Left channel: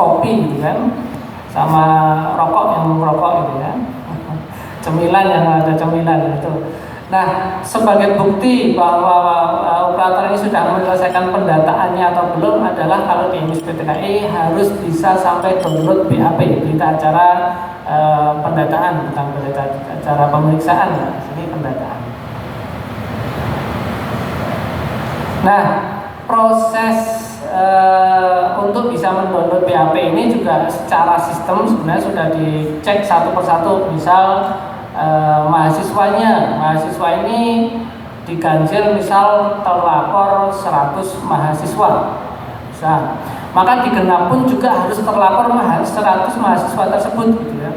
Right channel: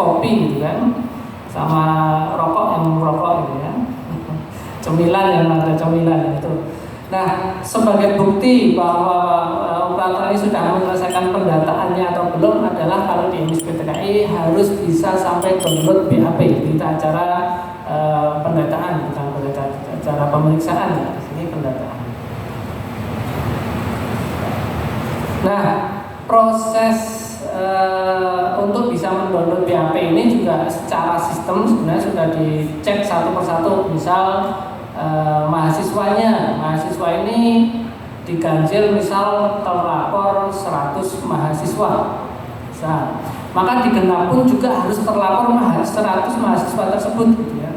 kopi gitu kan, sama rokok yang merokok gitu ya, cemilan yang ada cemilan itu. Nah, sebagai bukti bahwa operator ini sudah menyelesaikan pendataannya atau belum adalah kalau di emis PTKI harus bisa sampai download BAP, berita acara pendataan, bukan berita acara pemeriksaan ya, ini pendataan. Nah, proses untuk bisa mendownload BAP ini juga secara sistem sebenarnya sudah dicek satu persatu. Misal mahasiswa ini diganjil misal terlapor 100 mahasiswa misal, maka di Genap pun juga harus terlapor 100 mahasiswa tersebut gitu ya.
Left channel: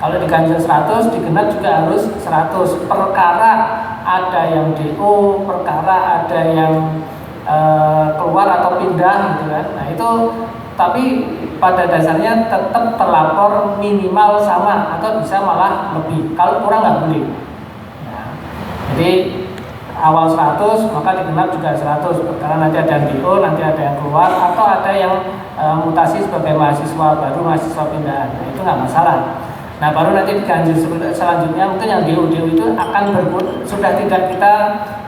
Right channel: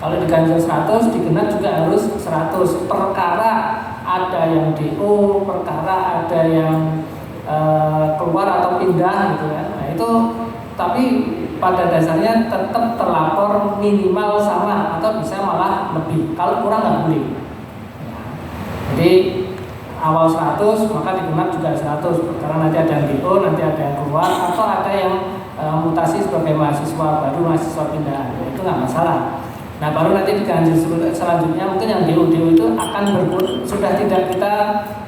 Kalau diganjil 100, di Genap juga harus 100. Perkara ada yang DO, perkara ada yang keluar atau pindah gitu kan. Nah itu tapi pada dasarnya tetap terlapor minimal sama atau bisa malah lebih. Kalau kurang nggak boleh. Ya. Jadi awal 100 maka di Genap juga 100 karena nanti ada yang DO, nanti ada yang keluar atau ada yang mutasi sebagai mahasiswa baru, mahasiswa pindahan. Nah itu nggak masalah. Nah baru nanti diganjil selanjutnya mungkin yang DO itu akan sudah tidak kita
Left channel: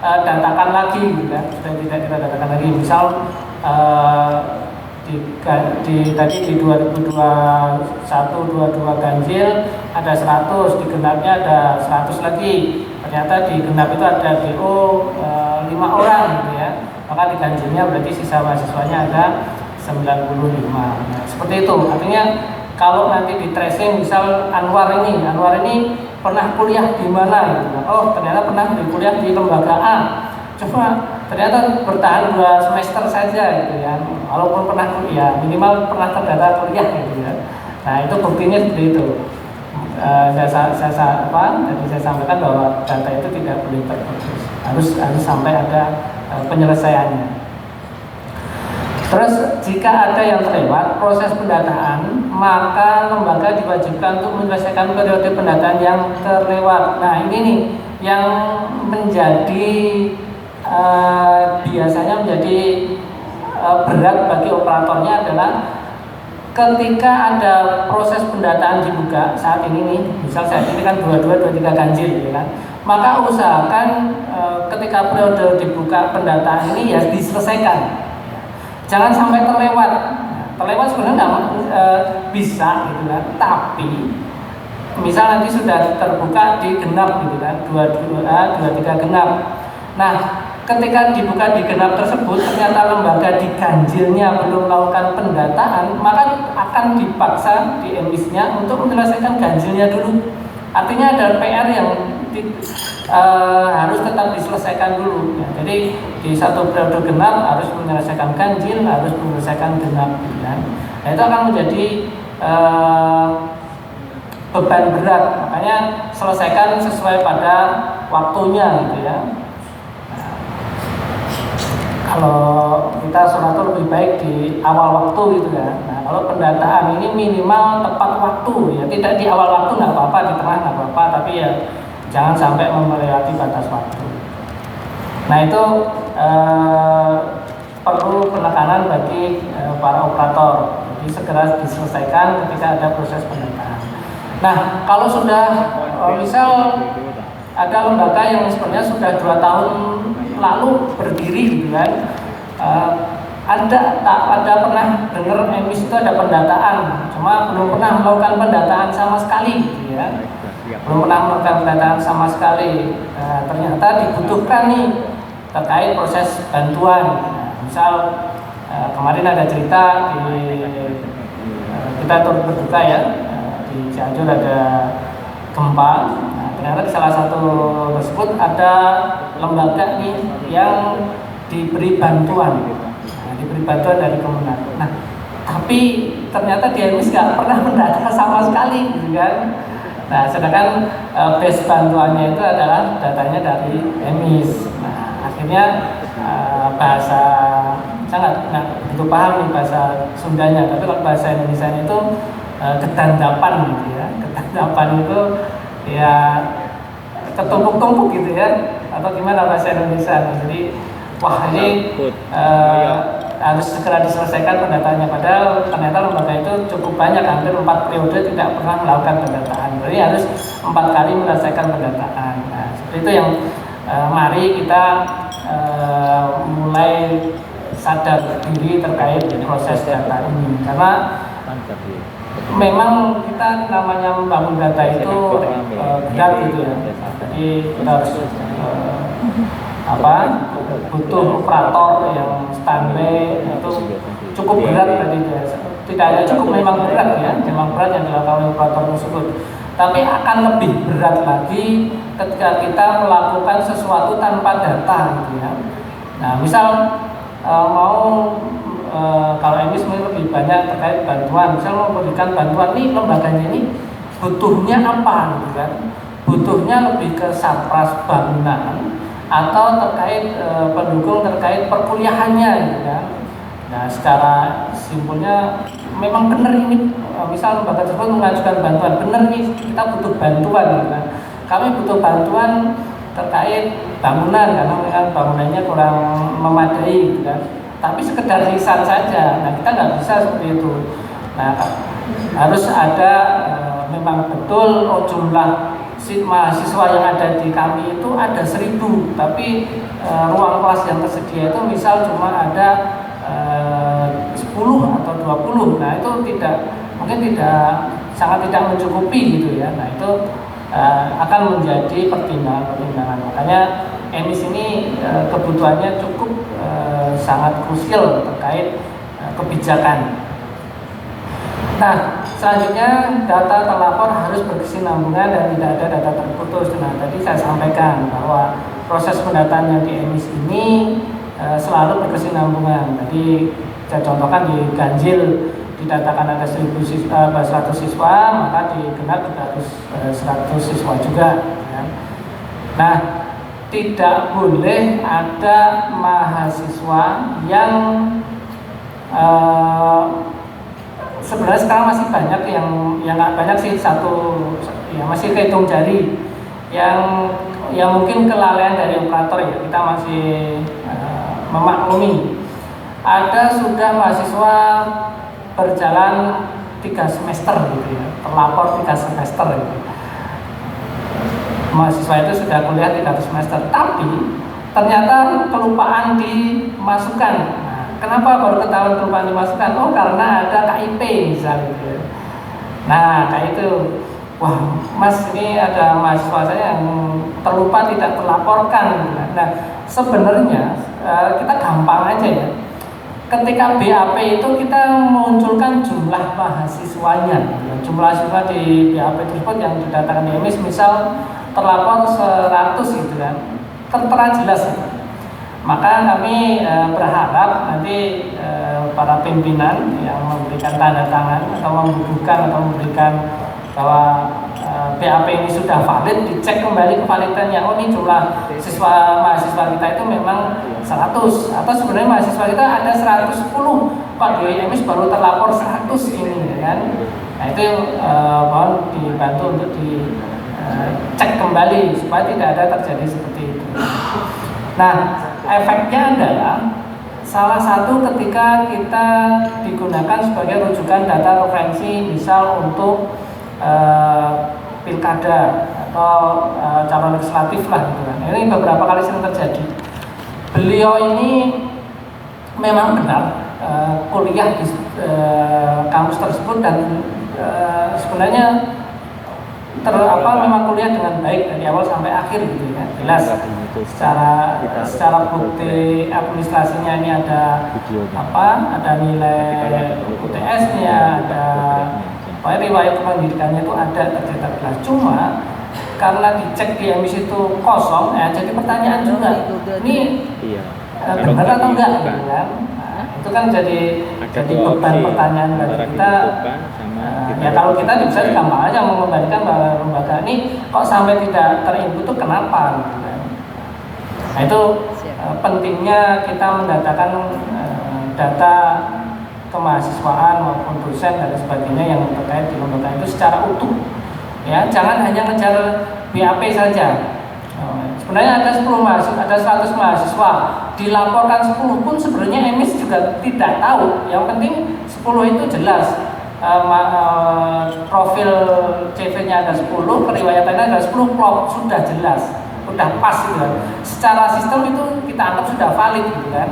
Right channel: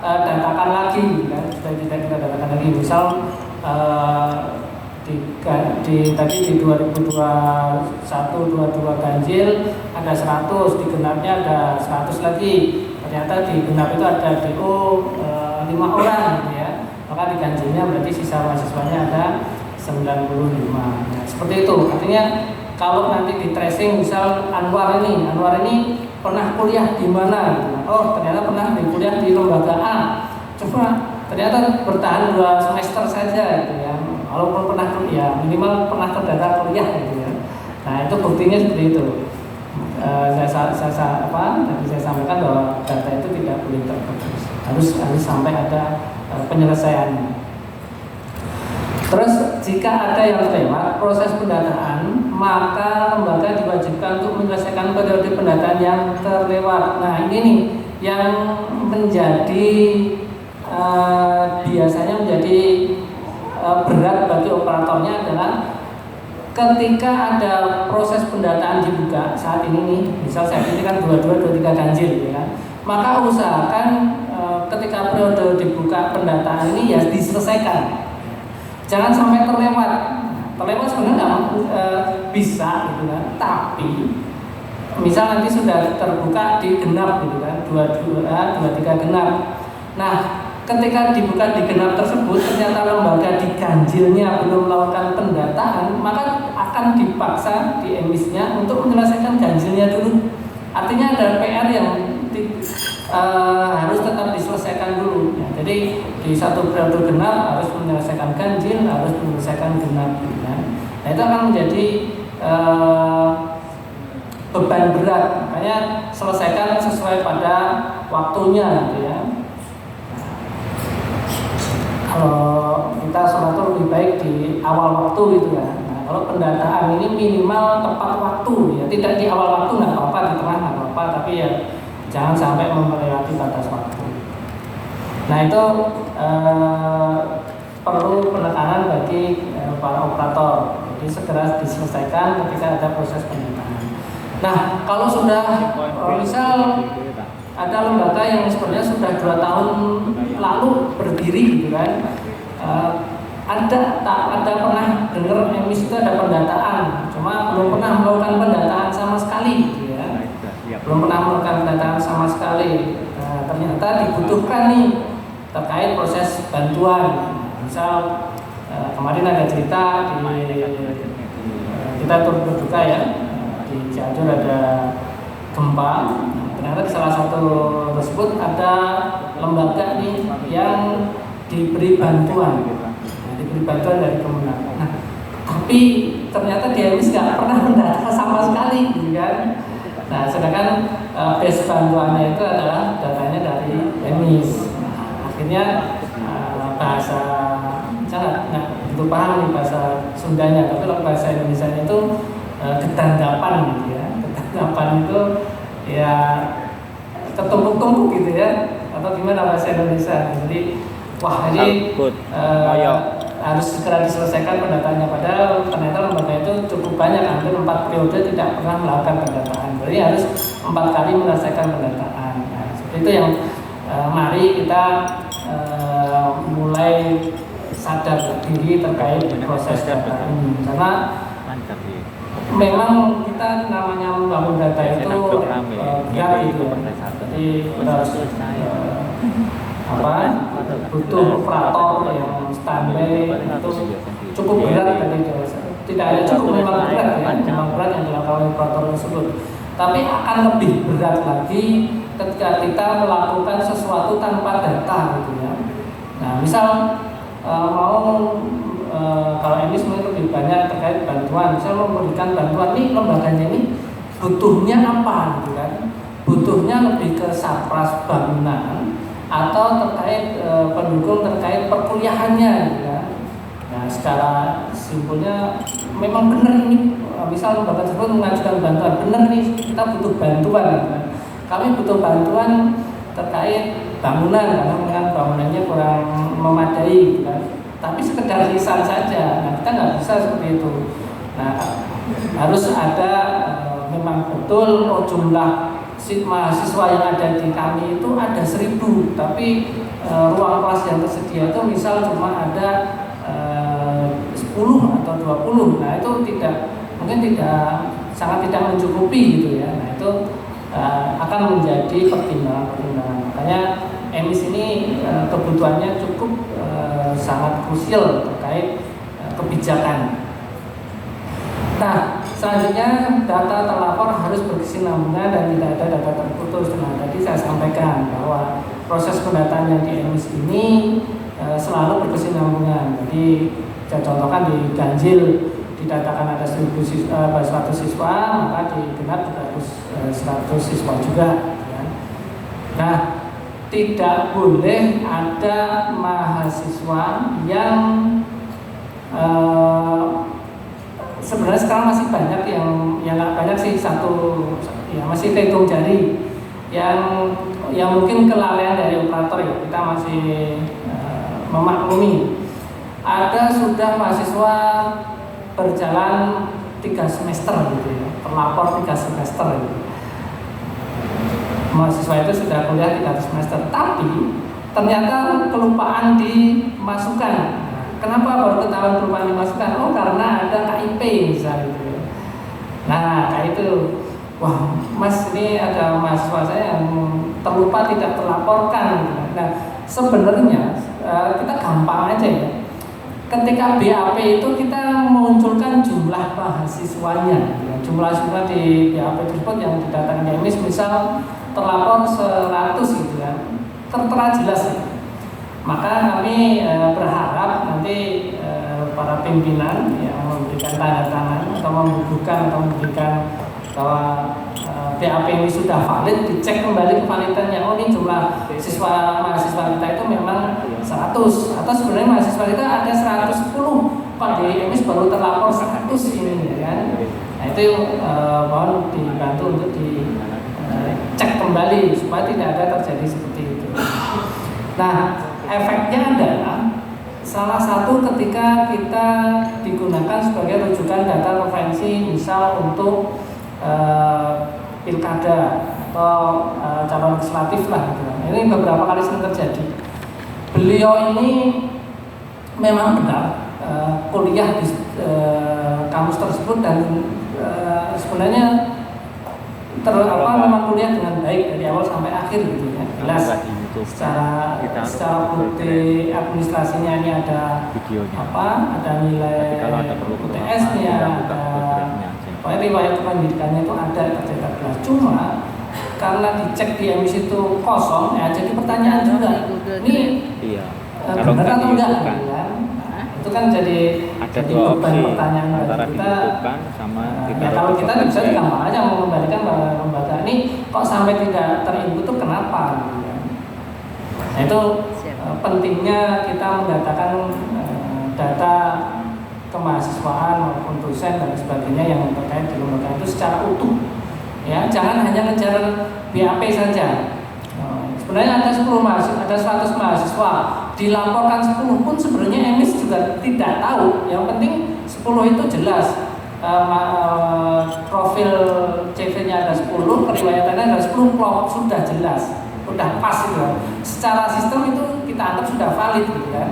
datakan lagi, kan? Sudah tidak kita datakan lagi. Misal tadi di 2021-22 ganjil ada 100, di Genapnya ada 100 lagi. Ternyata di Genap itu ada DO 5 orang gitu ya. Maka di ganjilnya berarti sisa mahasiswanya ada 95. Nah, seperti itu. Artinya kalau nanti di tracing misal Anwar ini pernah kuliah di mana gitu. Oh, ternyata pernah kuliah di lembaga A. Coba ternyata bertahan 2 semester saja gitu ya. Walaupun pernah kuliah, minimal pernah terdata kuliah gitu ya. Nah, itu buktinya seperti itu. Tadi saya sampaikan bahwa data itu tidak boleh terputus. Harus sampai ada penyelesaiannya. Terus jika ada yang terlewat proses pendataan, maka lembaga diwajibkan untuk menyelesaikan periode pendataan yang terlewat. Nah ini nih yang menjadi biasanya menjadi berat bagi operatornya adalah ketika ada proses pendataan dibuka saat ini nih, misal saya ini kan 22, 23 ganjil ya kan, maka usahakan ketika periode dibuka pendataan ini ya diselesaikan. Jangan sampai terlewat. Terlewat sebenarnya bisa gitu kan. Tapi misal nanti sudah terbuka di Genap gitu kan, 22, 23 Genap. Nah, ketika dibuka di Genap tersebut ternyata lembaga di ganjilnya belum melakukan pendataan, maka akan dipaksa di emisnya untuk menyelesaikan ganjilnya dulu. Artinya ada PR yang harus tetap diselesaikan dulu ya. Jadi di satu periode Genap harus menyelesaikan ganjil, harus menyelesaikan Genap gitu kan. Nah, itu akan menjadi beban berat. Makanya selesaikan sesuai pada waktunya gitu ya. Nah, kalau kita sholat lebih baik di awal waktu gitu kan. Nah, kalau pendataan ini minimal tepat waktu ya, tidak di awal waktu nggak apa-apa, di tengah nggak apa-apa, tapi ya jangan sampai melewati batas waktu. Nah itu perlu penekanan bagi para operator. Jadi segera diselesaikan ketika ada proses pendataan. Nah kalau sudah misal ada lembaga yang sebenarnya sudah 2 tahun lalu berdiri gitu kan, ada pernah dengar emis itu ada pendataan, cuma belum pernah melakukan pendataan sama sekali gitu ya. Belum pernah melakukan pendataan sama sekali. Nah, ternyata dibutuhkan nih terkait proses bantuan. Nah, misal kemarin ada cerita kita turut berduka ya, di Cianjur ada gempa. Nah, ternyata di salah satu tersebut ada lembaga nih yang diberi bantuan. Nah, diberi bantuan dari Kemenag. Nah, tapi ternyata dia nggak pernah mendata sama sekali, gitu kan? Nah, sedangkan base bantuannya itu adalah datanya dari emis. Nah, akhirnya bahasa saya nggak begitu paham nih bahasa Sundanya, tapi kalau bahasa Indonesia itu kedandapan gitu ya. Kedandapan itu ya ketumpuk-tumpuk gitu ya, atau gimana bahasa Indonesia. Jadi wah ini harus segera diselesaikan pendataannya, padahal ternyata lembaga itu banyak, hampir 4 periode tidak pernah melakukan pendataan. Jadi harus 4 kali menyelesaikan pendataan. Nah, seperti itu yang mari kita mulai sadar diri terkait proses data ini, karena memang kita namanya membangun data itu berat gitu ya. Jadi kita harus butuh operator yang standby, itu cukup berat tadi. Tidak hanya cukup, memang berat ya, memang berat yang dilakukan oleh operator tersebut. Tapi akan lebih berat lagi ketika kita melakukan sesuatu tanpa data gitu ya. Nah, misal kalau ini sebenarnya lebih banyak terkait bantuan, misal memberikan bantuan nih, lembaganya ini butuhnya apa gitu kan? Butuhnya lebih ke satpras bangunan atau terkait pendukung terkait perkuliahannya gitu kan. Nah, secara simpulnya memang benar ini, misal lembaga tersebut mengajukan bantuan, benar nih kita butuh bantuan gitu kan. Kami butuh bantuan terkait bangunan karena bangunannya kurang memadai gitu kan. Tapi sekedar lisan saja, nah kita nggak bisa seperti itu. Nah, harus ada memang betul jumlah mahasiswa yang ada di kami itu ada 1.000, tapi ruang kelas yang tersedia itu misal cuma ada 10 atau 20. Nah, itu mungkin sangat tidak mencukupi gitu ya. Nah, itu akan menjadi pertimbangan. Makanya EMIS ini kebutuhannya cukup sangat krusial terkait kebijakan. Nah, selanjutnya data terlapor harus berkesinambungan dan tidak ada data terputus. Nah, tadi saya sampaikan bahwa proses pendataan yang di EMIS ini selalu berkesinambungan. Jadi saya contohkan di Ganjil didatakan ada 100 siswa, maka di Genap juga harus 100 siswa juga. Ya. Nah, tidak boleh ada mahasiswa yang sebenarnya sekarang masih banyak yang nggak banyak sih, masih kehitung jari yang mungkin kelalaian dari operator ya, kita masih memaklumi. Ada sudah mahasiswa berjalan 3 semester gitu ya, terlapor 3 semester gitu. Mahasiswa itu sudah kuliah 3 semester, tapi ternyata kelupaan dimasukkan. Nah, kenapa baru ketahuan kelupaan dimasukkan? Oh, karena ada KIP misalnya gitu ya. Nah, kayak itu, wah mas ini ada mahasiswa saya yang terlupa tidak terlaporkan. Nah, sebenarnya kita gampang aja ya. Ketika BAP itu kita munculkan jumlah mahasiswanya, ya, jumlah siswa di BAP tersebut yang didatakan di EMIS misal terlapor 100 gitu kan, tertera jelas. Maka kami berharap nanti para pimpinan yang memberikan tanda tangan atau membubuhkan atau memberikan bahwa BAP ini sudah valid, dicek kembali kevalidannya. Oh, ini jumlah mahasiswa kita itu memang 100, atau sebenarnya mahasiswa kita ada 110, kok di EMIS baru terlapor 100 ini ya kan. Nah, itu mohon dibantu untuk dicek kembali supaya tidak ada terjadi seperti itu. Nah, efeknya adalah salah satu ketika kita digunakan sebagai rujukan data referensi misal untuk pilkada atau calon legislatif lah gitu kan. Ini beberapa kali sering terjadi. Beliau ini memang benar kuliah di kampus tersebut dan sebenarnya memang kuliah dengan baik dari awal sampai akhir gitu ya. Jelas secara bukti administrasinya ini ada ada nilai UTS-nya, ada riwayat pendidikannya itu ada tercetak jelas. Cuma karena dicek di EMIS itu kosong, ya jadi pertanyaan juga, ini benar atau enggak gitu kan? Nah, itu kan jadi beban pertanyaan bagi kita. Ya kalau kita bisa gampang aja membandingkan bahwa lembaga ini kok sampai tidak terinput itu kenapa gitu kan? Nah, itu pentingnya kita mendatakan data kemahasiswaan maupun dosen dan sebagainya yang terkait di lembaga itu secara utuh. Ya, jangan hanya ngejar BAP saja. Sebenarnya ada 10 mahasiswa, ada 100 mahasiswa, dilaporkan 10 pun sebenarnya EMIS juga tidak tahu. Yang penting 10 itu jelas. profil CV-nya ada 10, keriwayatannya ada 10, plot sudah jelas, sudah pas gitu kan. Secara sistem itu kita anggap sudah valid gitu kan.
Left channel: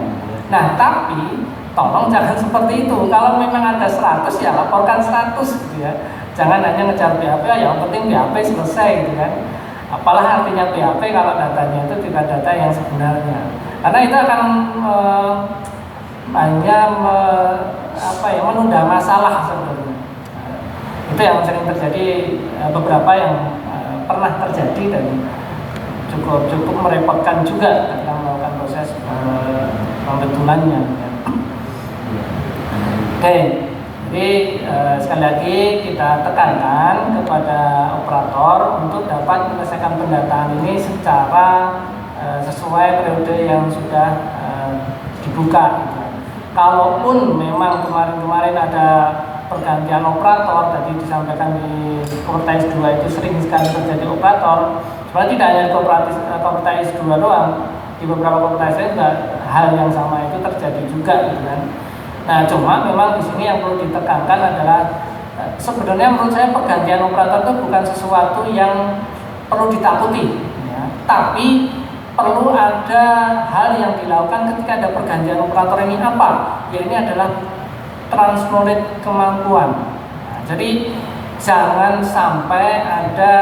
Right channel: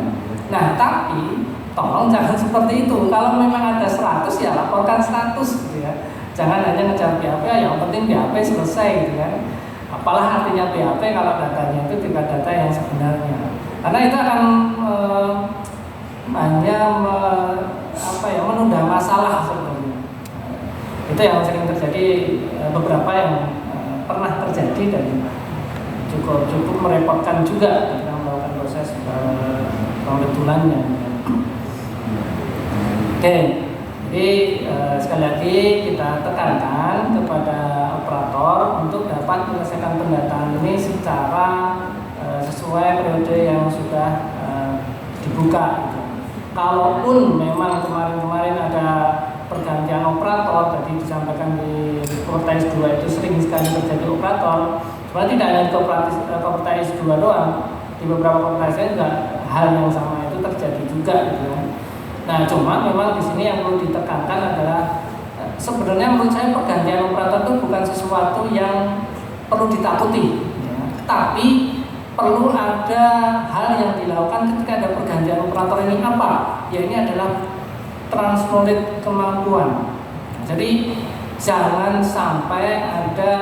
Nah, tapi tolong jangan seperti itu. Kalau memang ada 100 ya laporkan 100 gitu ya. Jangan hanya ngejar BAP, yang penting BAP selesai gitu kan. Apalah artinya BAP kalau datanya itu tidak data yang sebenarnya. Karena itu akan hanya menunda masalah sebenarnya. Itu yang sering terjadi, beberapa yang pernah terjadi dan cukup merepotkan juga dalam melakukan proses pembetulannya. Oke, jadi sekali lagi kita tekankan kepada operator untuk dapat menyelesaikan pendataan ini secara sesuai periode yang sudah dibuka. Kalaupun memang kemarin ada pergantian operator, tadi disampaikan di Kopertais 2 itu sering sekali terjadi operator. Sebenarnya tidak hanya di Kopertais 2 doang, di beberapa Kopertais juga hal yang sama itu terjadi juga gitu kan. Nah, cuma memang di sini yang perlu ditekankan adalah sebenarnya menurut saya pergantian operator itu bukan sesuatu yang perlu ditakuti, ya. Tapi perlu ada hal yang dilakukan ketika ada pergantian operator ini apa? Ya ini adalah transmoded kemampuan. Nah, jadi jangan sampai ada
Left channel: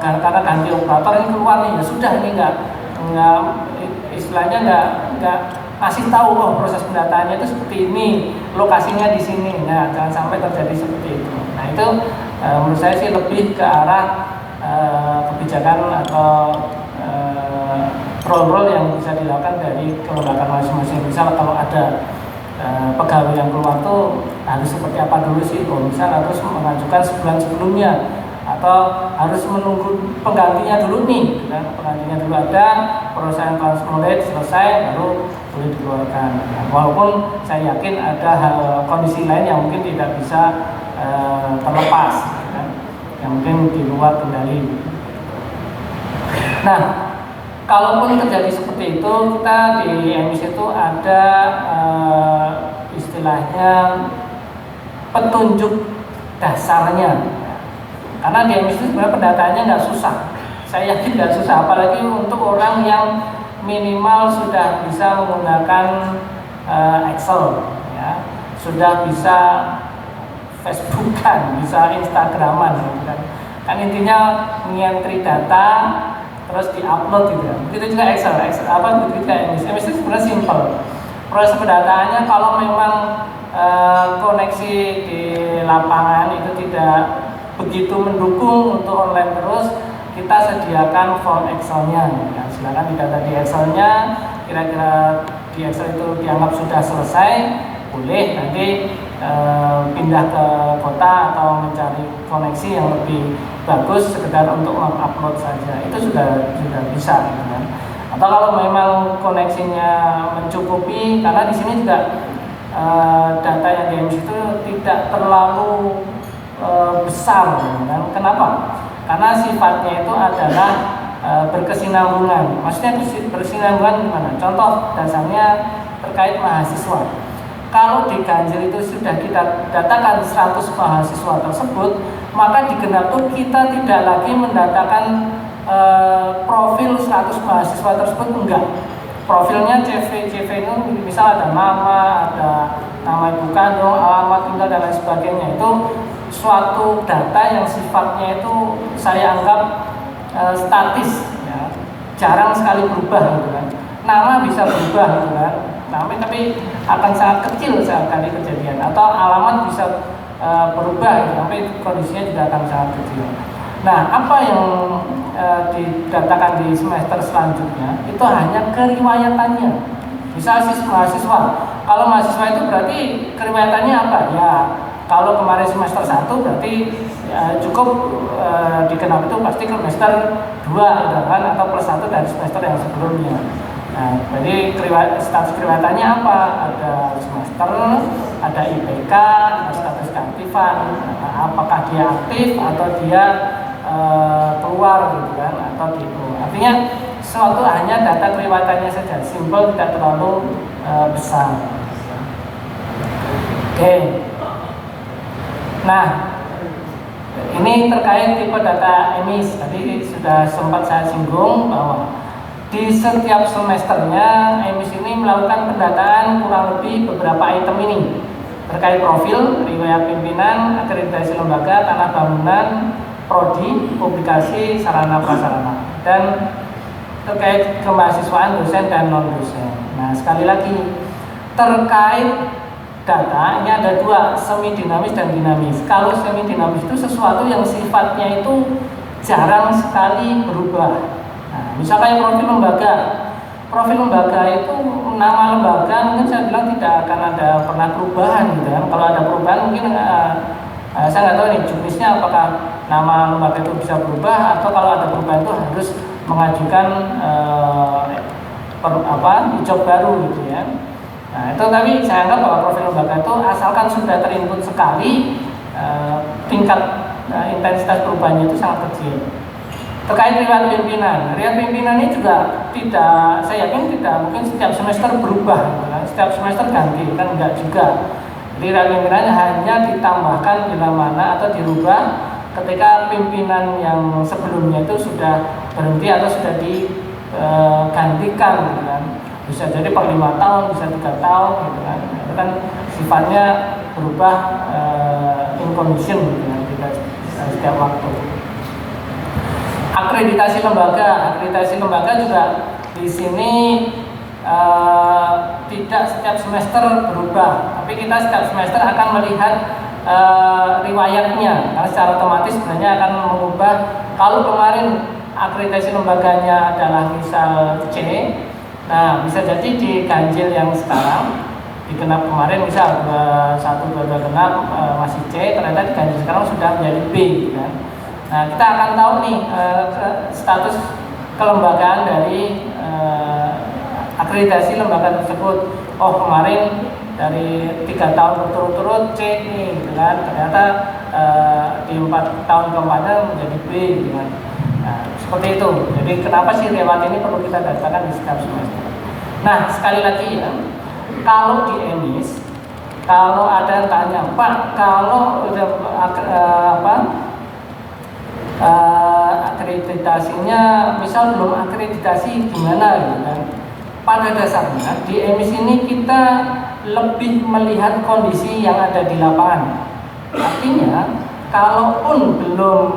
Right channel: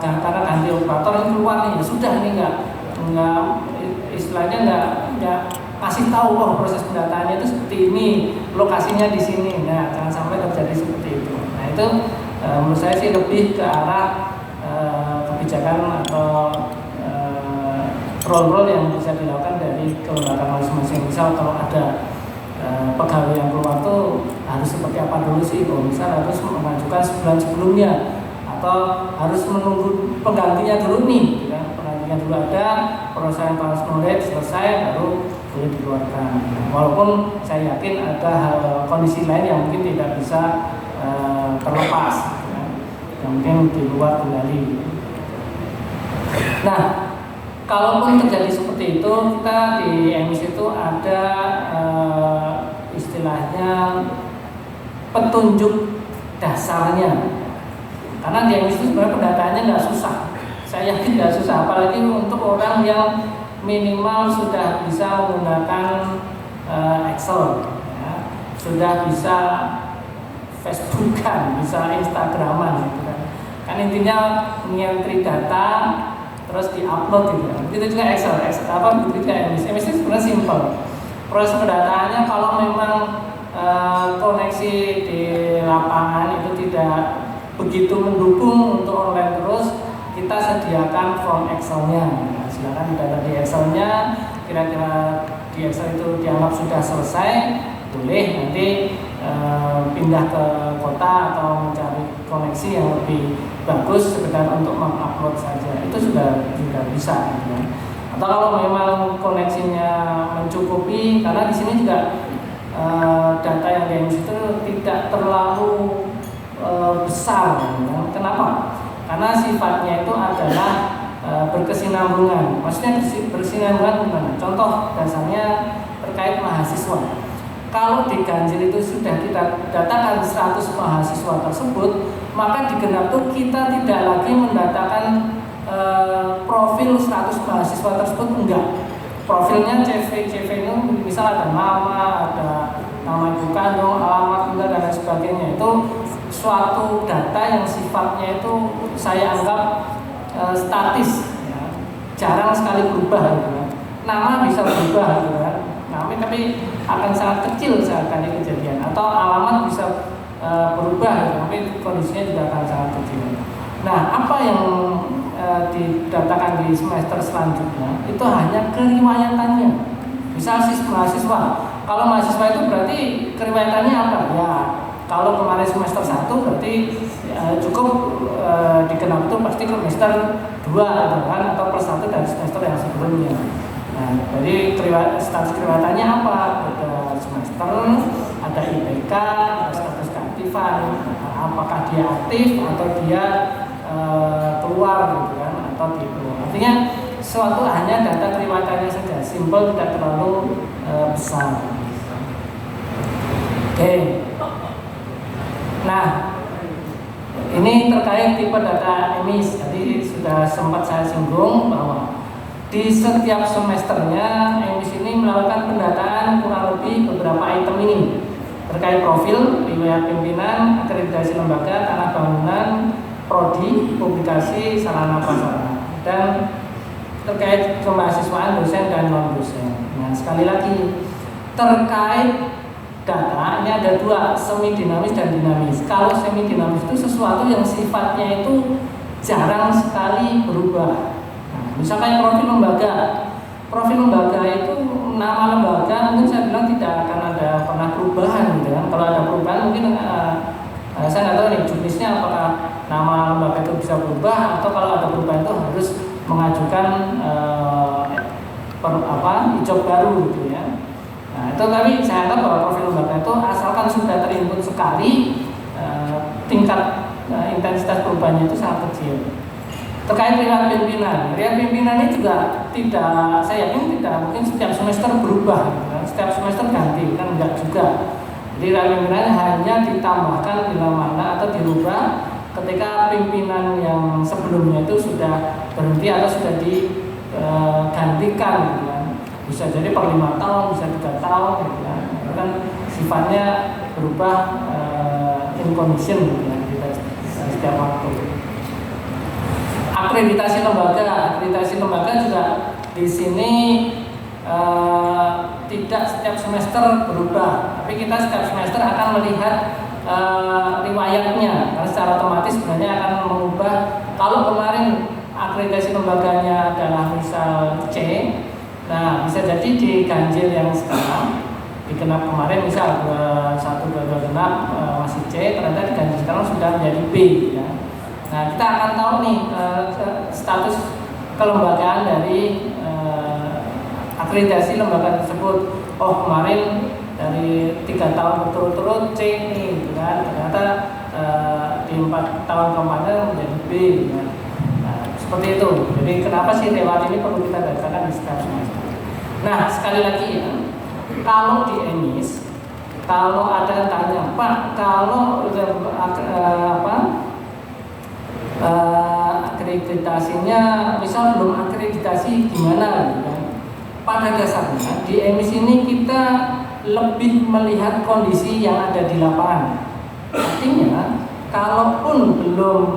karena ganti operator ini keluar nih, ya sudah ini enggak istilahnya enggak kasih tahu proses pendataannya itu seperti ini, lokasinya di sini. Nah, jangan sampai terjadi seperti itu. Nah, itu menurut saya sih lebih ke arah kebijakan atau role-role yang bisa dilakukan dari kelembagaan masing-masing. Misal kalau ada pegawai yang keluar tuh harus seperti apa dulu sih? Misal harus mengajukan sebulan sebelumnya atau harus menunggu penggantinya dulu nih, kan? Penggantinya dulu ada, proses transmoded selesai baru boleh dikeluarkan. Nah, walaupun saya yakin ada kondisi lain yang mungkin tidak bisa terlepas, kan? Yang mungkin di luar kendali. Nah, kalaupun terjadi seperti itu, kita di EMIS itu ada istilahnya petunjuk dasarnya. Karena di EMIS itu sebenarnya pendataannya nggak susah. Saya yakin nggak susah, apalagi untuk orang yang minimal sudah bisa menggunakan Excel, ya. Sudah bisa Facebookan, bisa Instagraman, gitu kan. Kan intinya ngentri data terus diupload gitu ya. Begitu juga Excel begitu juga EMIS. EMIS itu sebenarnya simpel. Proses pendataannya kalau memang koneksi di lapangan itu tidak begitu mendukung untuk online terus, kita sediakan form Excel-nya. Nah, silakan didata di Excel-nya. Kira-kira di Excel itu dianggap sudah selesai, boleh nanti pindah ke kota atau mencari koneksi yang lebih bagus sekedar untuk mengupload saja. Itu sudah bisa, gitu kan. Atau kalau memang koneksinya mencukupi, karena di sini juga data yang di EMIS itu tidak terlalu besar, kan? Kenapa? Karena sifatnya itu adalah berkesinambungan. Maksudnya berkesinambungan gimana? Contoh dasarnya terkait mahasiswa. Kalau di Ganjil itu sudah kita datakan 100 mahasiswa tersebut, maka di Genap itu kita tidak lagi mendatakan profil 100 mahasiswa tersebut, enggak. Profilnya CV itu misal ada nama ibu kandung, alamat tinggal dan lain sebagainya. Itu suatu data yang sifatnya itu saya anggap statis, ya. Jarang sekali berubah, gitu kan. Nama bisa berubah, gitu kan. Tapi akan sangat kecil sekali kejadian, atau alamat bisa berubah, gitu. Tapi kondisinya juga akan sangat kecil. Nah, apa yang didatakan di semester selanjutnya itu hanya keriwayatannya. Misal mahasiswa, kalau mahasiswa itu berarti keriwayatannya apa? Ya, kalau kemarin semester 1 berarti cukup dikenal itu pasti ke semester 2 kan, atau plus 1 dari semester yang sebelumnya. Nah, jadi status keriwayatannya apa? Ada semester, ada IPK, ada status keaktifan, apakah dia aktif atau dia keluar, gitu kan, atau gitu. Artinya suatu hanya data keriwayatannya saja, simpel, tidak terlalu besar. Oke. Nah, ini terkait tipe data emis. Tadi sudah sempat saya singgung bahwa di setiap semesternya emis ini melakukan pendataan kurang lebih beberapa item ini terkait profil, riwayat pimpinan, akreditasi lembaga, tanah bangunan, prodi, publikasi, sarana prasarana, dan terkait kemahasiswaan dosen dan non dosen. Nah, sekali lagi terkait data ini ada dua, semi dinamis dan dinamis. Kalau semi dinamis itu sesuatu yang sifatnya itu jarang sekali berubah. Nah, misalkan profil lembaga itu nama lembaga mungkin saya bilang tidak akan ada pernah perubahan gitu kan. Kalau ada perubahan mungkin saya nggak tahu nih juknisnya apakah nama lembaga itu bisa berubah atau kalau ada perubahan itu harus mengajukan job baru gitu ya. Nah, itu tapi saya anggap bahwa profil lembaga itu asalkan sudah terinput sekali, tingkat intensitas perubahannya itu sangat kecil. Terkait riwayat pimpinan ini juga tidak, saya yakin tidak mungkin setiap semester berubah, setiap semester ganti, kan enggak juga. Jadi riwayat pimpinannya hanya ditambahkan bila mana atau dirubah ketika pimpinan yang sebelumnya itu sudah berhenti atau sudah digantikan, gitu kan. Bisa jadi per 5 tahun, bisa 3 tahun, gitu kan. Itu kan sifatnya berubah in condition, gitu kan, tidak setiap waktu. Akreditasi lembaga juga di sini tidak setiap semester berubah, tapi kita setiap semester akan melihat riwayatnya, karena secara otomatis sebenarnya akan mengubah. Kalau kemarin akreditasi lembaganya adalah misal C, nah bisa jadi di ganjil yang sekarang digenap kemarin misal 1, 2 genap masih C, ternyata di ganjil sekarang sudah menjadi B, gitu kan. Nah, kita akan tahu nih status kelembagaan dari akreditasi lembaga tersebut. Oh, kemarin dari 3 tahun berturut-turut C nih, gitu kan. Ternyata di 4 tahun keempatnya menjadi B, gitu kan. Nah, seperti itu. Jadi kenapa sih riwayat ini perlu kita daftarkan di setiap semester. Nah, sekali lagi ya, kalau di emis, kalau ada yang tanya, Pak, kalau akreditasinya misal belum akreditasi gimana gitu kan. Pada dasarnya di emis ini kita lebih melihat kondisi yang ada di lapangan. Artinya kalaupun belum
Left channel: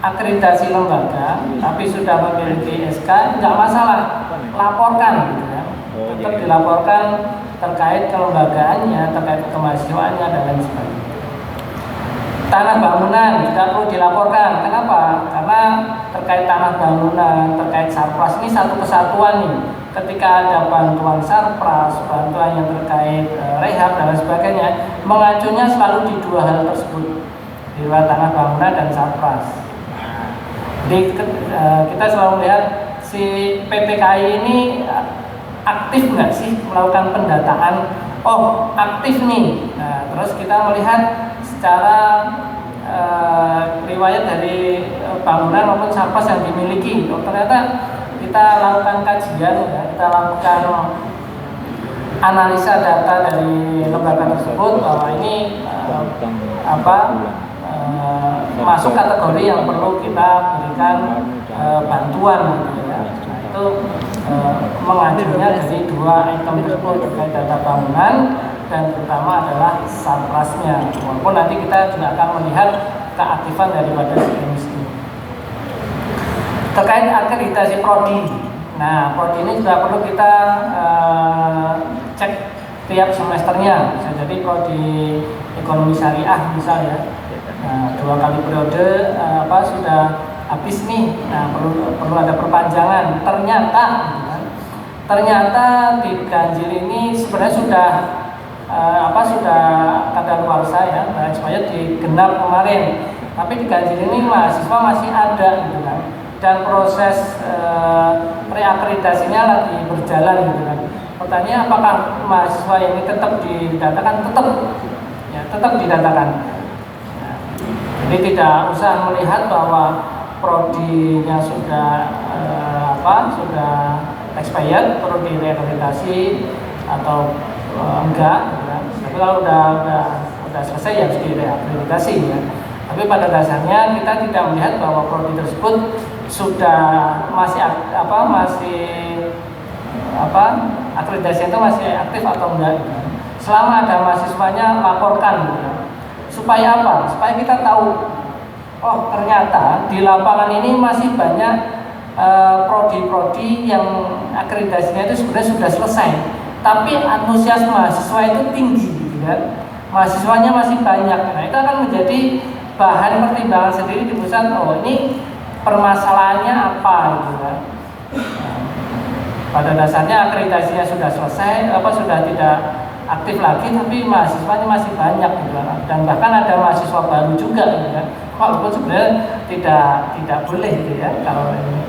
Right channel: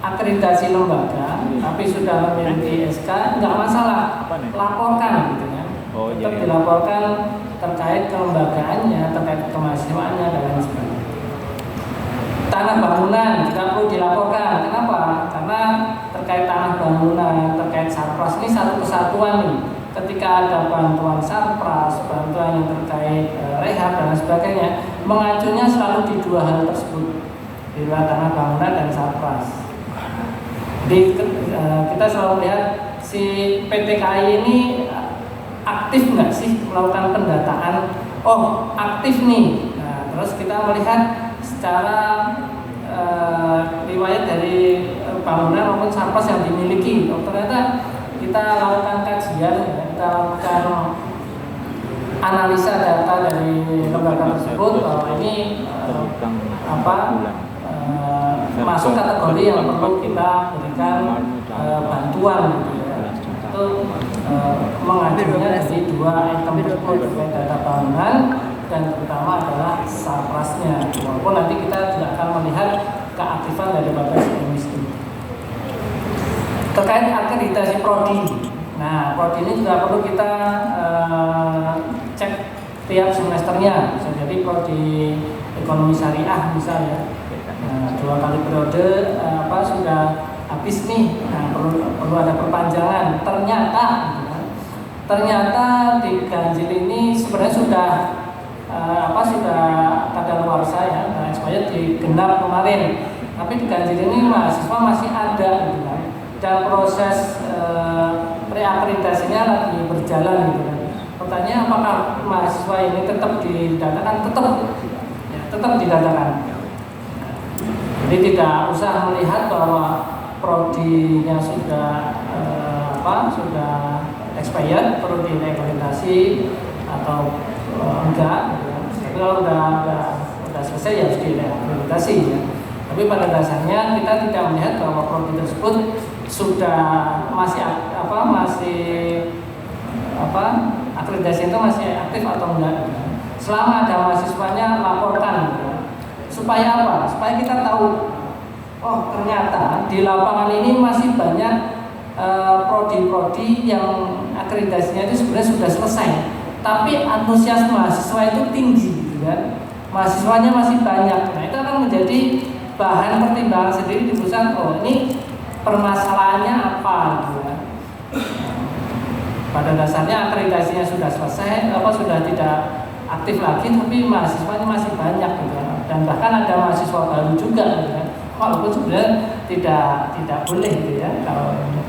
akreditasi lembaga tapi sudah memiliki SK, nggak masalah, laporkan gitu kan. Tetap dilaporkan terkait kelembagaannya, terkait kemahasiswaannya dan lain sebagainya. Tanah bangunan tidak perlu dilaporkan. Kenapa? Karena terkait tanah bangunan, terkait sarpras ini satu kesatuan nih. Ketika ada bantuan sarpras, bantuan yang terkait rehab dan sebagainya, mengacunya selalu di dua hal tersebut, di luar tanah bangunan dan sarpras. Jadi kita selalu lihat si PT KAI ini aktif nggak sih melakukan pendataan? Oh, aktif nih. Nah, terus kita melihat secara riwayat dari bangunan maupun sarpras yang dimiliki. Oh, ternyata kita lakukan kajian, ya, kita lakukan analisa data dari lembaga tersebut bahwa ini masuk kategori yang perlu kita berikan bantuan, gitu ya. Itu mengajunya dari dua item tersebut, terkait data bangunan dan terutama adalah sarprasnya. Walaupun nanti kita juga akan melihat keaktifan daripada si emis ini. Terkait akreditasi prodi. Nah, prodi ini juga perlu kita cek tiap semesternya. Bisa jadi prodi ekonomi syariah misal ya. Nah, 2 kali periode sudah habis nih. Nah, perlu ada perpanjangan. Ternyata di ganjil ini sebenarnya sudah kadaluarsa ya, dan supaya digenap kemarin. Tapi di ganjil ini mahasiswa masih ada, gitu kan. Dan proses reakreditasinya lagi berjalan, gitu kan. Pertanyaan, apakah mahasiswa ini tetap didatakan? Tetap didatakan. Ya. Jadi tidak usah melihat bahwa prodinya sudah sudah expired, perlu direakreditasi atau enggak, gitu kan. Tapi kalau udah selesai selesai ya harus direakreditasi ya. Tapi pada dasarnya kita tidak melihat bahwa prodi tersebut sudah akreditasi itu masih aktif atau enggak. Selama ada mahasiswanya laporkan gitu. Supaya apa? Supaya kita tahu, oh ternyata di lapangan ini masih banyak prodi-prodi yang akreditasinya itu sebenarnya sudah selesai, tapi antusias mahasiswa itu tinggi gitu kan. Mahasiswanya masih banyak. Nah, itu akan menjadi bahan pertimbangan sendiri di pusat. Oh, ini permasalahannya apa gitu kan. Pada dasarnya akreditasinya sudah selesai, sudah tidak aktif lagi, tapi mahasiswanya masih banyak gitu kan. Dan bahkan ada mahasiswa baru juga gitu kan. Walaupun sebenarnya tidak boleh gitu ya kalau ini.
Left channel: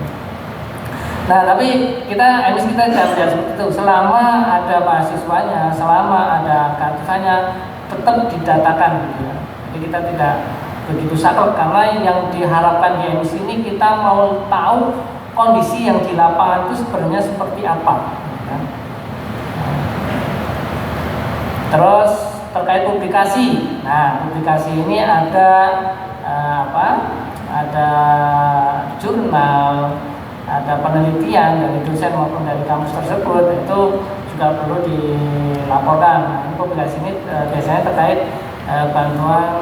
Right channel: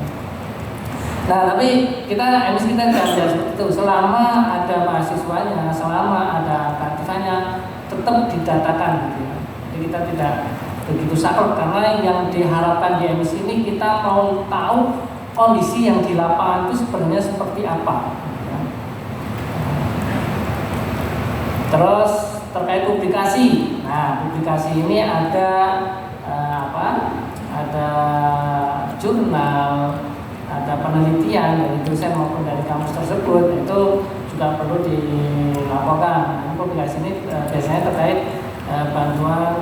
Nah, tapi kita tidak melihat seperti itu. Selama ada mahasiswanya, selama ada keaktifannya, tetap didatakan gitu ya. Jadi kita tidak begitu saklek, karena yang diharapkan di emis ini kita mau tahu kondisi yang di lapangan itu sebenarnya seperti apa. Terus terkait publikasi. Nah, publikasi ini ada ada jurnal, ada penelitian dari dosen maupun dari kampus tersebut, itu juga perlu dilaporkan. Publikasi ini biasanya terkait bantuan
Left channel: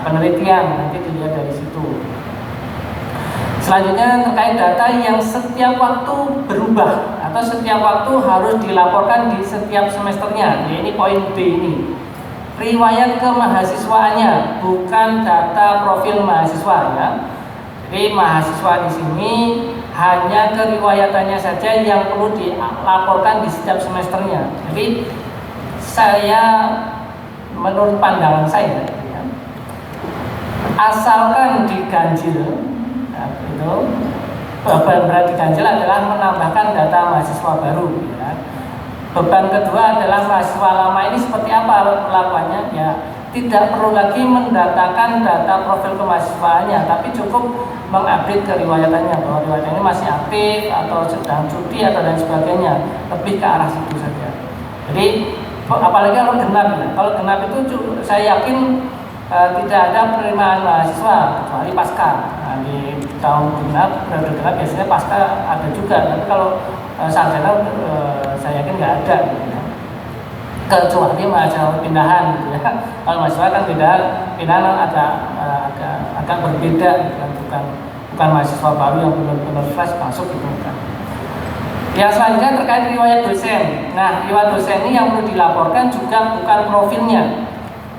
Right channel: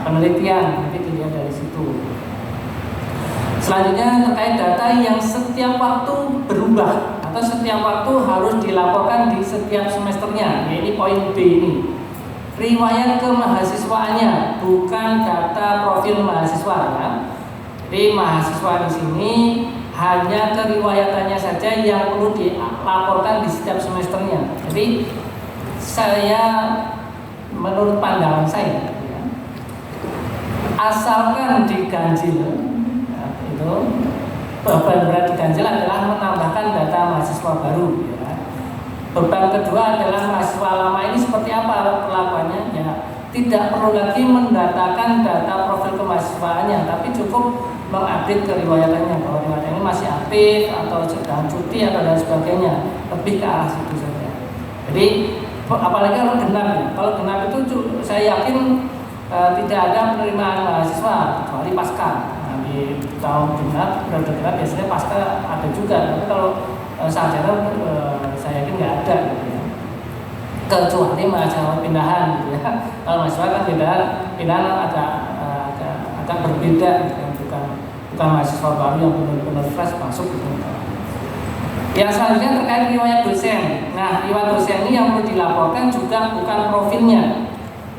penelitian, nanti dilihat dari situ. Selanjutnya terkait data yang setiap waktu berubah atau setiap waktu harus dilaporkan di setiap semesternya. Ya, ini poin B ini. Riwayat kemahasiswaannya, bukan data profil mahasiswa ya. Jadi mahasiswa di sini hanya keriwayatannya saja yang perlu dilaporkan di setiap semesternya. Jadi menurut pandangan saya ya, asalkan diganjil itu beban berat diganjil adalah menambahkan data mahasiswa baru ya. Beban kedua adalah mahasiswa lama ini seperti apa perlakuannya ya, tidak perlu lagi mendatakan data profil kemahasiswaannya, tapi cukup mengupdate keriwayatannya bahwa riwayatannya masih aktif atau sedang cuti atau dan sebagainya, lebih ke arah situ saja. Jadi apalagi kalau genap ya, kalau genap itu saya yakin tidak ada penerimaan mahasiswa kecuali pasca. Nah, di tahun genap, periode genap biasanya pasca ada juga, tapi kalau sarjana saya yakin nggak ada gitu ya. Kecuali mahasiswa pindahan gitu ya. Kalau mahasiswa kan pindahan agak berbeda gitu kan. Bukan mahasiswa baru yang benar-benar fresh masuk gitu kan. Yang selanjutnya terkait riwayat dosen. Nah, riwayat dosen ini yang perlu dilaporkan juga bukan profilnya.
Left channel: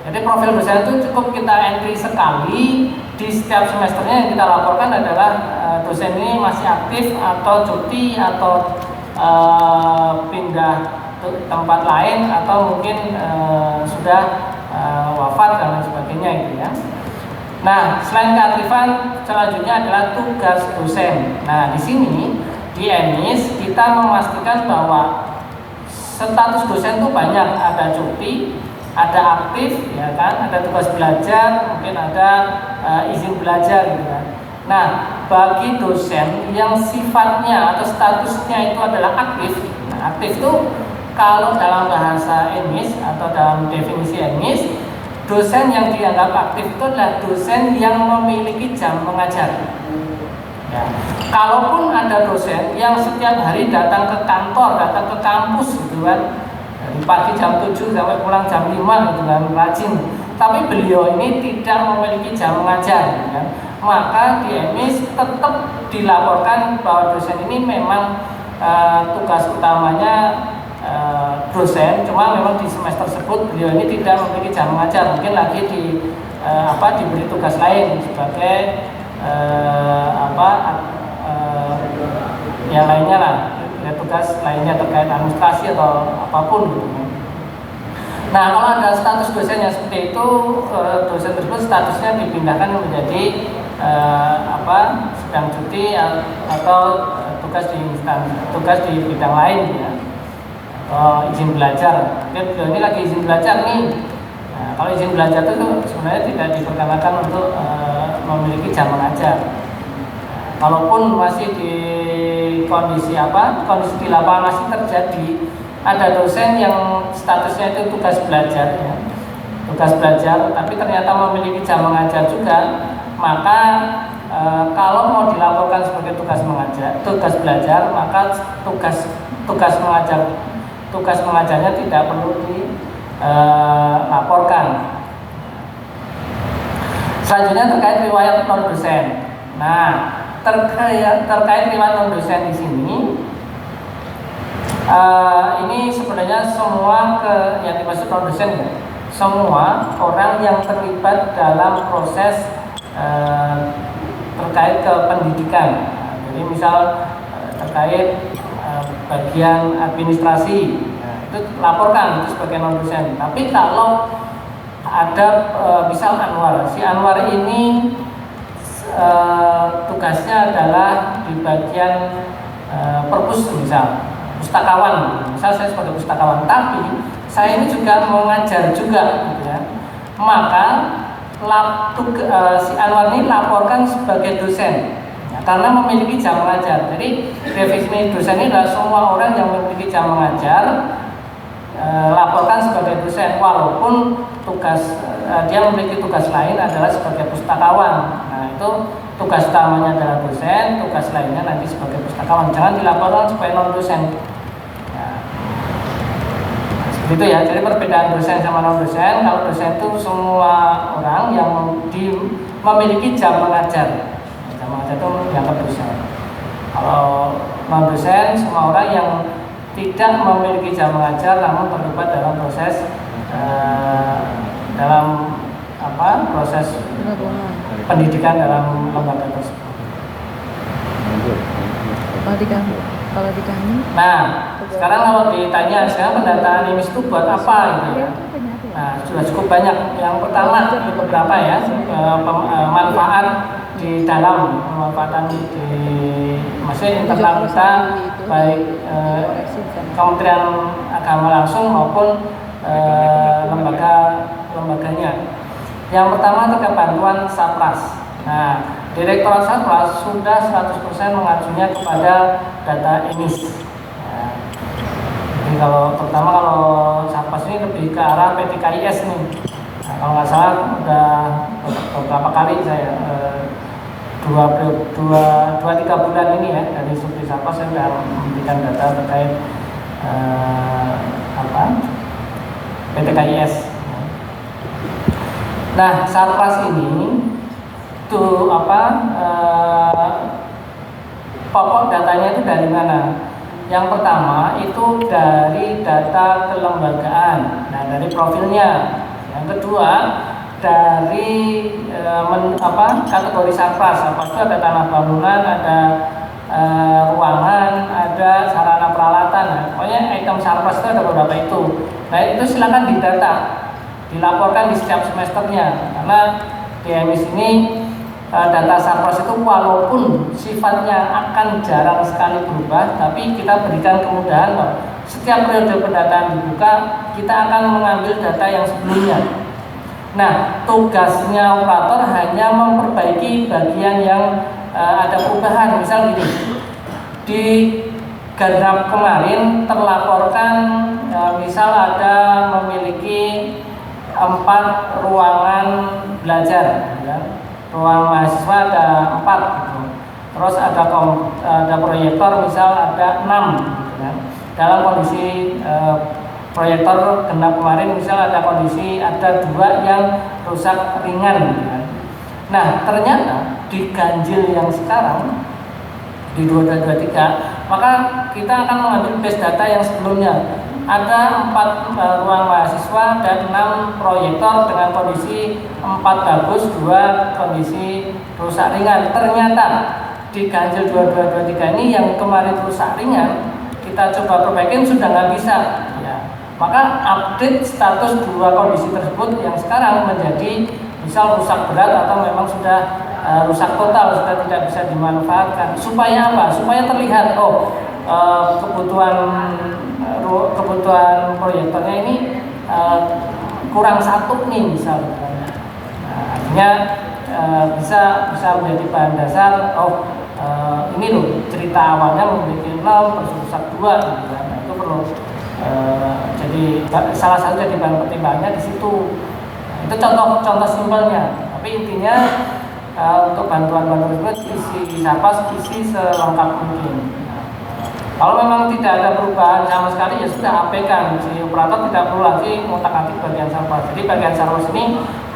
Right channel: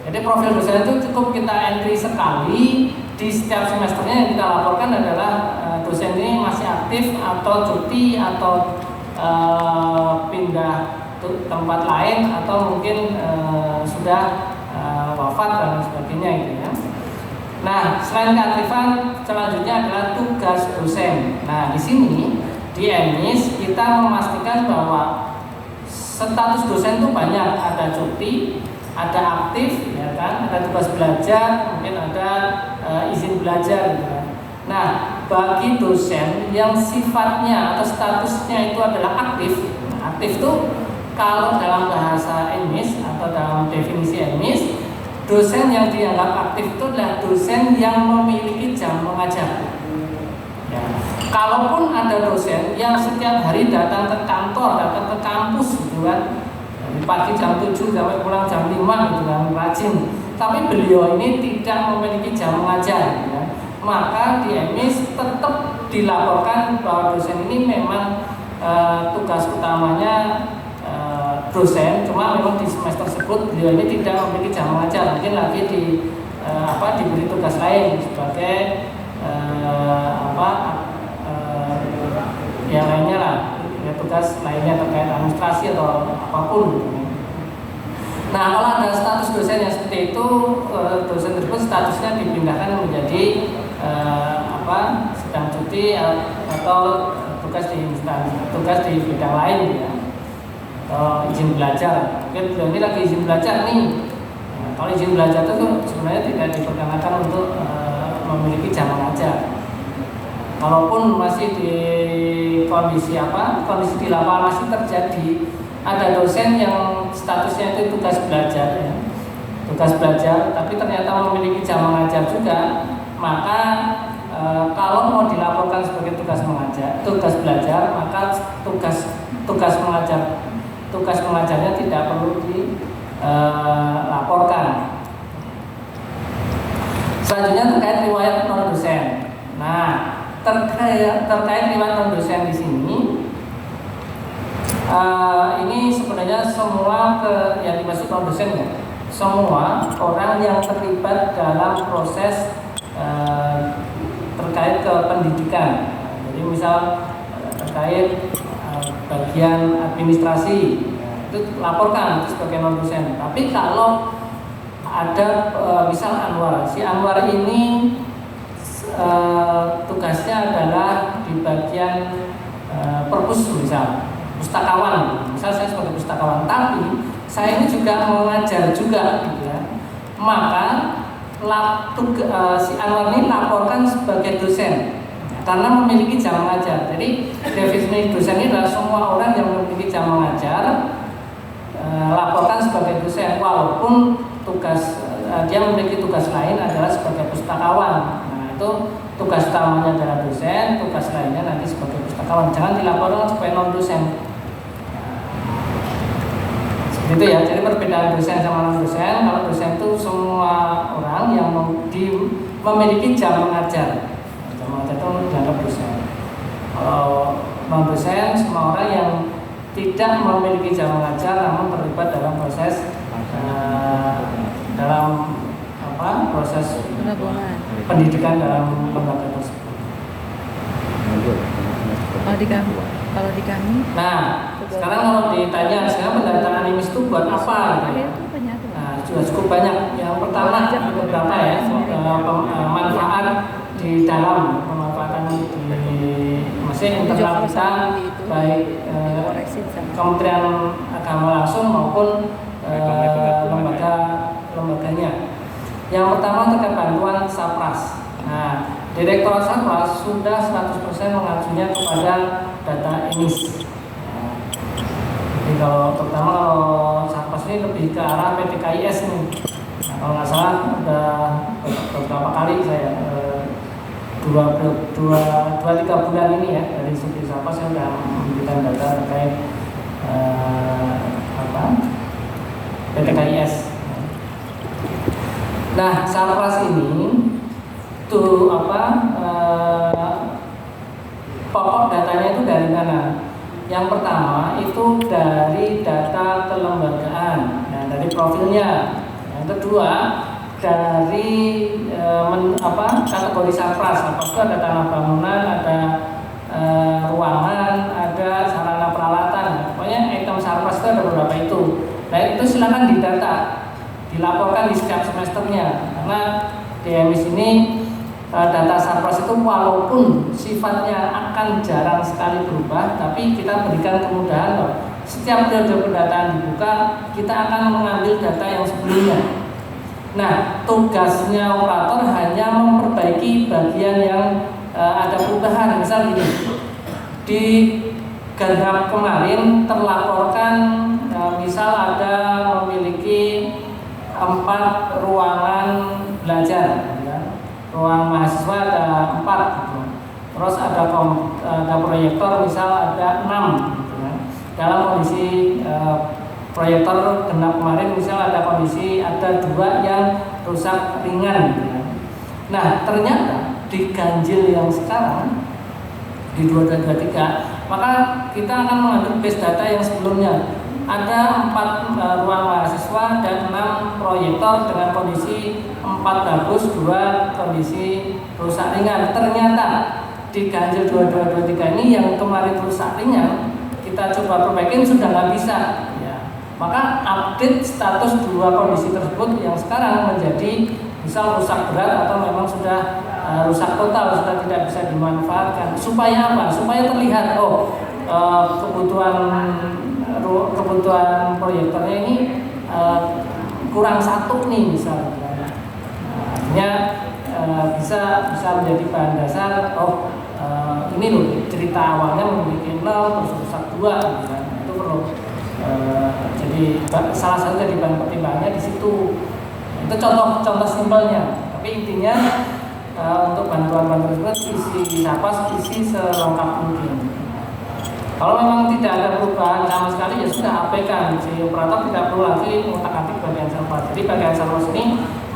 Jadi profil dosen itu cukup kita entry sekali di setiap semesternya. Yang kita laporkan adalah dosen ini masih aktif atau cuti atau pindah tempat lain atau mungkin sudah wafat dan sebagainya gitu ya. Nah, selain keaktifan, selanjutnya adalah tugas dosen. Nah, di sini di emis kita memastikan bahwa status dosen itu banyak, ada cuti, ada aktif, ya kan, ada tugas belajar, mungkin ada izin belajar gitu kan. Nah, bagi dosen yang sifatnya atau statusnya itu adalah aktif, nah, aktif itu kalau dalam bahasa emis atau dalam definisi emis, dosen yang dianggap aktif itu adalah dosen yang memiliki jam mengajar. Ya. Kalaupun ada dosen yang setiap hari datang ke kantor, datang ke kampus gitu kan, dari pagi jam 7 sampai pulang jam 5 gitu kan, rajin. Tapi beliau ini tidak memiliki jam mengajar gitu kan. Maka di emis tetap dilaporkan bahwa dosen ini memang tugas utamanya dosen, cuma memang di semester tersebut beliau ini tidak memiliki jam mengajar, mungkin lagi diberi tugas lain sebagai yang lainnya lah, tugas lainnya terkait administrasi atau apapun gitu. Nah, kalau ada status dosen yang seperti itu, dosen tersebut statusnya dipindahkan menjadi sedang cuti atau tugas di bidang lain ya. Izin belajar, mungkin beliau ini lagi izin belajar nih. Nah, kalau izin belajar itu sebenarnya tidak diperkenankan untuk memiliki jam mengajar. Kalaupun masih di kondisi di lapangan masih terjadi ada dosen yang statusnya itu tugas belajar ya. tugas belajar, tapi ternyata memiliki jam mengajar juga, maka kalau mau dilaporkan sebagai tugas belajar, maka tugas mengajarnya tidak perlu dilaporkan. Selanjutnya terkait riwayat non dosen. Nah, terkait riwayat non dosen di sini, ini sebenarnya semua yang dimaksud non dosen ya, semua orang yang terlibat dalam proses terkait ke pendidikan. Jadi misal terkait bagian administrasi, itu laporkan itu sebagai non dosen. Tapi kalau ada misal Anwar, si Anwar ini tugasnya adalah di bagian perpus, misal pustakawan, misal saya sebagai pustakawan, tapi saya ini juga mengajar juga, gitu ya. Maka si Anwar ini laporkan sebagai dosen, ya, karena memiliki jam mengajar. Jadi definisi dosen ini adalah semua orang yang memiliki jam mengajar, laporkan sebagai dosen, walaupun dia memiliki tugas lain adalah sebagai pustakawan. Nah, itu tugas utamanya adalah dosen, tugas lainnya nanti sebagai pustakawan. Jangan dilaporkan sebagai non dosen. Ya. Seperti itu ya. Jadi perbedaan dosen sama non dosen. Kalau dosen itu semua orang yang memiliki jam mengajar. Jam mengajar itu dianggap dosen. Kalau non dosen semua orang yang tidak memiliki jam mengajar namun terlibat dalam proses proses pendidikan dalam lembaga tersebut. Kalau di kami. Nah, sekarang kalau ditanya sekarang pendataan IMIS itu buat apa gitu ya? Nah, sudah cukup banyak. Yang pertama beberapa ya, manfaat di dalam pemanfaatan di masih internal kita, baik Kementerian Agama langsung maupun lembaganya. Yang pertama terkait bantuan Satpras. Nah, Direktorat Satpras sudah 100% mengacunya kepada data IMIS. Ya. Jadi terutama kalau Satpras ini lebih ke arah PTKIS nih. Nah, kalau nggak salah udah beberapa kali saya 2-3 bulan ini ya dari Subdit Satpras saya sudah memberikan data terkait PTKIS. Nah, Satpras ini pokok datanya itu dari mana? Yang pertama itu dari data kelembagaan, nah dari profilnya. Yang kedua dari kategori Satpras, apa itu ada tanah bangunan, ada ruangan, ada sarana peralatan. Nah, pokoknya item Satpras itu ada beberapa itu. Nah, itu silakan didata, dilaporkan di setiap semesternya, karena di IMIS ini data Satpras itu walaupun sifatnya akan jarang sekali berubah, tapi kita berikan kemudahan loh. Setiap periode pendataan dibuka, kita akan mengambil data yang sebelumnya. Nah, tugasnya operator hanya memperbaiki bagian yang ada perubahan. Misal gini, di Gandrap kemarin terlaporkan misal ada memiliki 4 ruangan belajar, ya. Ruang mahasiswa ada 4 gitu. Terus ada proyektor misal ada 6 gitu, ya. Dalam kondisi proyektor genap kemarin misal ada kondisi ada 2 yang rusak ringan gitu, ya. Nah, ternyata di ganjil yang sekarang di 2223, maka kita akan mengambil base data yang sebelumnya. Ada 4 ruang mahasiswa dan 6 proyektor dengan kondisi 4 bagus, 2 kondisi rusak ringan. Ternyata di ganjil 2223 ini yang kemarin rusak ringan kita coba perbaikin sudah nggak bisa, ya. Maka update status 2 kondisi tersebut yang sekarang menjadi misal rusak berat atau memang sudah rusak total, sudah tidak bisa dimanfaatkan. Supaya apa? Supaya terlihat kebutuhan proyektornya ini kurang 1 nih misal. Artinya bisa menjadi bahan dasar. Ini loh cerita awalnya memiliki 0 terus rusak 2 gitu. Nah, itu perlu jadi salah satu jadi bahan pertimbangannya di situ. Itu contoh simpelnya. Tapi intinya untuk bantuan-bantuan tersebut isi Sipapas isi selengkap mungkin. Kalau memang tidak ada perubahan sama sekali ya sudah abaikan, si operator tidak perlu lagi mengotak-atik bagian Sipapas. Jadi bagian Sipapas ini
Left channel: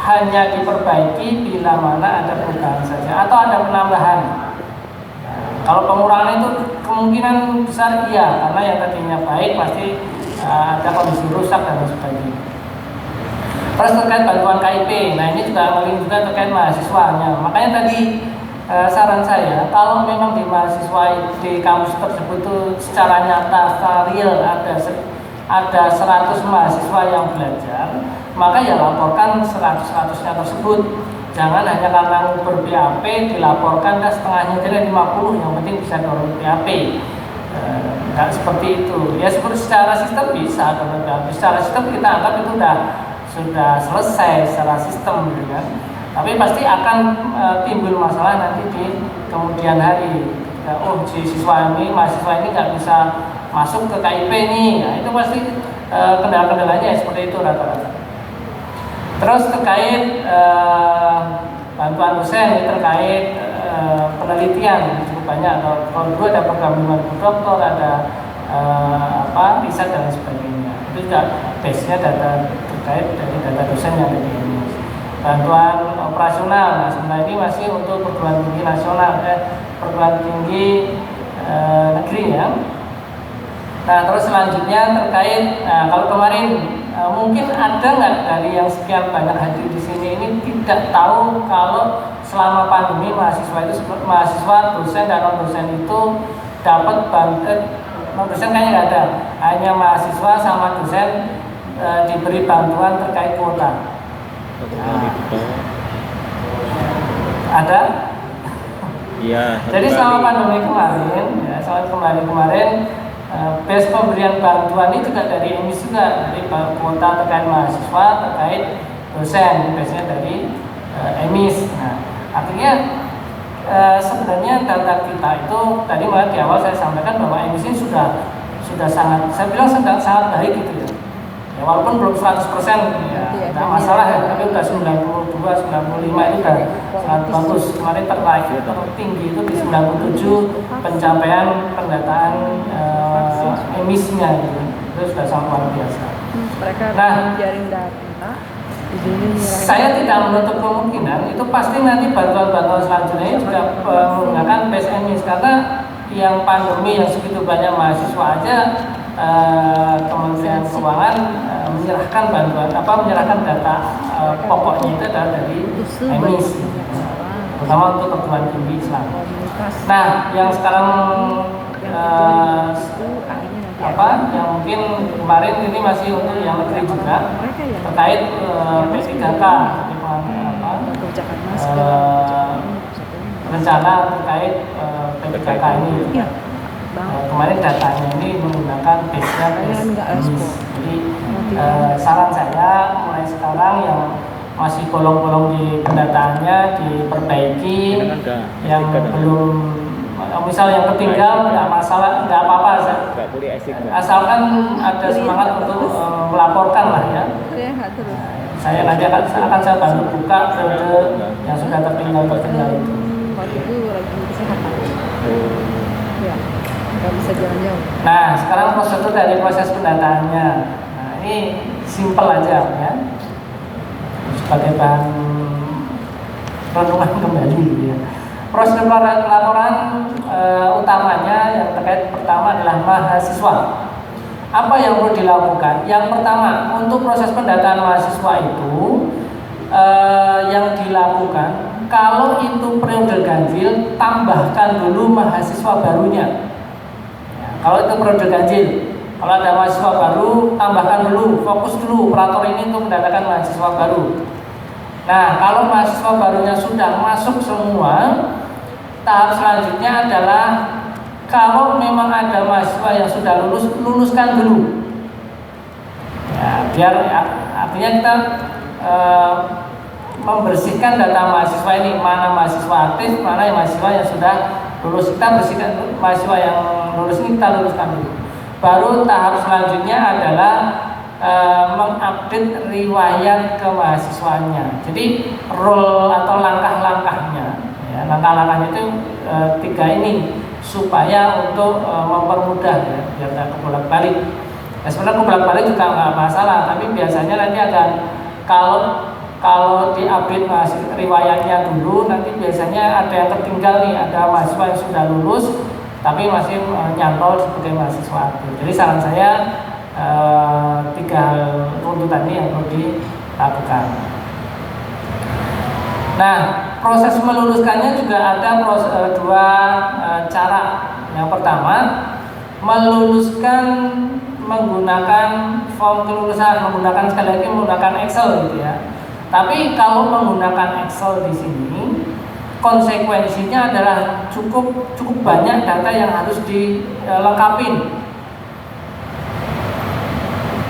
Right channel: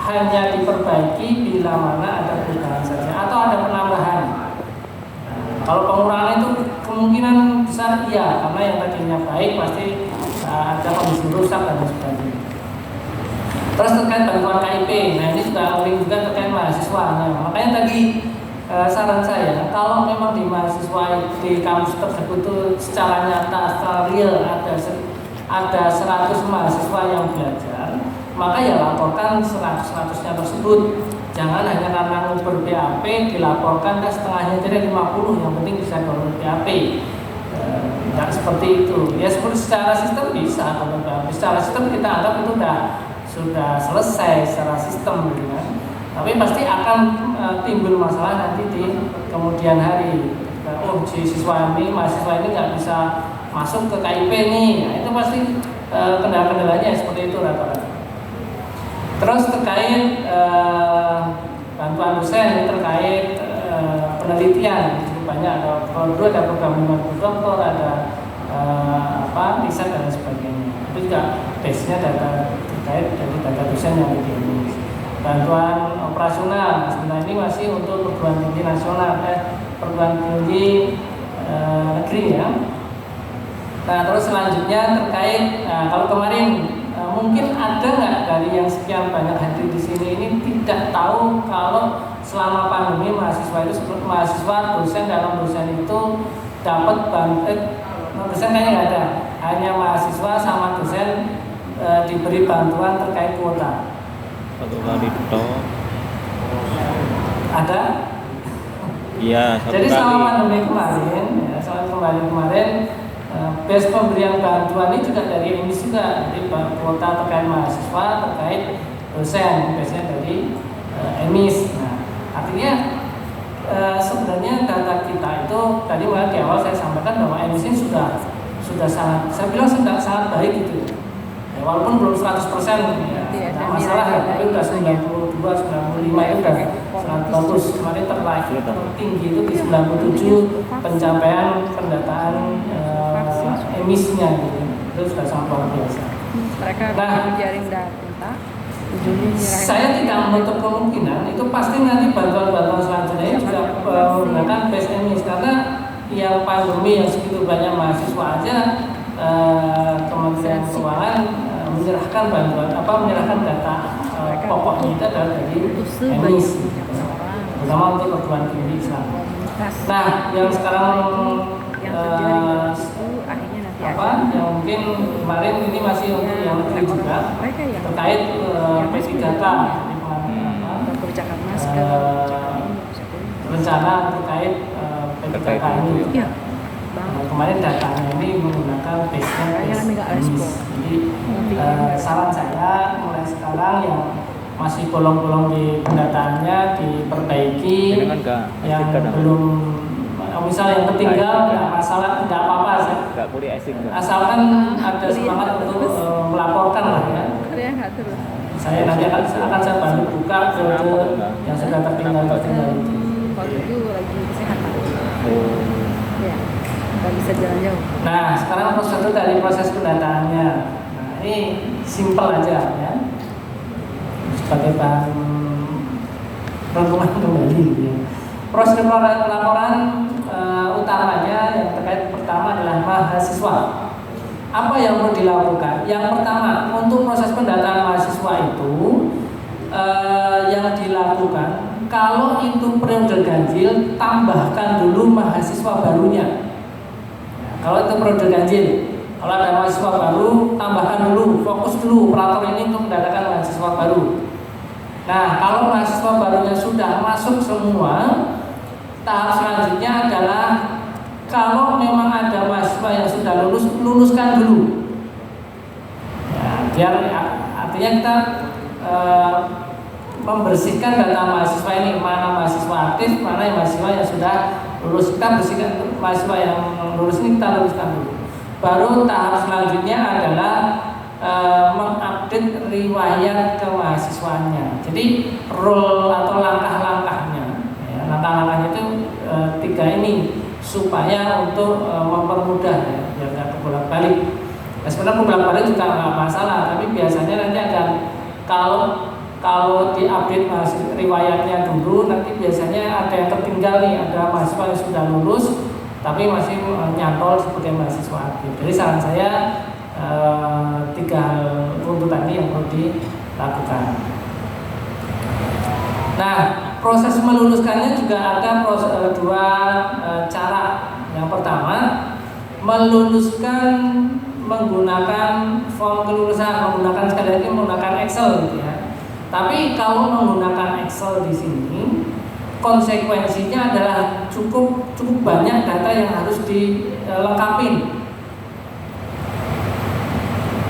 hanya diperbaiki bila mana ada perubahan saja atau ada penambahan. Kalau pengurangan itu kemungkinan besar iya, karena yang tadinya baik pasti ada kondisi rusak dan sebagainya. Terus terkait bantuan KIP, nah ini juga link juga terkait mahasiswanya. Makanya tadi saran saya, kalau memang di mahasiswa di kampus tersebut itu secara nyata, secara real ada 100 mahasiswa yang belajar, maka ya laporkan 100-100-nya tersebut. Jangan hanya karena ngumpul BAP dilaporkan ke setengahnya jadi 50, yang penting bisa download BAP. Tidak seperti itu. Ya secara sistem bisa, kalau secara sistem kita anggap itu sudah selesai secara sistem gitu kan. Tapi pasti akan timbul masalah nanti di kemudian hari. Mahasiswa ini nggak bisa masuk ke KIP nih, nah, itu pasti kendala-kendalanya seperti itu rata-rata. Terus terkait bantuan dosen terkait penelitian cukup banyak. Kalau dulu ada program 50 doktor, ada riset dan sebagainya. Itu juga base-nya data terkait dari data dosen yang ada di ini. Bantuan operasional, nah sebenarnya ini masih untuk perguruan tinggi nasional, perguruan tinggi negeri ya. Nah terus selanjutnya terkait, kalau kemarin mungkin ada nggak dari yang sekian banyak hadir di sini ini tidak tahu kalau selama pandemi mahasiswa dosen dan non dosen itu dapat non dosen kayaknya nggak ada, hanya mahasiswa sama dosen diberi bantuan terkait kuota. Ada? Iya. Jadi selama pandemi kemarin, base pemberian bantuan ini juga dari emisi juga, dari kuota terkait mahasiswa, terkait dosen, base-nya dari emis. Nah, akhirnya sebenarnya data kita itu tadi malah di awal saya sampaikan bahwa emisi sudah sangat, saya bilang sangat baik gitu ya. Ya, walaupun belum 100% ya, tidak masalah ya, tapi udah 92, 95 itu udah sangat bagus. Kemarin tertinggi itu di 97 pencapaian pendataan emisinya gitu. Itu sudah sangat luar biasa. Nah, saya tidak menutup kemungkinan itu pasti nanti bantuan-bantuan selanjutnya ini juga menggunakan base emis, karena yang pandemi yang segitu banyak mahasiswa aja Kementerian Keuangan menyerahkan menyerahkan data pokoknya itu adalah dari emis, terutama untuk perguruan tinggi Islam. Nah, yang sekarang yang mungkin kemarin ini masih untuk yang negeri juga terkait basic data, rencana terkait basic data ini. Kemarin datanya ini menggunakan base-nya emis. Jadi saran saya mulai sekarang yang masih bolong-bolong di pendataannya diperbaiki, yang belum misal yang ketinggal nggak masalah, nggak apa-apa, asalkan ada semangat untuk melaporkan lah ya. Saya nanti akan saya bantu buka periode yang sudah tertinggal itu. Bisa jalan jauh. Nah, sekarang prosedur dari proses pendataannya. Nah, ini simpel aja ya. Sebagai bahan renungan kembali ya. Proses laporan utamanya yang terkait pertama adalah mahasiswa. Apa yang perlu dilakukan? Yang pertama, untuk proses pendataan mahasiswa itu yang dilakukan, kalau itu periode ganjil, tambahkan dulu mahasiswa barunya. Kalau itu periode ganjil, kalau ada mahasiswa baru, tambahkan dulu, fokus dulu operator ini untuk mendatangkan mahasiswa baru. Nah, kalau mahasiswa barunya sudah masuk semua, tahap selanjutnya adalah kalau memang ada mahasiswa yang sudah lulus, luluskan dulu. Ya, biar artinya kita membersihkan data mahasiswa ini, mana mahasiswa aktif, mana yang mahasiswa yang sudah lulus. Kita bersihkan mahasiswa yang lulus ini, kita luluskan dulu. Baru tahap selanjutnya adalah mengupdate riwayat ke mahasiswanya. Jadi role atau langkah-langkahnya, ya, langkah-langkahnya itu 3 ini supaya untuk mempermudah, ya, biar nggak kebolak-balik. Nah, sebenarnya kebolak-balik juga nggak masalah, tapi biasanya nanti akan kalau diupdate riwayatnya dulu, nanti biasanya ada yang tertinggal nih, ada mahasiswa yang sudah lulus tapi masih nyantol sebagai mahasiswa aktif. Jadi saran saya 3 hal tuntutan ini yang perlu dilakukan. Nah, proses meluluskannya juga ada 2 cara. Yang pertama, meluluskan menggunakan form kelulusan, sekali lagi menggunakan Excel gitu ya. Tapi kalau menggunakan Excel di sini, konsekuensinya adalah cukup banyak data yang harus dilengkapi.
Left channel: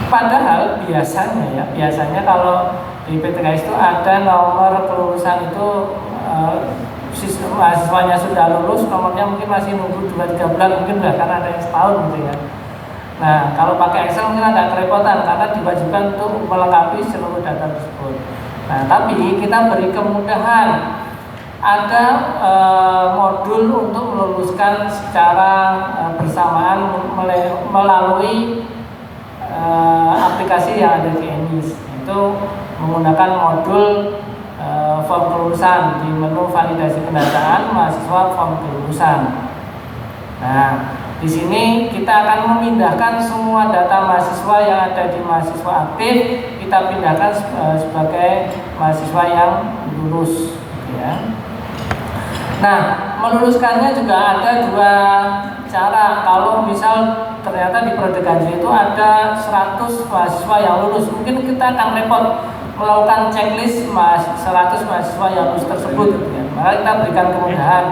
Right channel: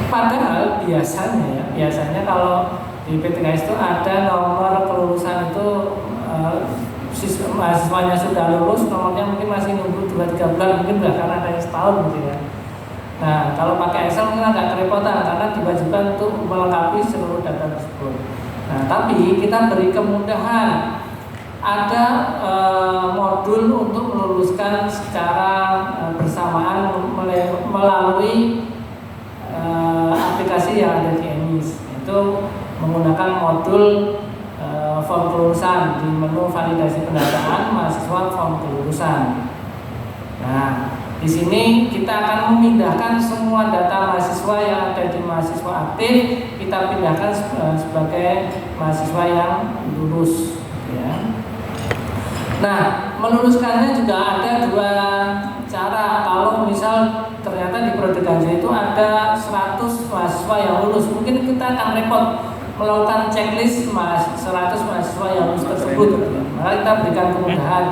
Padahal biasanya kalau di PTKS itu ada nomor kelulusan itu mahasiswanya sudah lulus, nomornya mungkin masih nunggu 2-3 bulan, mungkin bahkan ada yang setahun gitu ya. Nah, kalau pakai Excel mungkin agak kerepotan karena diwajibkan untuk melengkapi seluruh data tersebut. Nah, tapi kita beri kemudahan. Ada modul untuk meluluskan secara bersamaan melalui aplikasi yang ada di ENIS, yaitu menggunakan modul form kelulusan di menu validasi pendataan mahasiswa form kelulusan. Nah, di sini kita akan memindahkan semua data mahasiswa yang ada di mahasiswa aktif, kita pindahkan sebagai mahasiswa yang lulus, ya. Nah, meluluskannya juga ada 2 cara. Kalau misal ternyata di Prodi Ganjil itu ada 100 mahasiswa yang lulus, mungkin kita akan repot melakukan checklist 100 mahasiswa yang lulus tersebut, ya. Maka kita berikan kemudahan.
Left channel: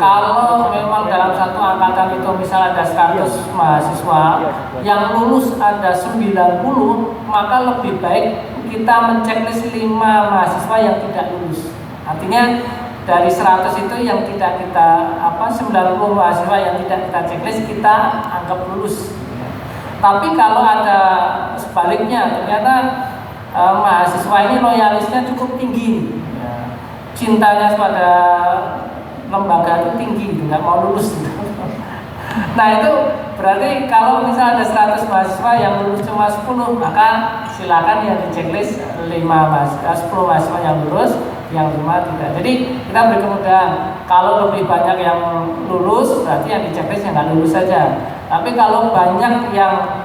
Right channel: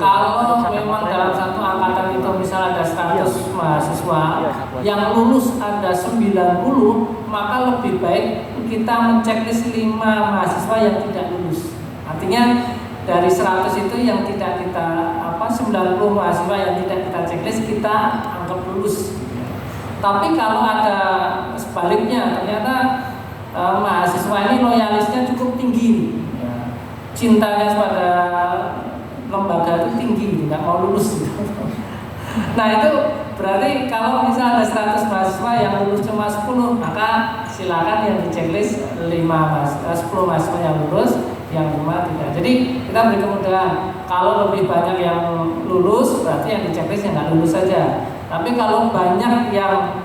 Kalau memang dalam satu angkatan itu misal ada 100 mahasiswa yang lulus ada 90, maka lebih baik kita menceklis 5 mahasiswa yang tidak lulus. Artinya dari 100 itu yang tidak kita 90 mahasiswa yang tidak kita checklist kita anggap lulus. Tapi kalau ada sebaliknya, ternyata mahasiswa ini loyalisnya cukup tinggi, ya. Cintanya pada lembaga itu tinggi, nggak mau lulus. Nah, itu berarti kalau misalnya ada 100 mahasiswa yang lulus cuma 10, maka silakan yang di checklist 10 mahasiswa yang lulus, yang 5 tidak. Jadi kita beri kemudahan. Kalau lebih banyak yang lulus, berarti yang di checklist yang nggak lulus saja. Tapi kalau banyak yang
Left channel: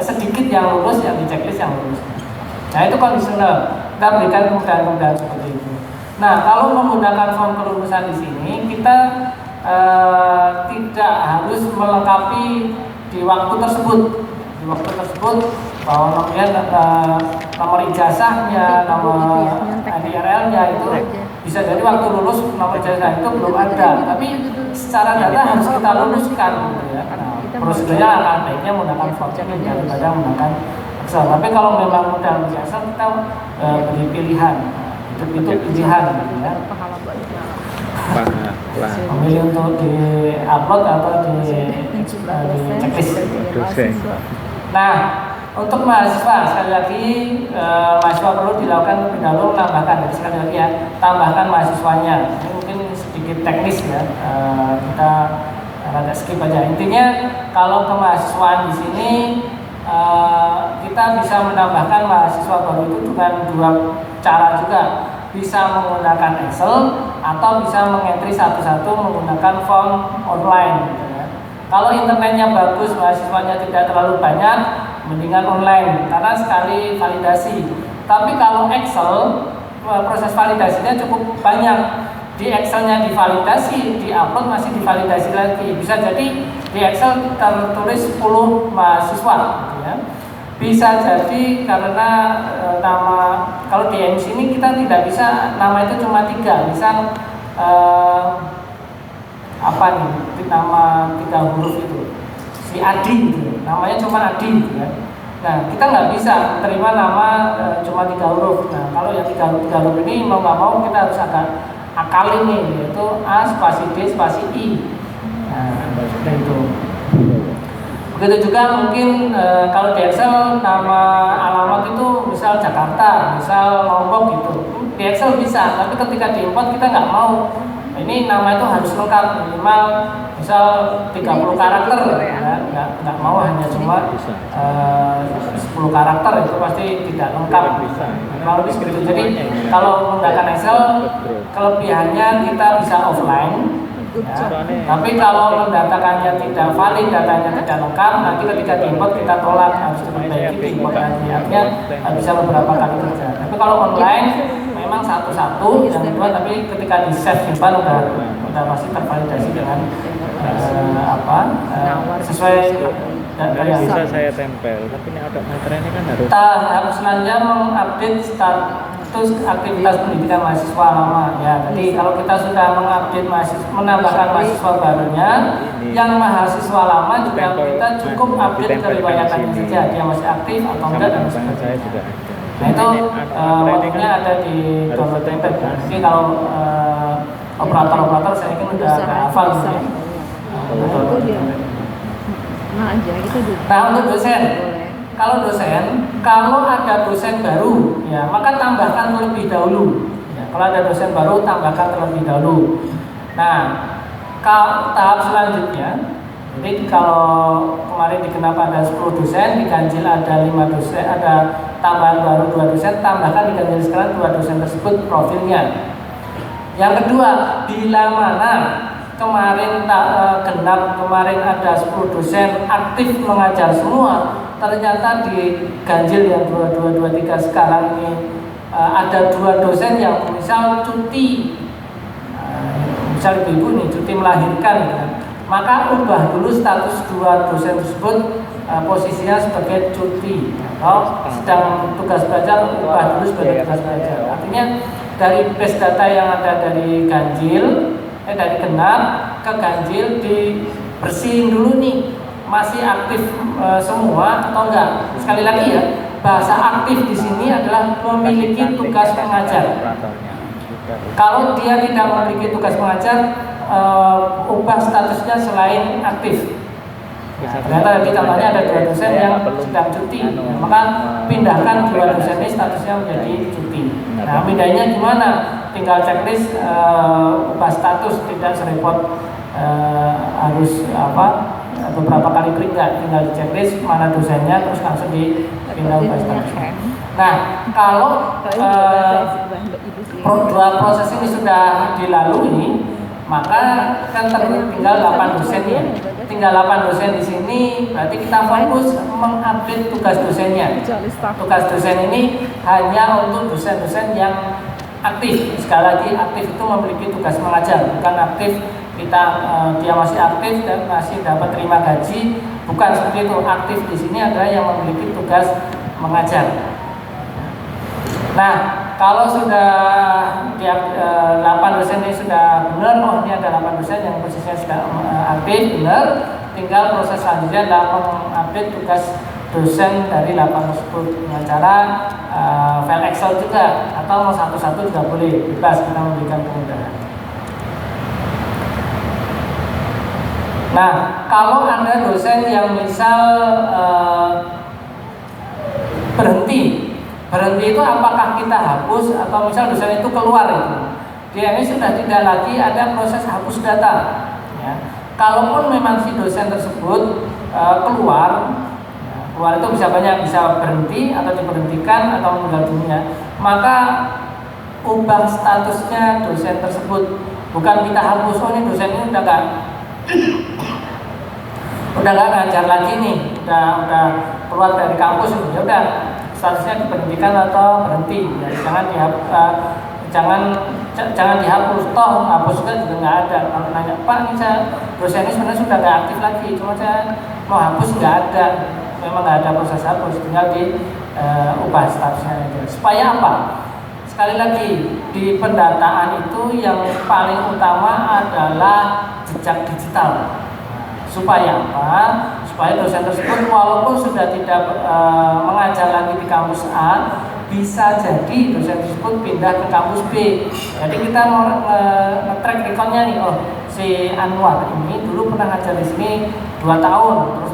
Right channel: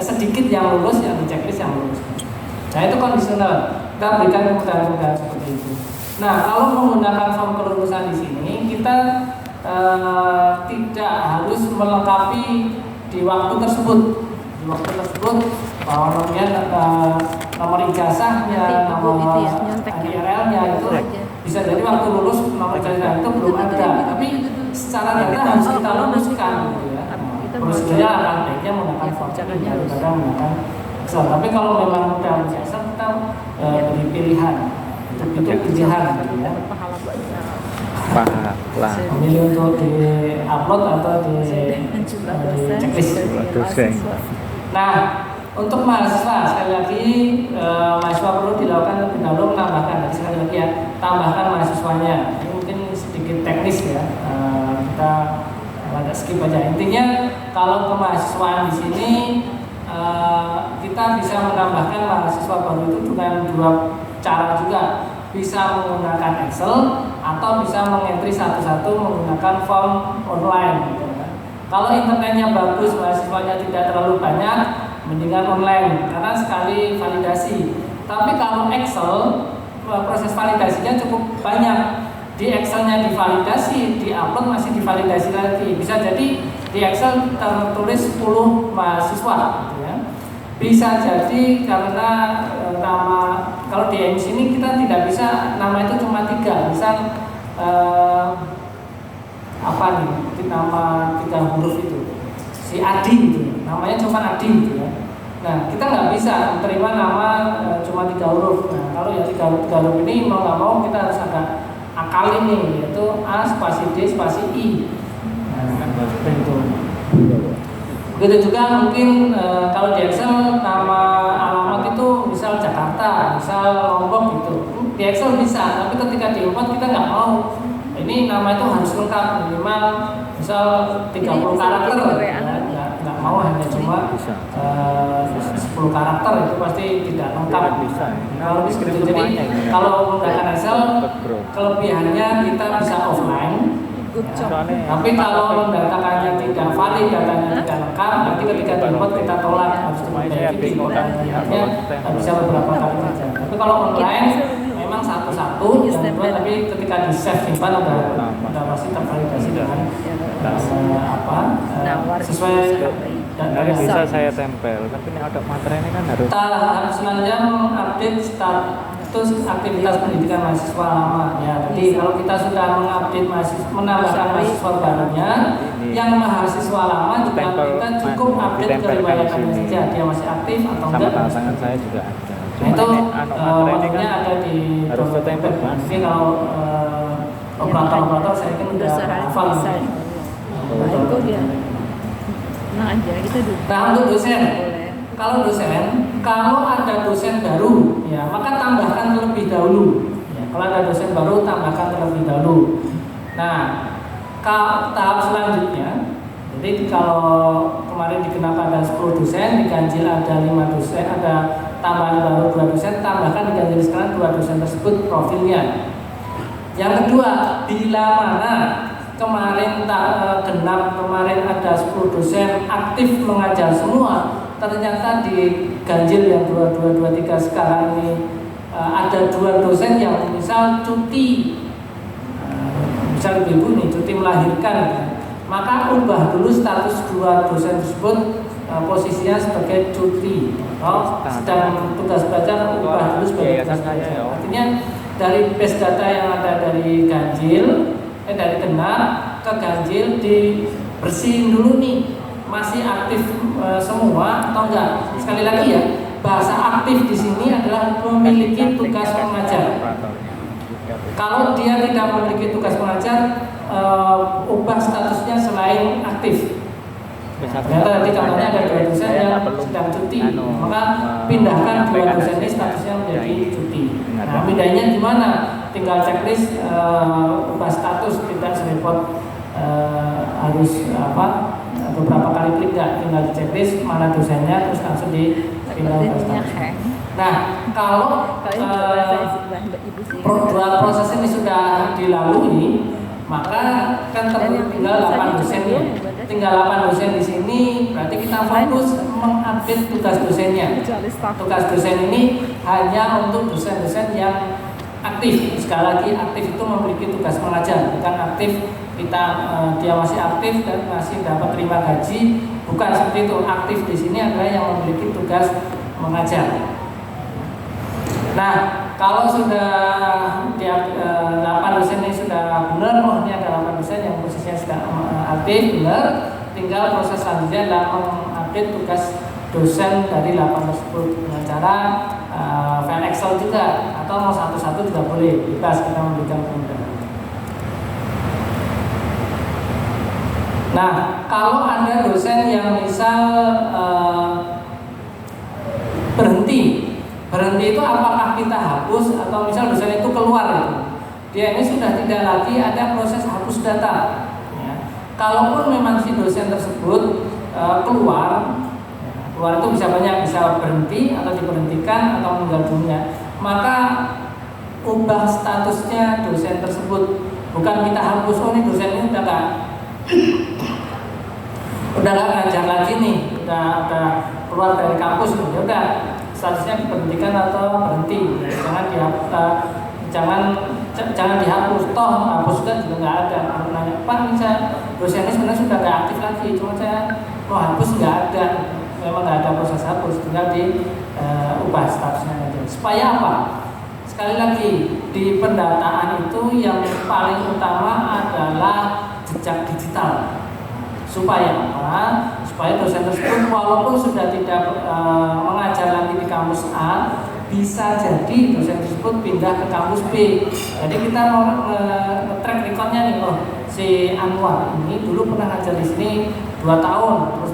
sedikit yang lulus, yang di checklist yang lulus. Nah, itu kondisional. Kita berikan kemudahan-kemudahan seperti itu. Nah, kalau menggunakan form kelulusan di sini, kita tidak harus melengkapi di waktu tersebut. Di waktu tersebut bahwa nomor ijazahnya, nomor NIRL-nya itu bisa jadi waktu lulus nomor ijazah itu belum ada. Tapi secara data harus kita luluskan, gitu ya. Prosedurnya akan baiknya menggunakan form ini daripada menggunakan Excel. Tapi kalau memang mudah ijazah, kita beri pilihan. Itu pilihan, gitu ya. Memilih untuk di upload atau di checklist. Nah, untuk mahasiswa sekali lagi mahasiswa perlu dilakukan lebih dahulu menambahkan. Jadi sekali lagi ya, tambahkan mahasiswanya. Ini mungkin sedikit teknis ya, kita agak skip aja. Intinya kalau kemahasiswaan di sini kita bisa menambahkan mahasiswa baru itu dengan 2 cara juga. Bisa menggunakan Excel atau bisa mengentry satu-satu menggunakan form online, gitu ya. Kalau internetnya bagus, mahasiswanya tidak terlalu banyak, mendingan online karena sekali validasi. Tapi kalau Excel, proses validasinya cukup banyak. Di Excelnya divalidasi, di upload masih divalidasi lagi. Bisa jadi di Excel tertulis 10 mahasiswa, gitu ya. Bisa jadi karena nama, kalau di ENIS ini kita tidak bisa nama itu cuma 3, bisa nama 3 huruf itu, si Adi gitu, namanya cuma Adi gitu ya. Nah, kita nggak bisa terima nama cuma 3 huruf. Nah, kalau yang 3 huruf ini mau nggak mau kita harus agak akal ini, yaitu A spasi D spasi I. Nah, seperti itu. Begitu juga mungkin kalau di Excel nama alamat itu misal Jakarta, misal Lombok gitu. Di Excel bisa, tapi ketika diimport kita nggak mau. Ini nama itu harus lengkap, minimal misal 30 karakter, ya, nggak mau hanya cuma 10 karakter, itu pasti tidak lengkap. Kalau begitu, jadi kalau menggunakan Excel kelebihannya kita bisa offline. Ya. Tapi kalau mendatakannya tidak valid, datanya tidak lengkap, nanti ketika diimport kita tolak, harus diperbaiki, artinya bisa beberapa kali kerja. Tapi kalau online memang satu-satu yang kedua, tapi ketika di save simpan udah pasti tervalidasi dengan sesuai dari bisa saya tempel, tapi ini ada materi ini kan harus. Tahap selanjutnya mengupdate status aktivitas pendidikan mahasiswa lama. Ya, jadi kalau kita sudah mengupdate menambahkan mahasiswa barunya, yang mahasiswa lama juga kita cukup update keriwayatannya saja, dia masih aktif atau enggak. Tangan saya juga ada. Nah, itu waktunya ada di dompet. Jadi kalau operator saya kan udah hafal. Nah aja kita dulu. Nah, untuk dosen, kalau ada dosen baru, ya maka tambahkan terlebih dahulu. Ya, kalau ada dosen baru, tambahkan terlebih dahulu. Nah, tahap selanjutnya, jadi kalau kemarin digenap ada 10 dosen, diganjil ada 5 dosen, ada tambahan baru 2 dosen, tambahkan diganjil sekarang 2 dosen tersebut profilnya. Yang kedua, bila mana kemarin genap, kemarin ada 10 dosen aktif mengajar semua, ternyata di ganjil yang 2223 sekarang ini ada 2 dosen yang misal cuti, misal ibu nih cuti melahirkan, maka ubah dulu status 2 dosen tersebut posisinya sebagai cuti. Kalau sedang tugas belajar, ubah dulu sebagai tugas belajar. Artinya dari base data yang ada dari ganjil, dari genap ke ganjil dibersihin dulu nih, masih aktif semua atau enggak. Sekali lagi ya, bahasa aktif di sini adalah memiliki tugas mengajar. Kalau dia tidak memiliki tugas mengajar, ubah statusnya selain aktif. Ternyata tadi contohnya ada 2 dosen yang sedang cuti, maka pindahkan 2 dosen ini statusnya menjadi cuti. Nah, bedanya gimana? Tinggal checklist ubah status, tidak serepot harus beberapa kali klik, tinggal di checklist mana dosennya, terus langsung dipindah ubah status. Nah, kalau dua proses ini sudah dilalui, maka kan tinggal 8 dosen ya. Tinggal 8 dosen di sini, berarti kita fokus mengupdate tugas dosennya. Tugas dosen ini hanya untuk dosen-dosen yang aktif. Sekali lagi, aktif itu memiliki tugas mengajar, bukan aktif kita dia masih aktif dan masih dapat terima gaji, bukan seperti itu. Aktif di sini adalah yang memiliki tugas mengajar. Nah, kalau sudah 8 dosen ini sudah benar, oh ini ada 8 dosen yang posisinya sudah aktif, benar, tinggal proses selanjutnya adalah mengupdate tugas dosen dari 8 tersebut dengan cara file Excel juga, atau mau satu-satu juga boleh, bebas, kita memberikan kemudahan. Nah, kalau ada dosen yang misal berhenti itu apakah kita hapus atau misal dosen itu keluar gitu. Dia ini sudah tidak lagi ada proses hapus data. Ya. Kalaupun memang si dosen tersebut keluar itu bisa banyak, bisa berhenti atau diberhentikan atau meninggal dunia, maka ubah statusnya dosen tersebut, bukan kita hapus. Oh ini dosen ini udah nggak ngajar lagi nih, udah keluar dari kampus, ya udah statusnya diberhentikan atau berhenti. Ya, jangan dihapus. Toh hapus kan juga nggak ada. Kalau nanya, Pak, dosen ini sebenarnya sudah nggak aktif lagi, cuma saya mau hapus, nggak ada. Memang nggak ada proses hapus, tinggal diubah statusnya aja. Supaya apa? Sekali lagi, di pendataan itu yang paling utama adalah jejak digital. Supaya apa? Supaya dosen tersebut walaupun sudah tidak mengajar lagi di kampus A, bisa jadi dosen tersebut pindah ke kampus B. Jadi kita nge-track recordnya nih, oh si Anwar ini dulu pernah ngajar di sini 2 tahun, terus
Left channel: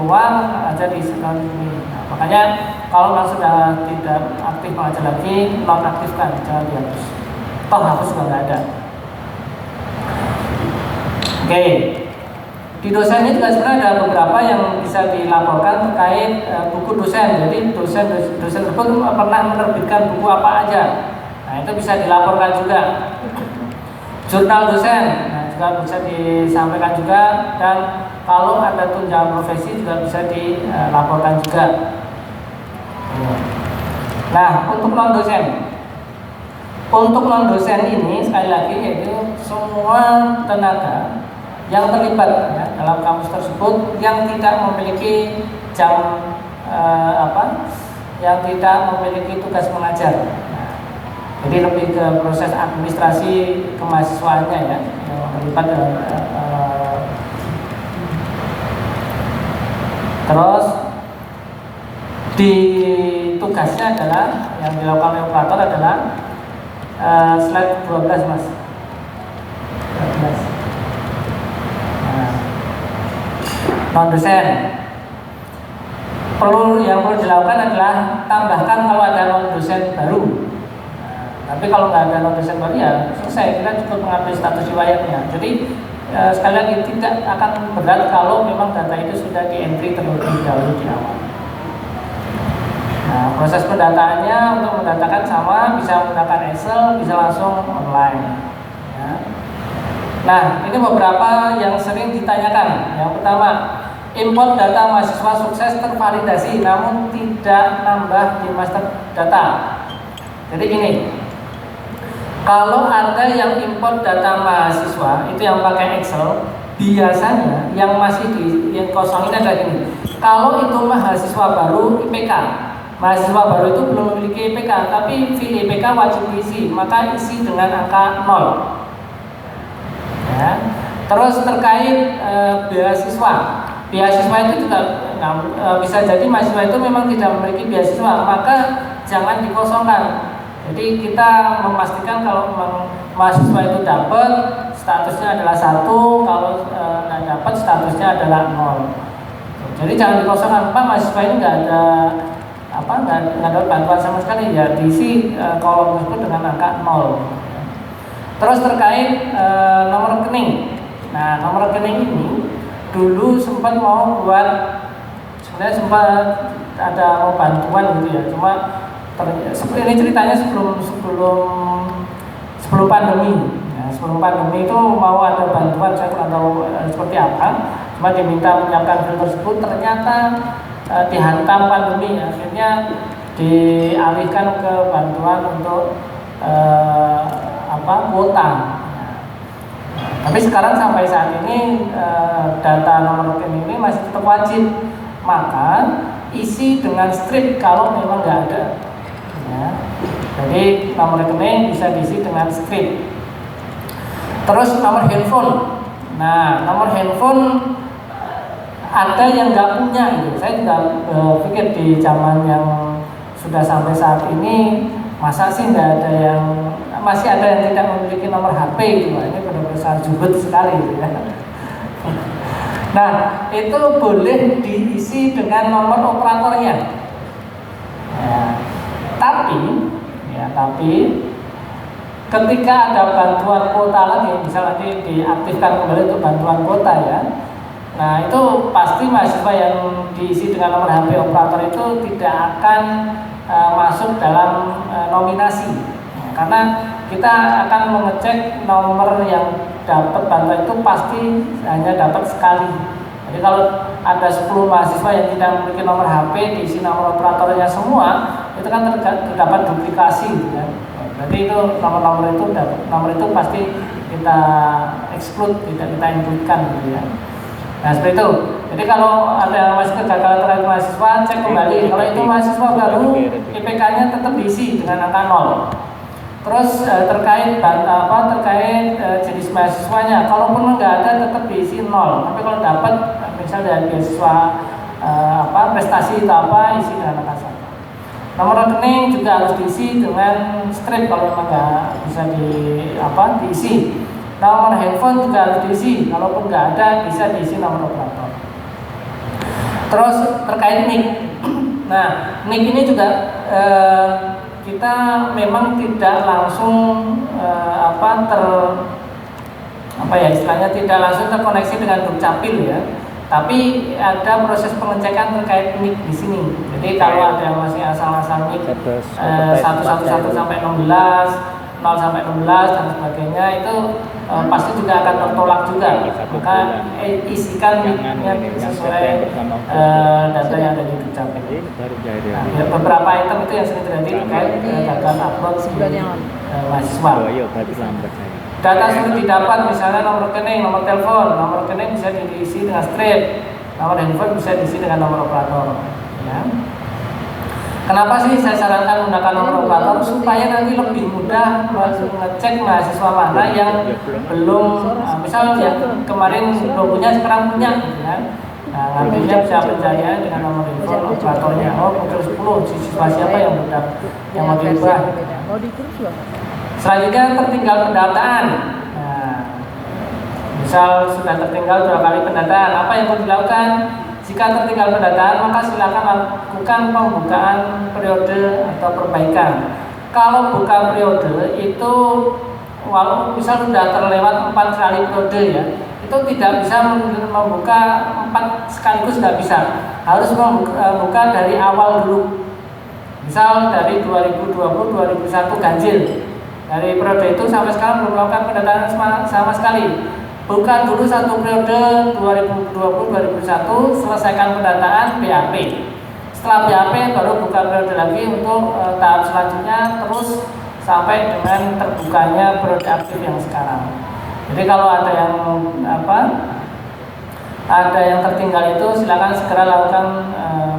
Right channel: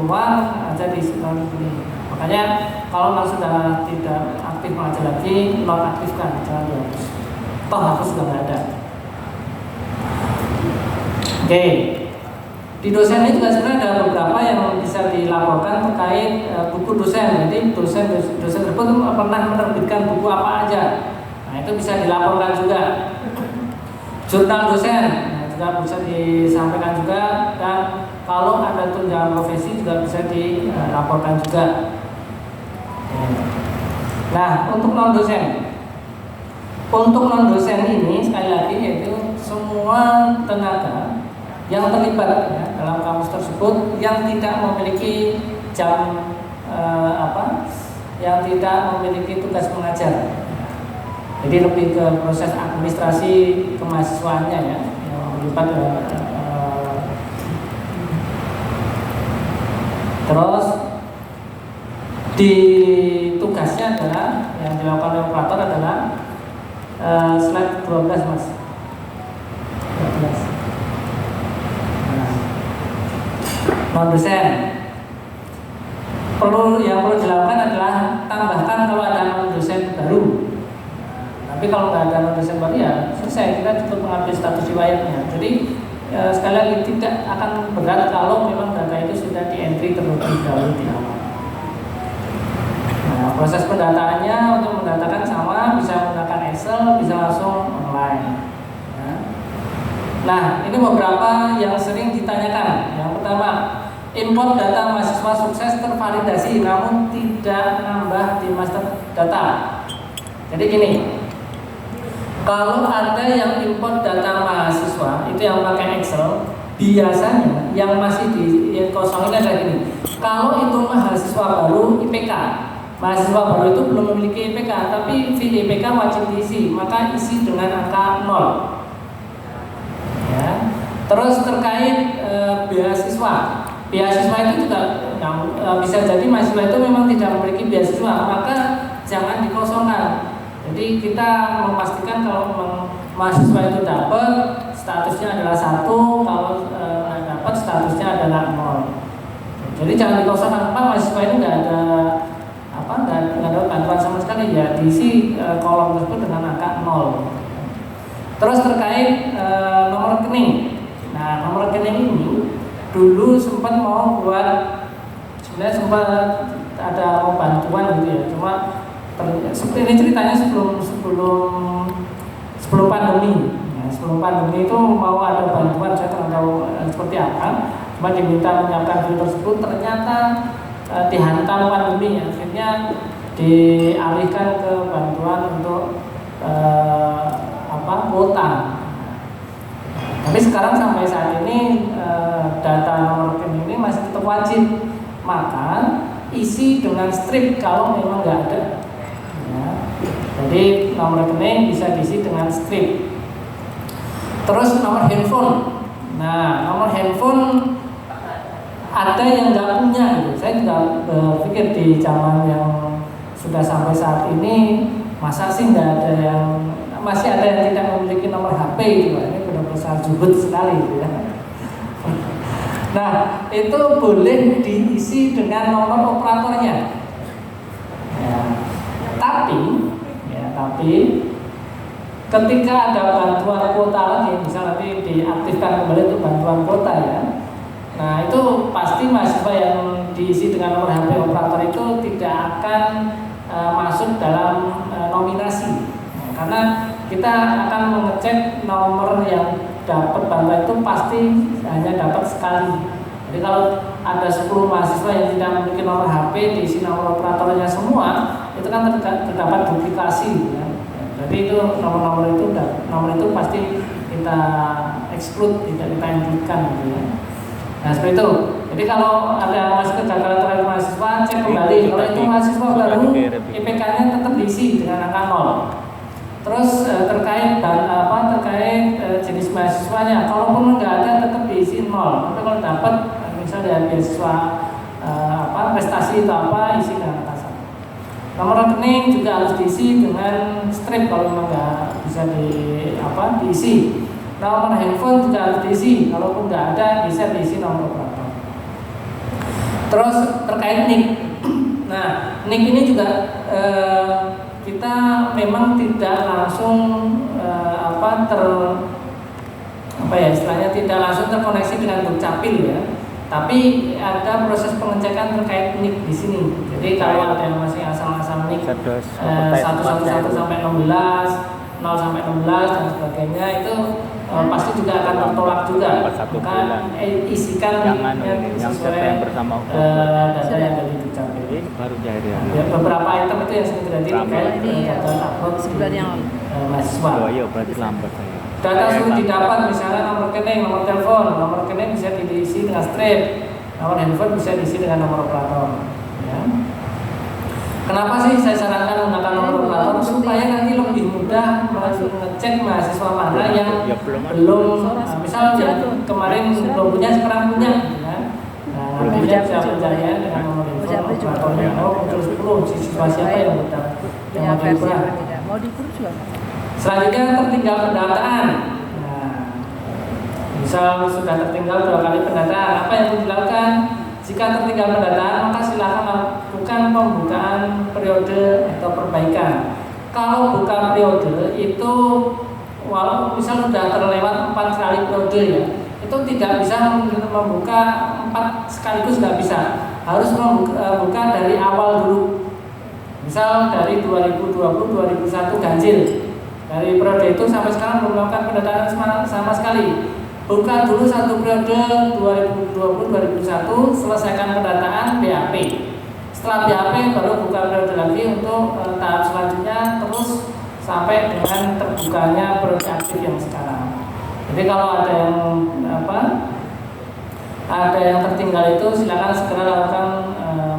keluar aja diisikan ini. Makanya kalau memang sudah tidak aktif mengajar lagi, nonaktifkan, jangan dihapus. Toh hapus juga nggak ada. Oke. Di dosen ini juga sebenarnya ada beberapa yang bisa dilaporkan terkait buku dosen. Jadi dosen tersebut pernah menerbitkan buku apa aja. Nah itu bisa dilaporkan juga. Jurnal dosen, nah, juga bisa disampaikan juga. Dan kalau ada tunjangan profesi juga bisa dilaporkan juga. Nah untuk non dosen ini sekali lagi yaitu semua tenaga yang terlibat ya, dalam kampus tersebut yang tidak memiliki jam yang tidak memiliki tugas mengajar. Jadi lebih ke proses administrasi kemahasiswaannya ya, yang terlibat terus di tugasnya adalah yang dilakukan oleh operator adalah slide 12 Mas. 12. Non dosen yang perlu dilakukan adalah tambahkan kalau ada non dosen baru. Tapi kalau nggak ada non dosen baru ya selesai, kita cukup mengambil status riwayatnya. Jadi sekali lagi tidak akan berat kalau memang data itu sudah di entry terlebih dahulu di awal. Nah, proses pendataannya untuk mendatakan sama, bisa menggunakan Excel, bisa langsung online. Ya. Nah, ini beberapa yang sering ditanyakan. Yang pertama, import data mahasiswa sukses tervalidasi namun tidak nambah di master data. Jadi gini, kalau ada yang import data mahasiswa itu yang pakai Excel, biasanya yang masih yang kosong ini adalah gini. Kalau itu mahasiswa baru IPK, mahasiswa baru itu belum memiliki IPK, tapi IPK wajib diisi, maka isi dengan angka 0. Ya. Terus terkait beasiswa itu juga bisa jadi mahasiswa itu memang tidak memiliki beasiswa, maka jangan dikosongkan. Jadi kita memastikan kalau memang mahasiswa itu dapat, statusnya adalah 1, kalau nggak dapat statusnya adalah 0. Jadi jangan dikosongkan, Pak mahasiswa ini nggak ada nggak ada bantuan sama sekali, ya diisi kolom tersebut dengan angka 0. Terus terkait nomor rekening. Nah, nomor rekening ini dulu sempat mau buat, sebenarnya sempat ada mau bantuan gitu ya. Cuma ini ceritanya sebelum pandemi. Nah, sebelum pandemi itu mau ada bantuan, saya tidak tahu seperti apa. Cuma diminta menyiapkan film tersebut, ternyata dihantam pandemi, akhirnya dialihkan ke bantuan untuk kuota. Tapi sekarang sampai saat ini data nomor rekening ini masih tetap wajib, maka isi dengan strip kalau memang nggak ada. Ya. Jadi nomor rekening bisa diisi dengan strip. Terus nomor handphone. Nah, nomor handphone ada yang nggak punya gitu. Saya juga pikir di zaman yang sudah sampai saat ini masa sih nggak ada yang, masih ada yang tidak memiliki nomor HP gitu. Ini benar-benar jubet sekali gitu ya. Nah, itu boleh diisi dengan nomor operatornya. Ya, tapi ketika ada bantuan kuota lagi, misal nanti diaktifkan kembali untuk bantuan kuota ya. Nah, itu pasti mahasiswa yang diisi dengan nomor HP operator itu tidak akan masuk dalam nominasi. Nah, karena kita akan mengecek nomor yang dapat bantuan itu pasti hanya dapat sekali. Jadi kalau ada 10 mahasiswa yang tidak memiliki nomor HP diisi nomor operatornya semua, itu kan terdapat duplikasi ya. Jadi itu nomor itu pasti kita exclude, tidak kita include-kan gitu ya. Nah seperti itu. Jadi kalau ada kegagalan terhadap mahasiswa, cek kembali. Kalau itu mahasiswa baru, IPK-nya tetap diisi dengan angka 0. Terus terkait jenis mahasiswanya, kalaupun nggak ada tetap diisi 0. Tapi kalau dapat, misal dari beasiswa prestasi atau apa, isi dengan angka 1. Nomor rekening juga harus diisi dengan strip kalau memang nggak bisa diisi. Nomor handphone juga harus diisi, kalaupun nggak ada bisa diisi nomor operator. Terus terkait NIK. Nah, NIK ini juga kita memang tidak langsung istilahnya tidak langsung terkoneksi dengan Dukcapil ya. Tapi ada proses pengecekan terkait NIK di sini. Jadi kalau ada yang masih asal-asal NIK 111 sampai 16, 0 sampai 16 dan sebagainya itu pasti juga akan tertolak juga. Maka isikan NIK-nya sesuai data yang ada di Dukcapil. Baru jahit ya. Beberapa item itu yang sering terjadi terkait gagal upload di mahasiswa. Oh iya, berarti lambat saya. Data sudah didapat, misalnya nomor rekening, nomor telepon. Nomor rekening bisa diisi dengan strip, nomor handphone bisa diisi dengan nomor operator. Ya. Kenapa sih saya sarankan menggunakan nomor operator? Supaya nanti lebih mudah mengecek mahasiswa mana yang belum, misal yang kemarin belum punya, sekarang punya. Ya. Nah, nantinya bisa percaya dengan nomor handphone operatornya. Oh, muncul 10, siswa siapa yang mau diubah. Selanjutnya tertinggal pendataan. Nah, misal sudah tertinggal 2 kali pendataan, apa yang perlu dilakukan? Jika tertinggal pendataan, maka silakan lakukan pembukaan periode atau perbaikan. Kalau buka periode itu, walau misal sudah terlewat 4 kali periode ya, itu tidak bisa membuka 4 sekaligus, tidak bisa. Harus membuka dari awal dulu. Misal dari 2020-2021 ganjil. Dari periode itu sampai sekarang belum melakukan pendataan sama sekali. Buka dulu satu periode 2020-2021, selesaikan pendataan BAP. Setelah BAP baru buka periode lagi untuk tahap selanjutnya, terus sampai dengan terbukanya periode aktif yang sekarang. Jadi kalau ada yang tertinggal itu silakan segera lakukan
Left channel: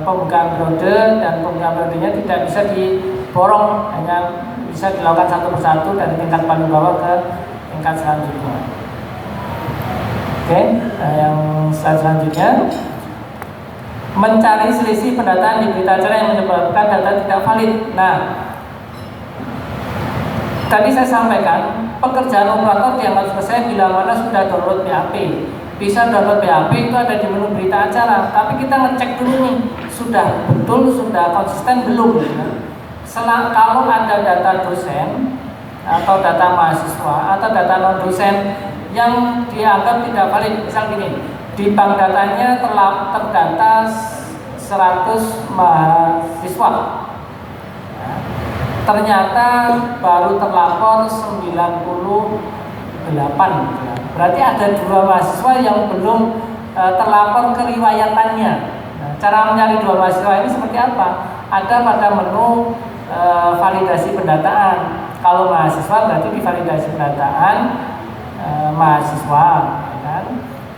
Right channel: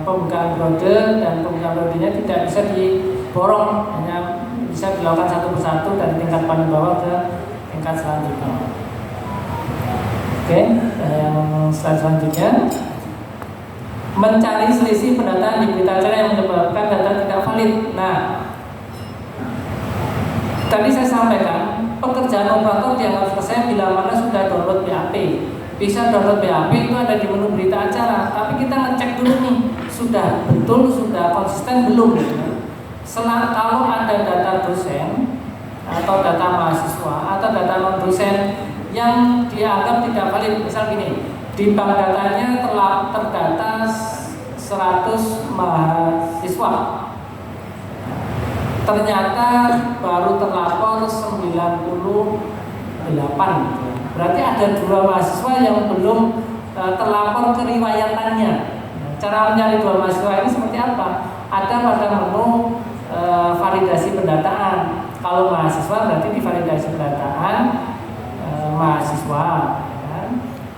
pembukaan periode, dan pembukaan periodenya tidak bisa diborong, hanya bisa dilakukan satu persatu dari tingkat paling bawah ke tingkat selanjutnya. Oke, yang selanjutnya mencari selisih pendataan di berita acara yang menyebabkan data tidak valid. Nah, tadi saya sampaikan pekerjaan operator dianggap selesai bila mana sudah download BAP. Bisa download BAP itu ada di menu berita acara, tapi kita ngecek dulu nih, sudah betul, sudah konsisten belum ya? Kalau ada data dosen atau data mahasiswa atau data non dosen yang dianggap tidak valid, misal gini, di bank datanya terdata 100 mahasiswa, ternyata baru terlapor 98, berarti ada 2 mahasiswa yang belum terlapor keriwayatannya. Nah, cara mencari 2 mahasiswa ini seperti apa? Ada pada menu validasi pendataan. Kalau mahasiswa berarti di validasi pendataan mahasiswa, ya kan?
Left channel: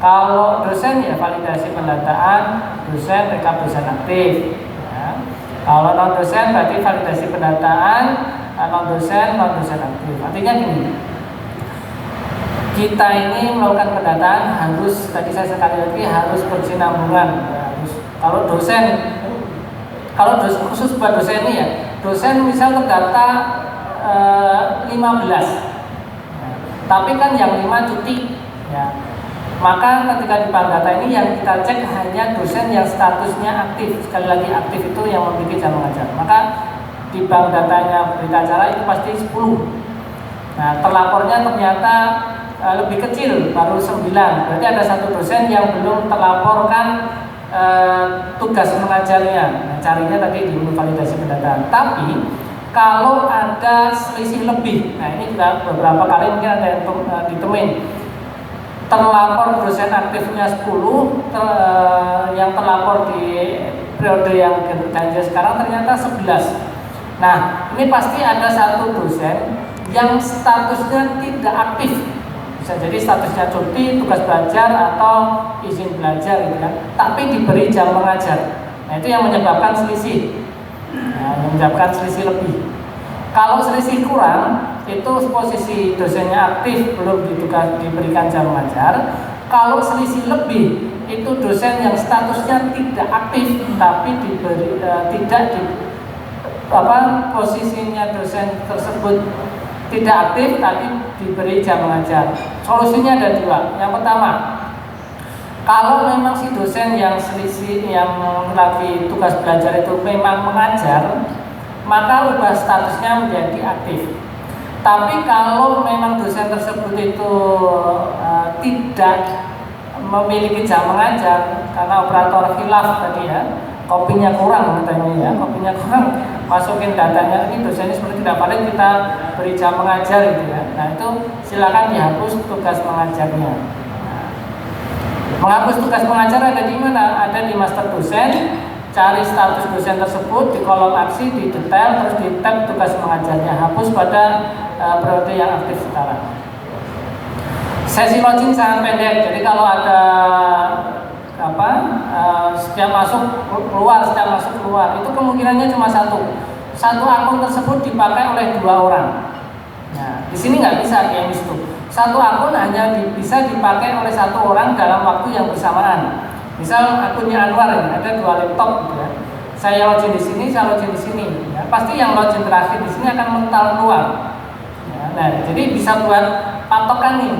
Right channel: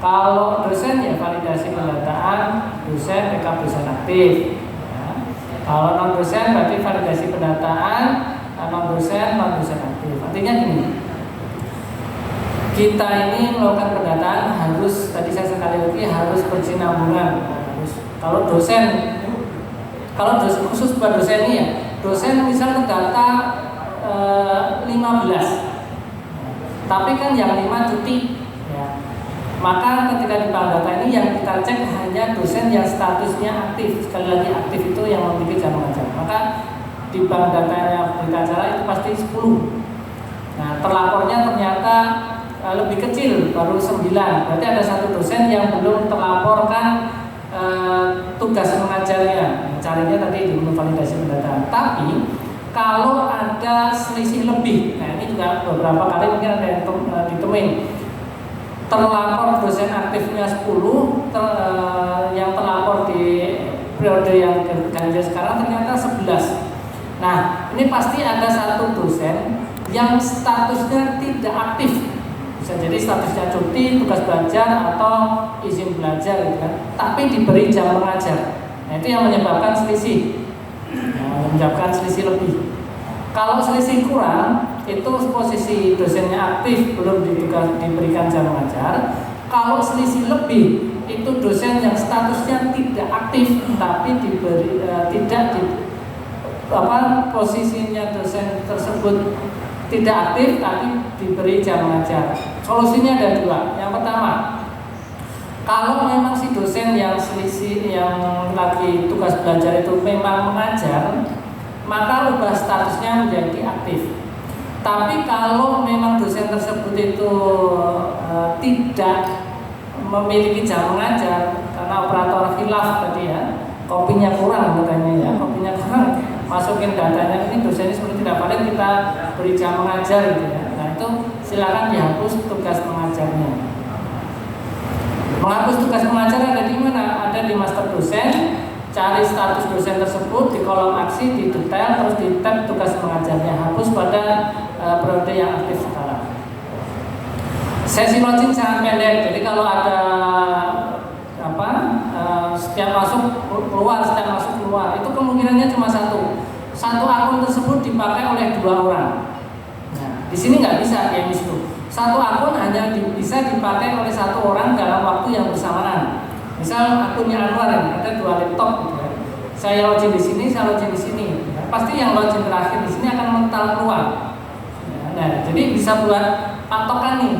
Kalau dosen ya validasi pendataan dosen, rekap dosen aktif. Ya. Kalau non dosen berarti validasi pendataan non dosen aktif. Artinya gini, kita ini melakukan pendataan harus, tadi saya sekali lagi harus berkesinambungan. Kalau dosen khusus buat dosen ini ya, dosen misal terdata 15, tapi kan yang 5 cuti ya. Maka ketika di bank data ini yang kita cek hanya dosen yang statusnya aktif. Sekali lagi aktif itu yang memiliki jam mengajar. Maka di bank datanya berita acara itu pasti 10. Nah, terlapornya ternyata lebih kecil, baru 9. Berarti ada 1 dosen yang belum terlaporkan tugas mengajarnya. Nah, carinya tadi di menu validasi pendataan. Tapi kalau ada selisih lebih, nah ini juga beberapa kali mungkin ada yang ditemuin, terlapor dosen aktifnya 10, yang terlapor di periode yang ganjil sekarang ternyata 11. Nah, ini pasti ada 1 dosen yang statusnya tidak aktif. Bisa jadi statusnya cuti, tugas belajar, atau izin belajar gitu kan, tapi diberi jam mengajar. Nah, itu yang menyebabkan selisih. Nah, menyebabkan selisih lebih. Kalau selisih kurang, itu posisi dosennya aktif, belum diberikan jam mengajar. Kalau selisih lebih, itu dosen yang statusnya tidak aktif, tapi posisinya dosen tersebut tidak aktif, tapi diberi jam mengajar. Solusinya ada 2. Yang pertama, Kalau memang si dosen yang selisih yang lagi tugas belajar itu memang mengajar, maka ubah statusnya menjadi aktif. Tapi kalau memang dosen tersebut itu tidak memiliki jam mengajar karena operator khilaf tadi ya, kopinya kurang katanya ya, kopinya kurang, masukin datanya ini dosennya seperti tidak valid, kita beri jam mengajar gitu ya. Nah itu silakan dihapus tugas mengajarnya. Menghapus tugas pengajar ada di mana? Ada di master dosen. Cari status dosen tersebut di kolom aksi, di detail, terus di tab tugas mengajarnya. Hapus pada periode yang aktif sekarang. Sesi login sangat pendek. Jadi kalau ada setiap masuk keluar, setiap masuk keluar, itu kemungkinannya cuma satu. Satu akun tersebut dipakai oleh 2 orang. Nah, di sini nggak bisa kayak itu. Satu akun hanya bisa dipakai oleh 1 orang dalam waktu yang bersamaan. Misal akunnya Anwar ini ada 2 laptop gitu ya. Saya login di sini, saya login di sini. Ya, pasti yang login terakhir di sini akan mental keluar. Ya, nah, jadi bisa buat patokan nih.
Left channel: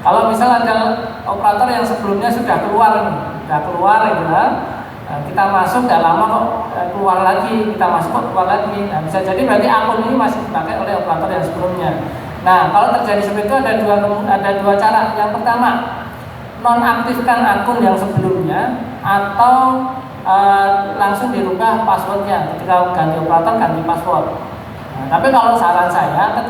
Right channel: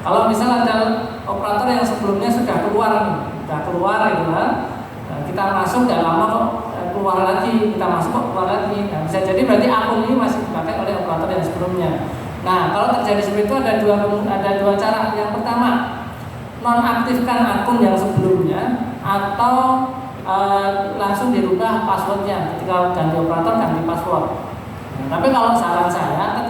Kalau misal ada operator yang sebelumnya sudah keluar gitu ya. Kita masuk nggak lama kok keluar lagi, kita masuk kok keluar lagi. Nah, bisa jadi berarti akun ini masih dipakai oleh operator yang sebelumnya. Nah, kalau terjadi seperti itu ada dua cara. Yang pertama, nonaktifkan akun yang sebelumnya atau langsung dirubah passwordnya. Ketika ganti operator, ganti password. Nah, tapi kalau saran saya,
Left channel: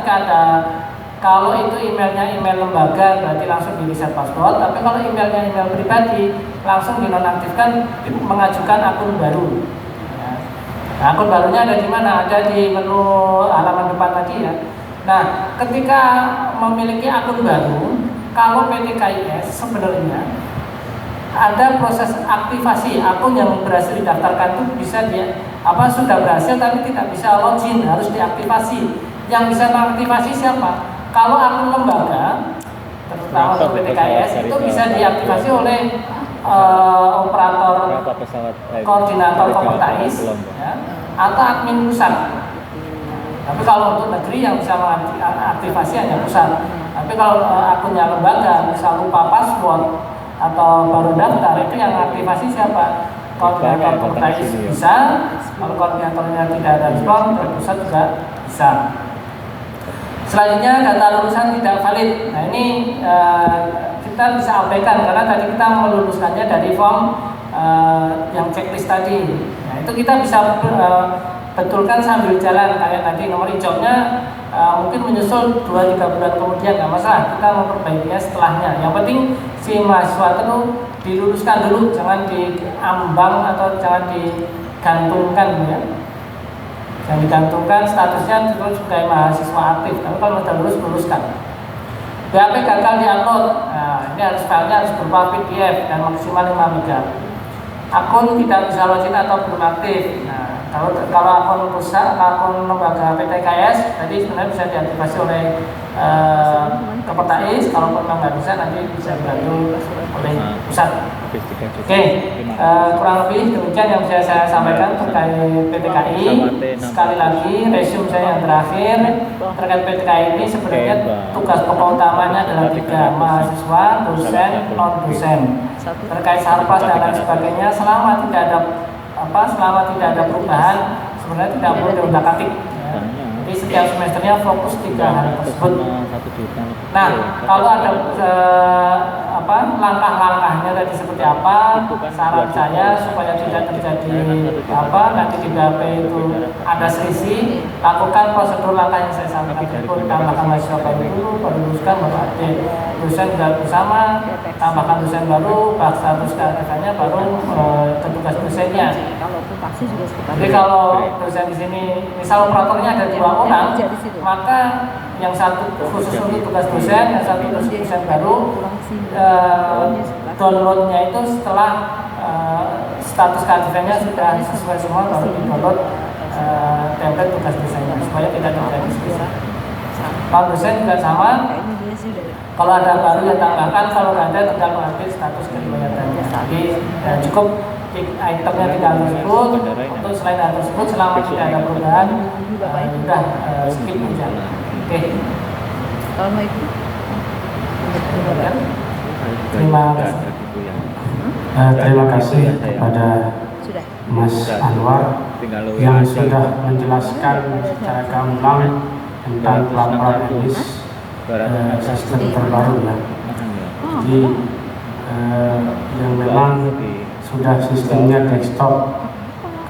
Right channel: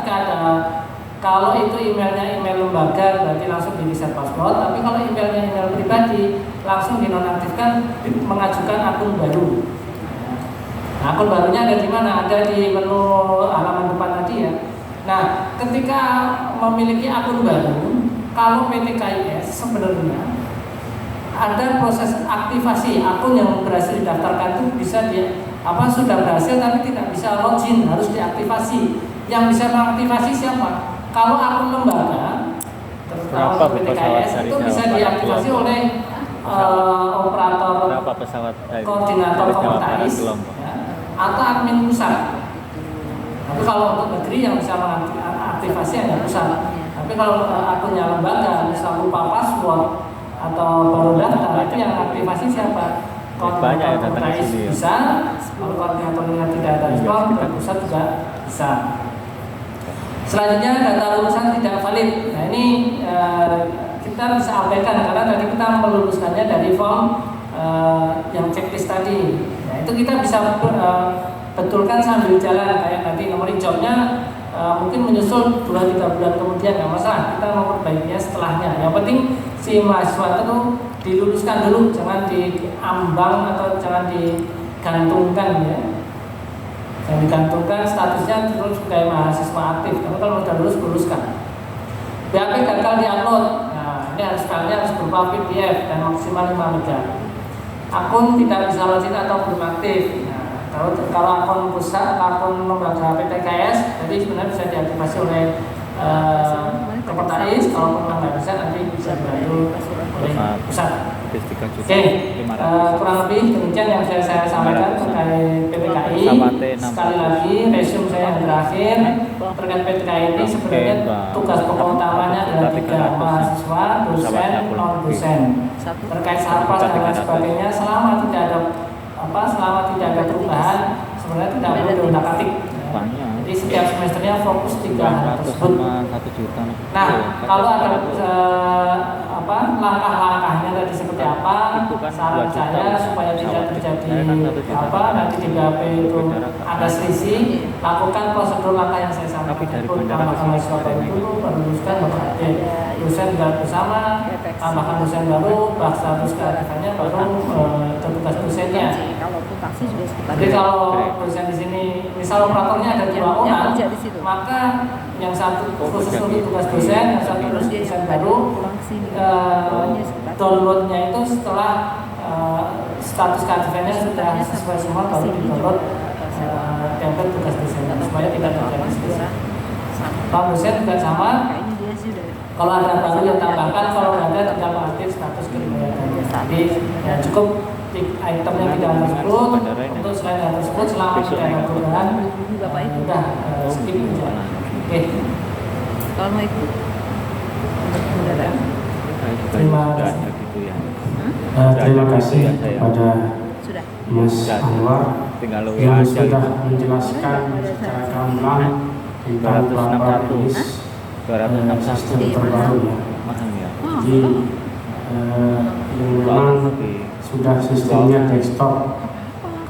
kalau itu emailnya email lembaga, berarti langsung di reset password. Tapi kalau emailnya email pribadi, langsung dinonaktifkan, mengajukan akun baru. Nah, akun barunya ada di mana? Ada di menu halaman depan tadi ya. Nah, ketika memiliki akun baru, kalau PT KIS sebenarnya ada proses aktivasi akun yang berhasil didaftarkan itu bisa sudah berhasil tapi tidak bisa login, harus diaktifasi. Yang bisa mengaktifasi siapa? Kalau akun lembaga, terutama PT KIS itu bisa diaktifasi oleh operator koordinator Komutais ya, atau admin pusat. Tapi kalau untuk negeri yang bisa mengaktifasi hanya pusat. Tapi kalau akunnya lembaga, misal lupa password atau baru daftar, itu yang aktifasi siapa? Koordinator Komutais bisa. Kalau koordinatornya tidak ada respon, pusat juga bisa. Selanjutnya data lulusan tidak valid. Nah ini kita bisa abaikan karena tadi kita meluluskannya dari form yang checklist tadi. Nah itu kita bisa betulkan sambil jalan kayak tadi nomor hijaunya mungkin menyusul 2-3 bulan kemudian nggak masalah, kita memperbaikinya setelahnya. Yang penting si mahasiswa itu diluluskan dulu, jangan diambang atau jangan digantungkan ya. Jangan digantungkan statusnya terus sebagai mahasiswa aktif. Tapi kalau sudah lulus, luluskan. BAP gagal diupload. Nah, ini harus berupa PDF dan maksimal 5 MB. Akun tidak bisa login atau belum aktif. Nah, kalau akun rusak, akun lembaga PT KIS tadi sebenarnya bisa diaktifasi oleh Komutais. Kalau memang nggak bisa, nanti bisa dibantu oleh pusat. Oke, kurang lebih demikian yang bisa saya sampaikan terkait PTKI. Sekali lagi, resume saya yang terakhir terkait PTKI ini sebenarnya tugas pokok utamanya adalah 3: mahasiswa, dosen, non dosen. Terkait sarpas dan lain sebagainya, selama tidak ada perubahan, sebenarnya tidak perlu diutak-atik. Jadi setiap semesternya fokus 3 hal tersebut. Nah, kalau ada langkah-langkahnya tadi seperti apa, saran saya supaya tidak terjadi nanti di BAP itu ada selisih, lakukan prosedur langkah yang saya sampaikan. Tambahkan mahasiswa dulu, baru luluskan, baru update. Dosen sudah bersama, tambahkan dosen baru, status keaktifan baru tugas dosennya. Jadi kalau dosen di sini, misal operatornya ada 2 orang, maka yang satu khusus untuk tugas dosen, yang satu khusus dosen baru. Downloadnya itu setelah status keaktifannya sudah sesuai semua, baru di-download template tugas dosennya supaya tidak terjadi selisih. Kalau dosen juga sama. Kalau ada baru yang tambahkan, kalau nggak ada tinggal mengupdate status keriwayatannya. Jadi cukup itemnya tidak tersebut. Untuk selain hal tersebut, selama tidak ada perubahan, sudah skip aja. Oke. Assalamualaikum. Terima kasih. Terima kasih kepada Sudah. Mas Anwar tinggal lo yang aja. sudah menjelaskan secara gamblang tentang pelaporan emis sistem terbaru ya. Mahal ya. Jadi yang memang sudah sistemnya desktop.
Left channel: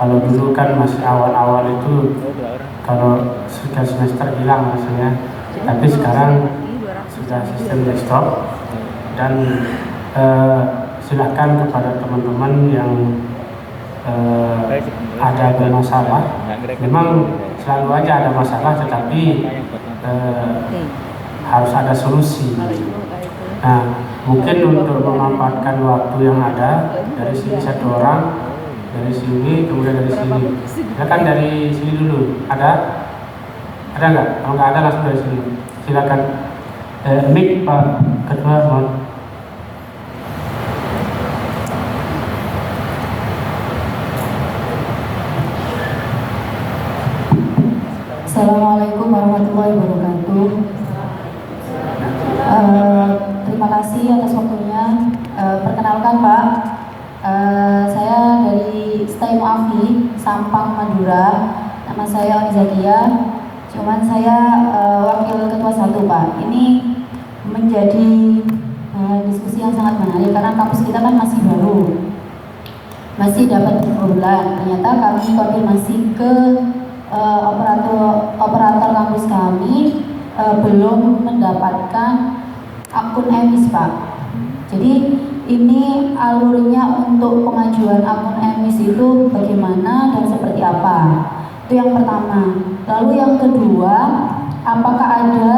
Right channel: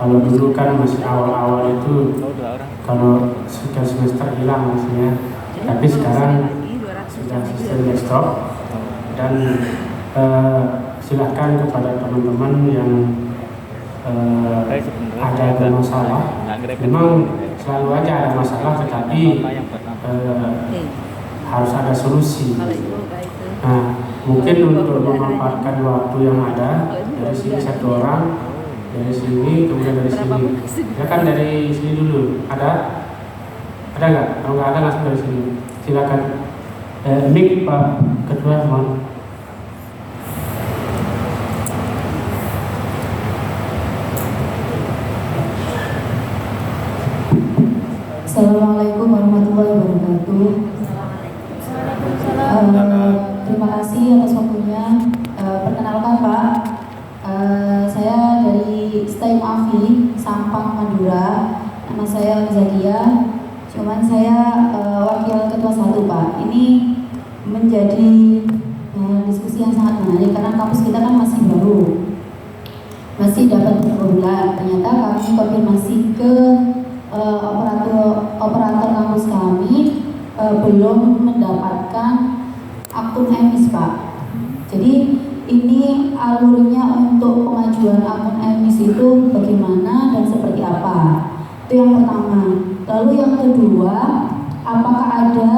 Kalau dulu kan masih awal-awal itu Oh, 2 orang. kalau sudah semester hilang maksudnya. Tapi sekarang sudah sistem desktop dan silahkan kepada teman-teman yang ada masalah. Memang selalu aja ada masalah, tetapi harus ada solusi. Nah, mungkin untuk memanfaatkan waktu yang ada, dari sini 1 orang, dari sini, kemudian dari sini. Silakan dari sini dulu. Ada nggak? Kalau nggak ada langsung dari sini. Silakan. Mic Pak Ketua, mohon. Assalamualaikum warahmatullahi wabarakatuh. Terima kasih atas waktunya. Perkenalkan Pak, saya dari STEM AFI Sampang Madura. Nama saya Oni Zakia. Cuman saya wakil ketua 1 Pak. Ini menjadi diskusi yang sangat menarik karena kampus kita kan masih baru, masih dapat bulan. Ternyata kami konfirmasi ke operator kampus kami belum mendapatkan akun emis Pak. Jadi ini alurnya untuk pengajuan akun emis itu bagaimana dan seperti apa? Itu yang pertama. Lalu yang kedua, apakah ada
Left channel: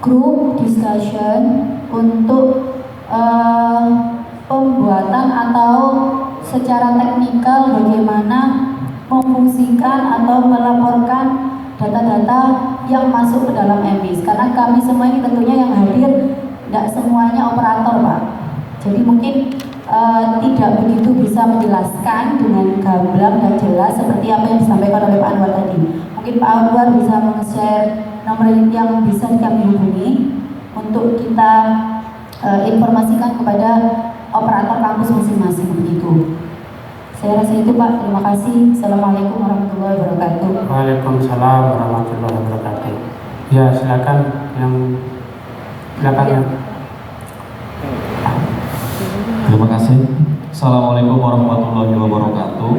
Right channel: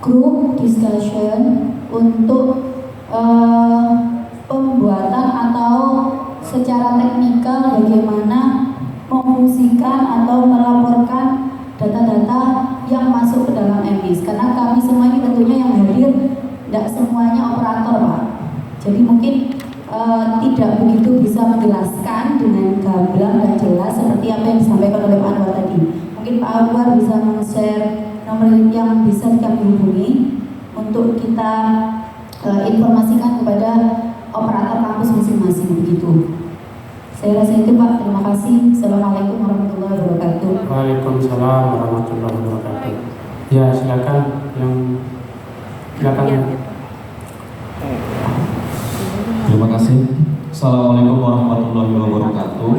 group discussion untuk pembuatan atau secara teknikal bagaimana memfungsikan atau melaporkan data-data yang masuk ke dalam emis, karena kami semua ini tentunya yang hadir tidak semuanya operator Pak. Jadi mungkin tidak begitu bisa menjelaskan dengan gamblang dan jelas seperti apa yang disampaikan oleh Pak Anwar tadi. Mungkin Pak Anwar bisa meng-share nomor yang bisa kami hubungi untuk kita informasikan kepada operator kampus masing-masing begitu. Saya rasa itu Pak, terima kasih. Assalamualaikum warahmatullahi wabarakatuh. Waalaikumsalam warahmatullahi wabarakatuh. Ya, silakan ya. Terima kasih. Assalamualaikum warahmatullahi wabarakatuh.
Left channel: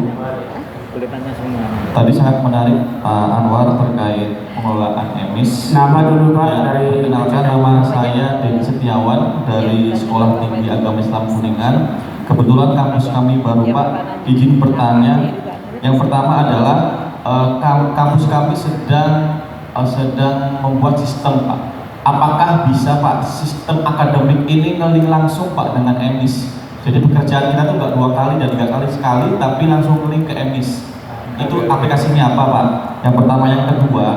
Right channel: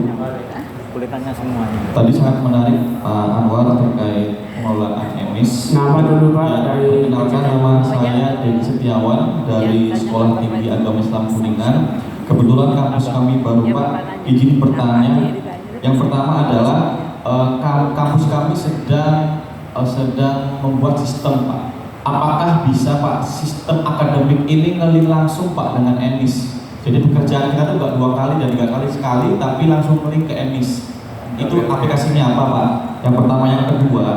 Boleh tanya semuanya. Tadi sangat menarik Pak Anwar terkait pengelolaan emis. Nama dulu Pak dari Perkenalkan, nama saya Dedi Setiawan dari Sekolah Tinggi Agama Islam Kuningan. Kebetulan kampus kami baru Pak. Izin bertanya. Yang pertama adalah kampus kami sedang membuat sistem Pak. Apakah bisa Pak sistem akademik ini ngeling langsung Pak dengan emis? Jadi pekerjaan kita tuh nggak 2 kali dan 3 kali sekali, tapi langsung ngeling ke emis. Itu aplikasinya apa Pak? Yang pertama. Yang kedua,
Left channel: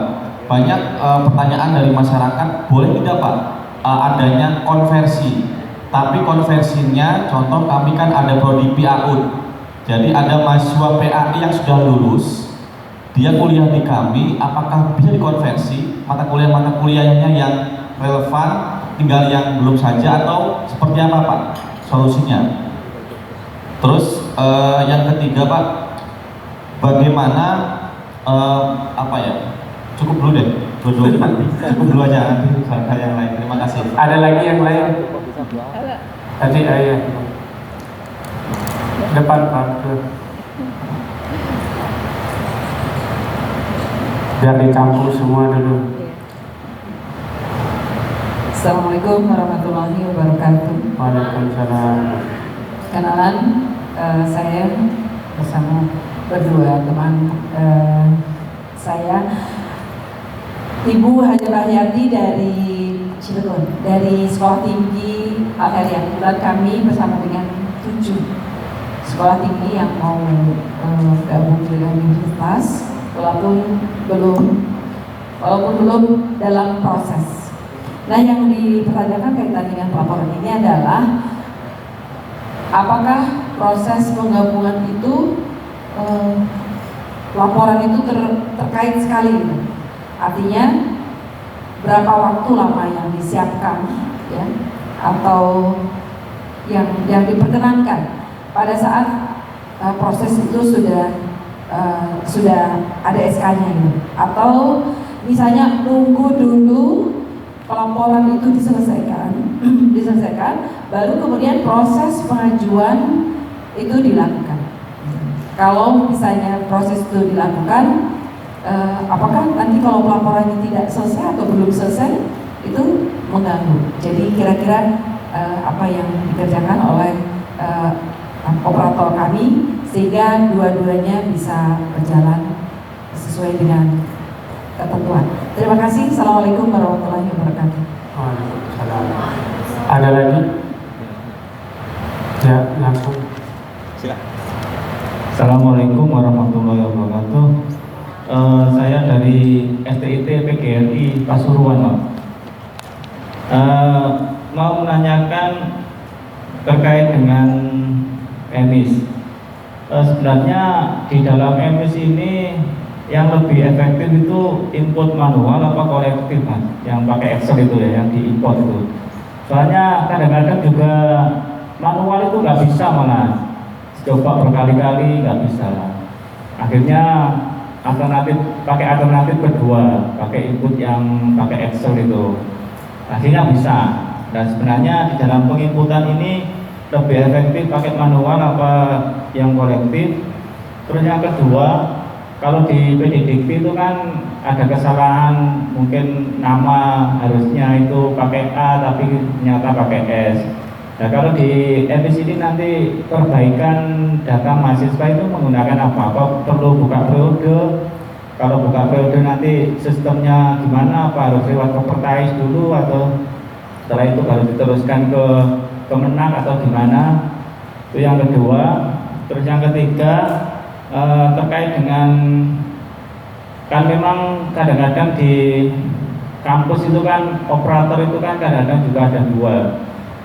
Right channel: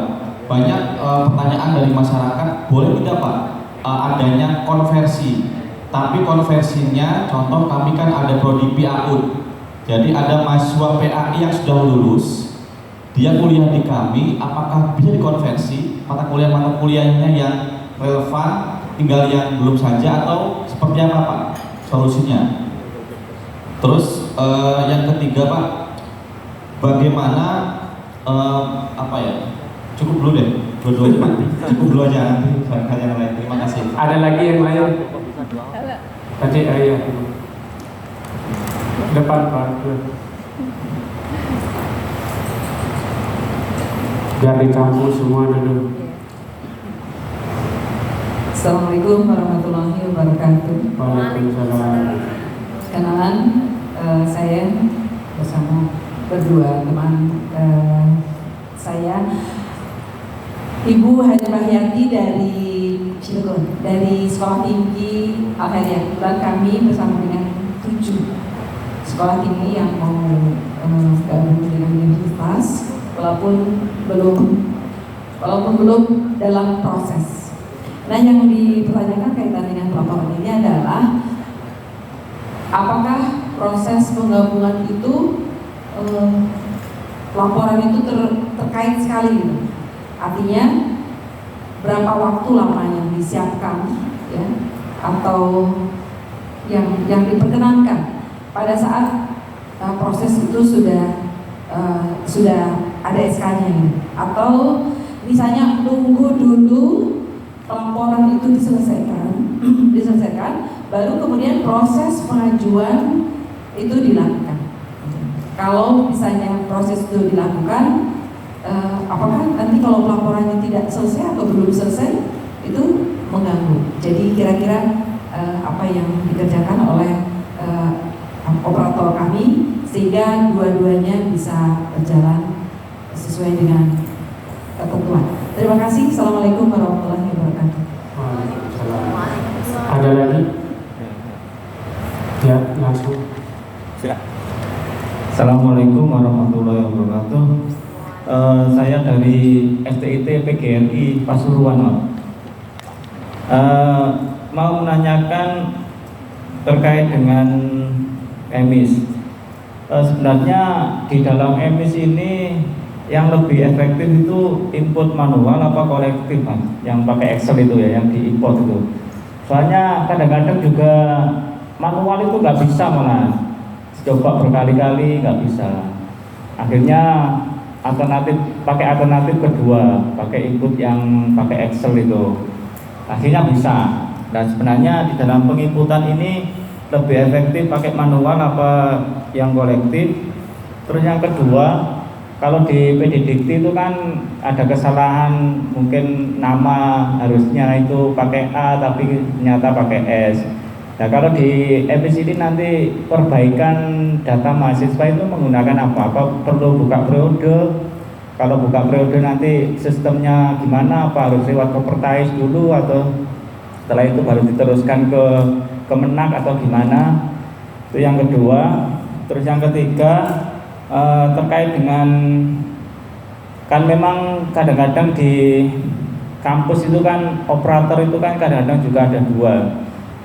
banyak pertanyaan dari masyarakat, boleh tidak Pak adanya konversi? Tapi konversinya, contoh kami kan ada prodi PAU. Jadi ada mahasiswa PAI yang sudah lulus, dia kuliah di kami, apakah bisa dikonversi mata kuliahnya yang relevan, tinggal yang belum saja, atau seperti apa Pak solusinya? Terus yang ketiga Pak, bagaimana cukup dulu deh, dua-duanya cukup dulu aja, nanti saya yang lain. Terima kasih. Ada lagi yang lain? Kok bisa 2 orang? Tadi ayah depan Pak. Biar di kampung semua dulu. Assalamualaikum warahmatullahi wabarakatuh. Waalaikumsalam. Kenalan, saya bersama berdua teman saya, Ibu Haji Rahyati dari Cilegon, dari Sekolah Tinggi Al-Heria. Kebetulan kami bersama dengan 7 sekolah tinggi yang mau gabung dengan universitas, walaupun belum dalam proses. Nah, yang dipertanyakan kaitan dengan pelaporan ini adalah apakah proses penggabungan itu laporan itu terkait sekali gitu. Artinya berapa waktu lama yang disiapkan ya, atau yang diperkenankan pada saat proses itu sudah ada SK-nya gitu. Atau misalnya tunggu dulu pelaporan itu diselesaikan, baru kemudian proses pengajuan itu dilakukan. Kalau misalnya proses itu dilakukan, apakah nanti kalau pelaporannya tidak selesai atau belum selesai itu mengganggu. Jadi kira-kira apa yang dikerjakan oleh operator kami sehingga dua-duanya bisa berjalan sesuai dengan ketentuan. Terima kasih. Assalamualaikum warahmatullahi wabarakatuh. Waalaikumsalam. Ada lagi? Ya, langsung. Assalamualaikum warahmatullahi wabarakatuh. Saya dari STIT PGRI Pasuruan, Pak. Mau menanyakan terkait dengan emis. Sebenarnya di dalam emis ini yang lebih efektif itu input manual apa kolektif, Mas? Yang pakai Excel itu ya, yang diimport itu. Soalnya kadang-kadang juga manual itu nggak bisa malah. Coba berkali-kali nggak bisa lah. Akhirnya pakai alternatif kedua, pakai input yang pakai Excel itu. Akhirnya bisa. Dan sebenarnya di dalam penginputan ini lebih efektif pakai manual apa yang kolektif. Terus yang kedua, kalau di PDDikti itu kan ada kesalahan, mungkin nama harusnya itu pakai A tapi ternyata pakai S. Nah kalau di emis ini nanti perbaikan data mahasiswa itu menggunakan apa? Apa perlu buka periode? Kalau buka periode nanti sistemnya gimana? Apa harus lewat Kopertais dulu atau setelah itu baru diteruskan ke Kemenak atau gimana? Itu yang kedua. Terus yang ketiga terkait dengan, kan memang kadang-kadang di kampus itu kan operator itu kan kadang-kadang juga ada dua.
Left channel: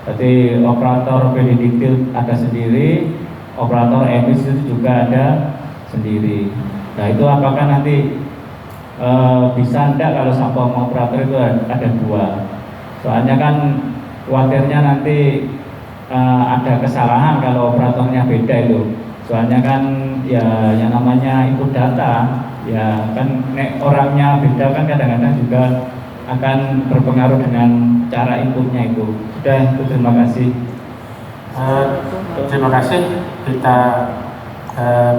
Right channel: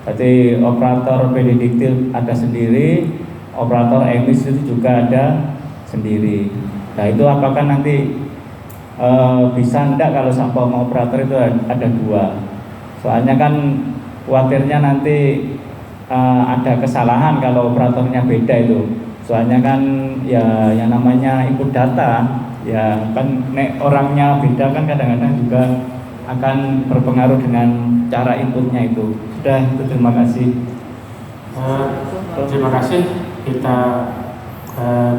Jadi operator PDDikti ada sendiri, operator emis itu juga ada sendiri. Nah itu apakah nanti bisa enggak kalau sampel operator itu ada dua? Soalnya kan khawatirnya nanti ada kesalahan kalau operatornya beda itu. Soalnya kan ya yang namanya input data, ya kan orangnya beda kan kadang-kadang juga akan berpengaruh dengan cara inputnya itu. Sudah, itu terima kasih. Terima kasih. Kita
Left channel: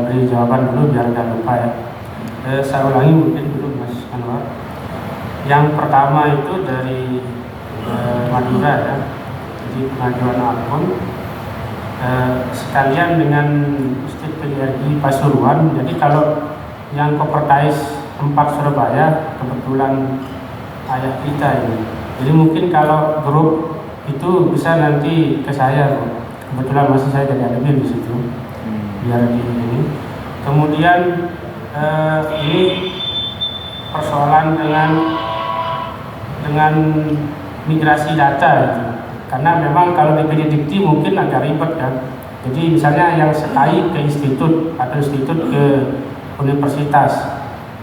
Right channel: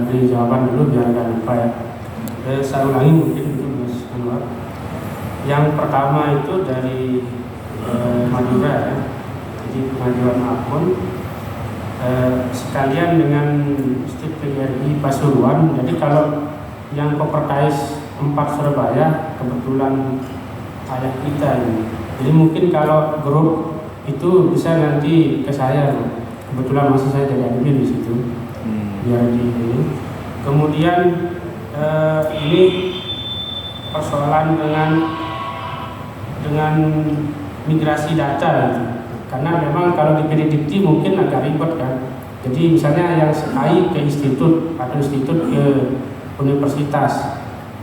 beri jawaban dulu biar nggak lupa ya. Saya ulangi mungkin dulu Mas Anwar. Yang pertama itu dari Madura ya. Jadi pengajuan akun sekalian dengan Stit PGRI Pasuruan. Jadi kalau yang Kopertais 4 Surabaya kebetulan ayah kita ini. Jadi mungkin kalau grup itu bisa nanti ke saya, kebetulan masih saya jadi admin di situ, biar di ini. Kemudian ini persoalan dengan migrasi data, gitu. Karena memang kalau di PDDikti mungkin agak ribet kan. Jadi misalnya yang SKI ke institut atau institut ke universitas.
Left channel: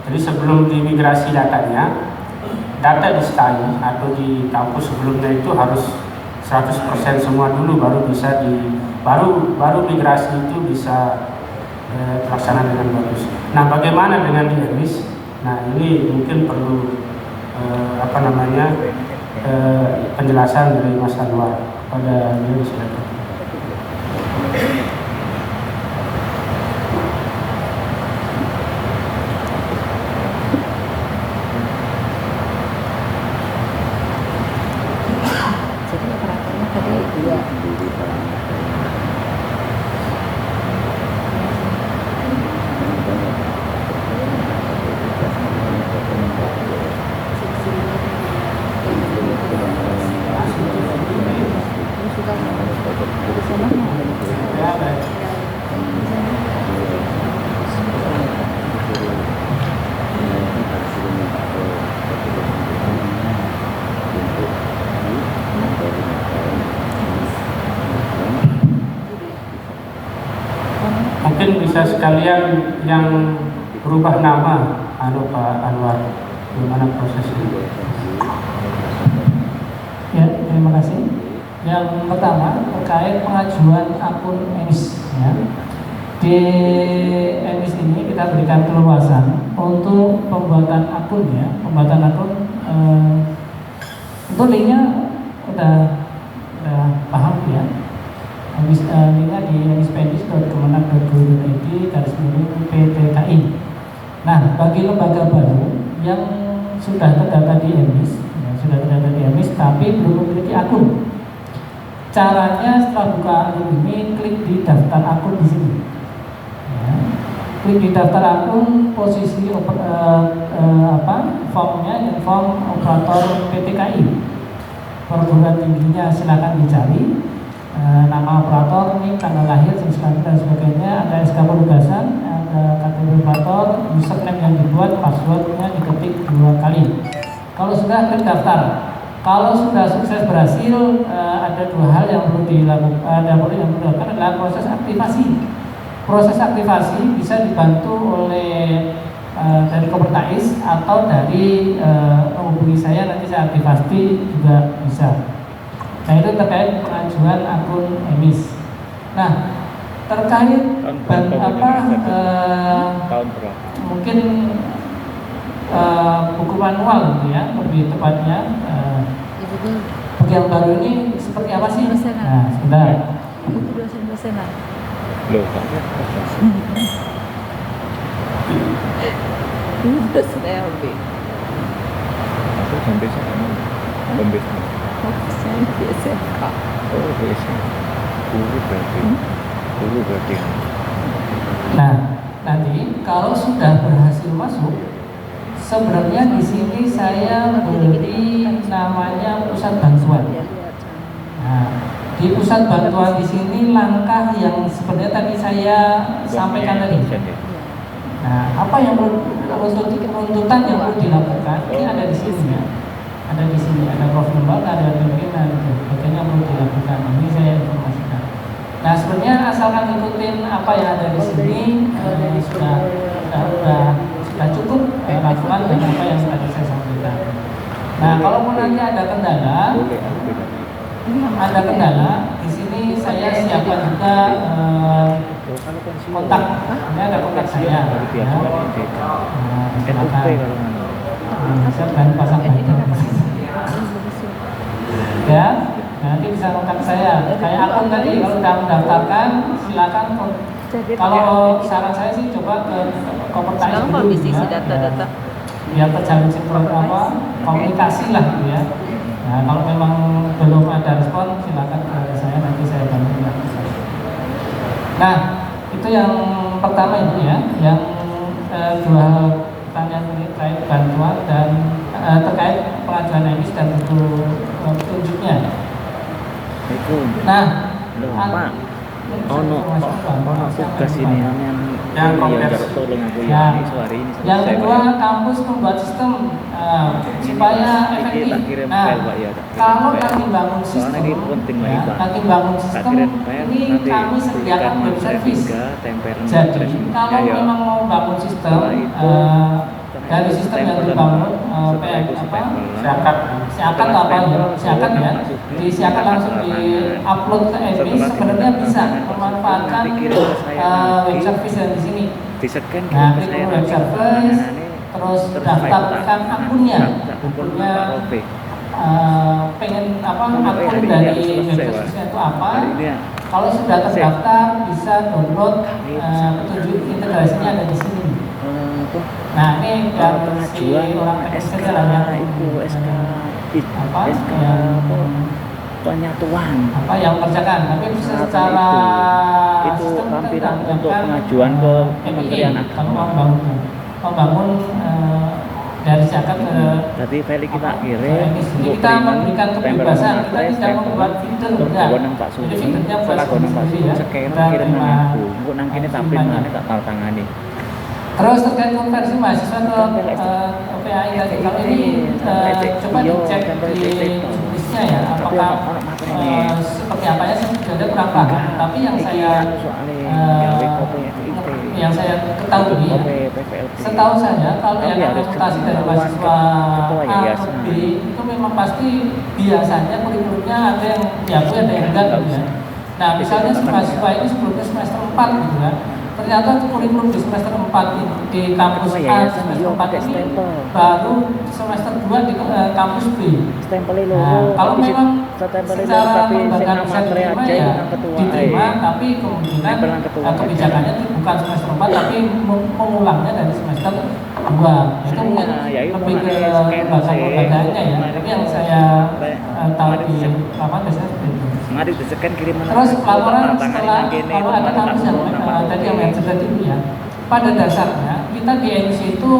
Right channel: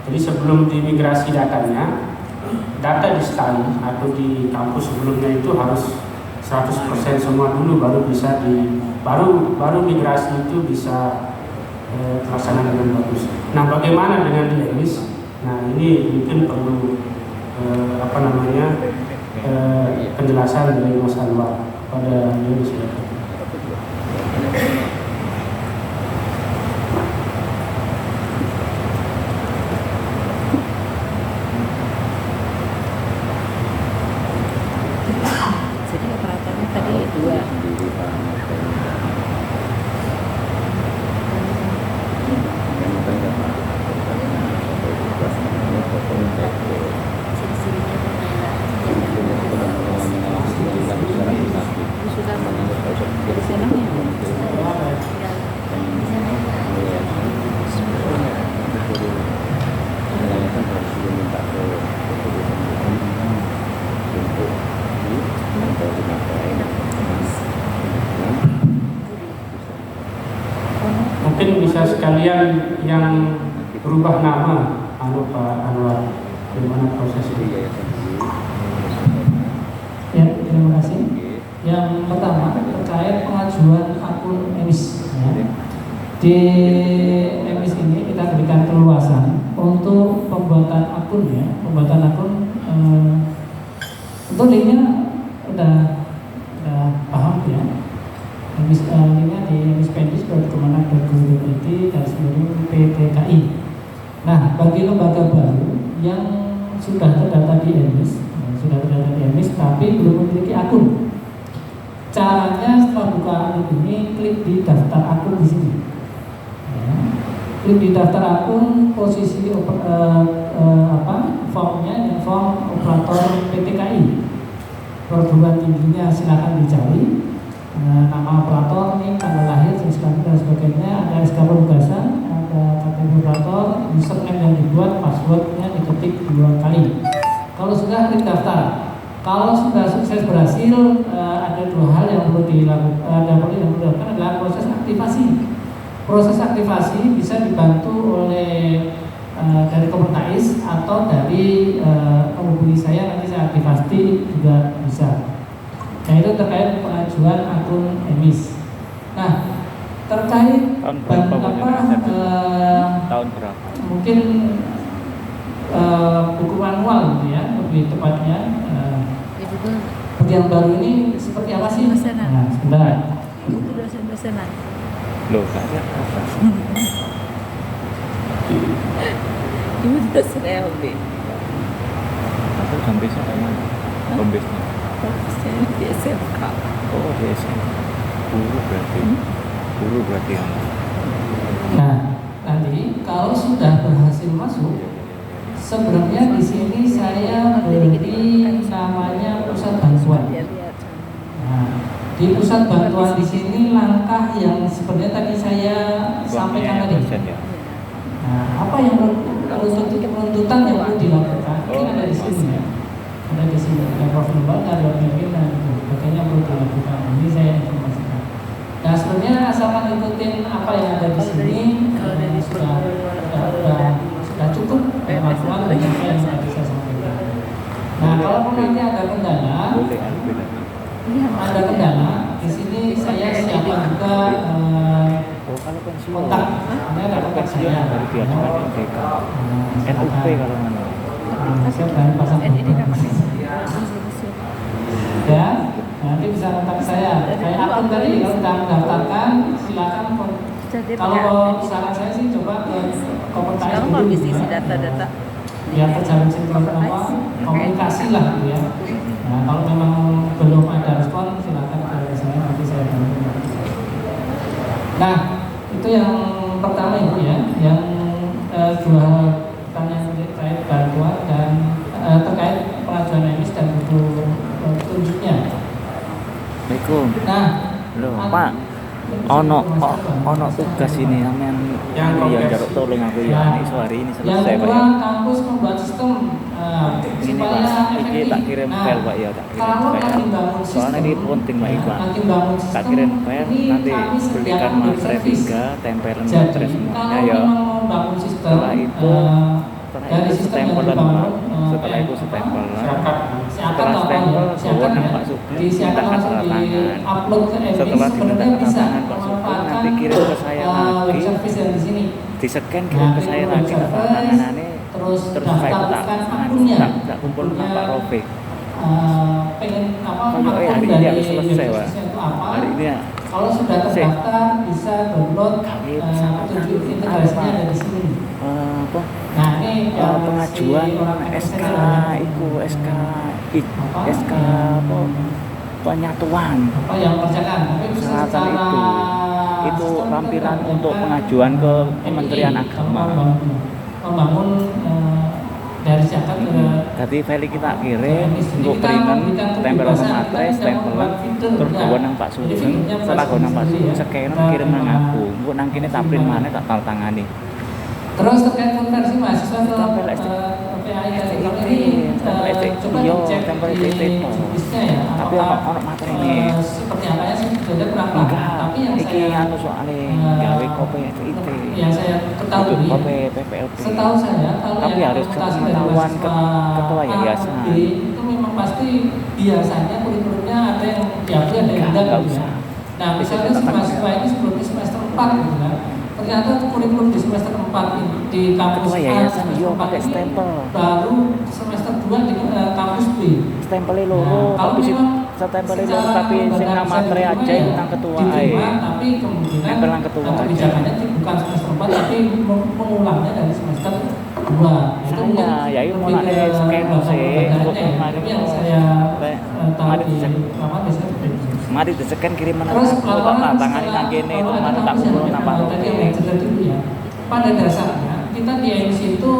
Jadi sebelum dimigrasi datanya, data di SKI atau di kampus sebelumnya itu harus 100% semua dulu baru bisa baru migrasi itu bisa terlaksana dengan bagus. Nah, bagaimana dengan di emis? Nah, ini mungkin perlu penjelasan dari Mas Anwar pada ini silakan. Jadi operatornya tadi dua. Mungkin bisa sekalian yang berubah nama Pak Anwar, gimana prosesnya? Ya, terima kasih. Yang pertama terkait pengajuan akun emis. Ya. Di emis ini kita berikan keluasan untuk pembuatan akun ya, pembuatan akun. Untuk linknya udah paham ya. Linknya di emispendis.kemenag.go.id /PTKI. Nah, bagi lembaga baru yang sudah terdata di emis, tapi belum memiliki akun. Caranya setelah buka akun ini, klik di daftar akun di sini. Ya. Klik di daftar akun, posisi formnya ini form operator PTKI. Perguruan tingginya silakan dicari. Nama operator, ini tanggal lahir, dan sebagainya. Ada SK penugasan, ada KTP operator, username yang dibuat, passwordnya diketik 2 kali. Kalau sudah, klik daftar. Kalau sudah sukses berhasil, ada 2 hal yang perlu dilakukan. Yang perlu dilakukan adalah proses aktivasi. Proses aktivasi bisa dibantu oleh dari Kopertais atau dari menghubungi saya, nanti saya aktivasi juga bisa. Nah, itu terkait pengajuan akun emis. Nah, terkait tahun berapa tahun berapa? Mungkin buku manual gitu ya, lebih tepatnya. Yang baru ini seperti apa sih? Nah, sebentar. Itu dosen-dosenan. Loh, saya apa? Ini dosen LB. Aku sampai mana? Pembesnya. Saya di SMK. Oh, di SMK. Guru berarti yang. Nah, nanti kalau sudah berhasil masuk, sebenarnya di sini saya beri namanya pusat bantuan. Nah, di pusat bantuan di sini langkah yang sebenarnya tadi saya sampaikan tadi. Nah, apa yang penuntutan yang perlu dilakukan? Ini ada di sini ya. Ada di sini, ada profil lembaga, ada pimpinan, sebagainya perlu dilakukan. Ini saya informasikan. Nah, sebenarnya asalkan ngikutin apa yang ada di sini sudah cukup lakukan dan apa yang tadi saya sampaikan. Nah, kalau nanti ada kendala, di sini saya siapkan juga kontak. Ini ada kontak saya. NUP kalau mana? Saya dan pasang ya, nanti bisa kontak saya. Kayak akun tadi kalau sudah mendaftarkan, silakan. Kalau saran saya sih coba ke Kopertais dulu ya. Biar terjalin komunikasi lah gitu ya. Nah, kalau memang belum ada respon, silakan ke saya, nanti saya bantu. Nah, itu yang pertama itu ya, yang dua hal pertanyaan terkait bantuan dan terkait pengajuan emis dan butuh petunjuknya. Nah, Pak, ono tugas ini yang jaruk tolong aku ya hari ini selesai. Yang kedua, kampus membuat sistem supaya efektif. Nah, kalau nanti bangun sistem, nanti bangun sistem ini kami sediakan beri servis. Jadi kalau memang mau bangun sistem dari sistem yang dibangun siakat langsung di upload ke emis, sebenarnya bisa memanfaatkan web service yang di sini. Di-scan Nah, ke saya web service, terus daftarkan akunnya. Pengen akun dari web service-nya itu apa? Kalau sudah terdaftar bisa download petunjuk integrasinya ada di sini. Nah, ini pengajuan SK penyatuan apa yang kerjakan, tapi bisa secara itu lampiran untuk pengajuan ke Kementerian Agama. Membangun dari zakat ke. Jadi file kita kirim untuk printen, tempel nang atres, tempelan, terus bawa nang Pak Sugeng, setelah bawa nang Pak Sugeng scan kirim nang aku. Engko nang kene tak print maneh tak tanda tangani. Terus terkait konversi mahasiswa ke PAI tadi, kalau ini coba dicek di bisnisnya ya, apakah seperti apa ya, saya sudah kurang paham. Tapi yang saya ketahui, setahu saya kalau yang harus akuntansi dari mahasiswa ketua yayasan itu memang pasti biasanya kurikulumnya ada yang diakui ada yang enggak gitu ya. Nah misalnya si mahasiswa ini sebelumnya semester 4 gitu kan, ternyata kurikulum di semester 4 di kampus Ketua A yayasan semester yo 4 pakai ini stempel. baru semester 2 di kampus B. Stempelnya Nah, loro, kalau tapi memang stempelnya secara loro tapi sing lembaga nama bisa tre diterima aja ya itu nang ketua diterima, ae. tapi kemungkinan Nempel nang ketua aja. kebijakannya itu bukan semester 4 tapi mengulangnya dari semester 2. Itu mungkin Ya itu lebih ke lembaga-lembaganya ya. Tapi yang saya tahu di lapangan biasanya seperti itu. Mari disekan kiriman Terus laporan tangan setelah nang kene kalau ada mari tak kampus yang urut nama. tadi yang mention itu ya, pada dasarnya kita di emisi itu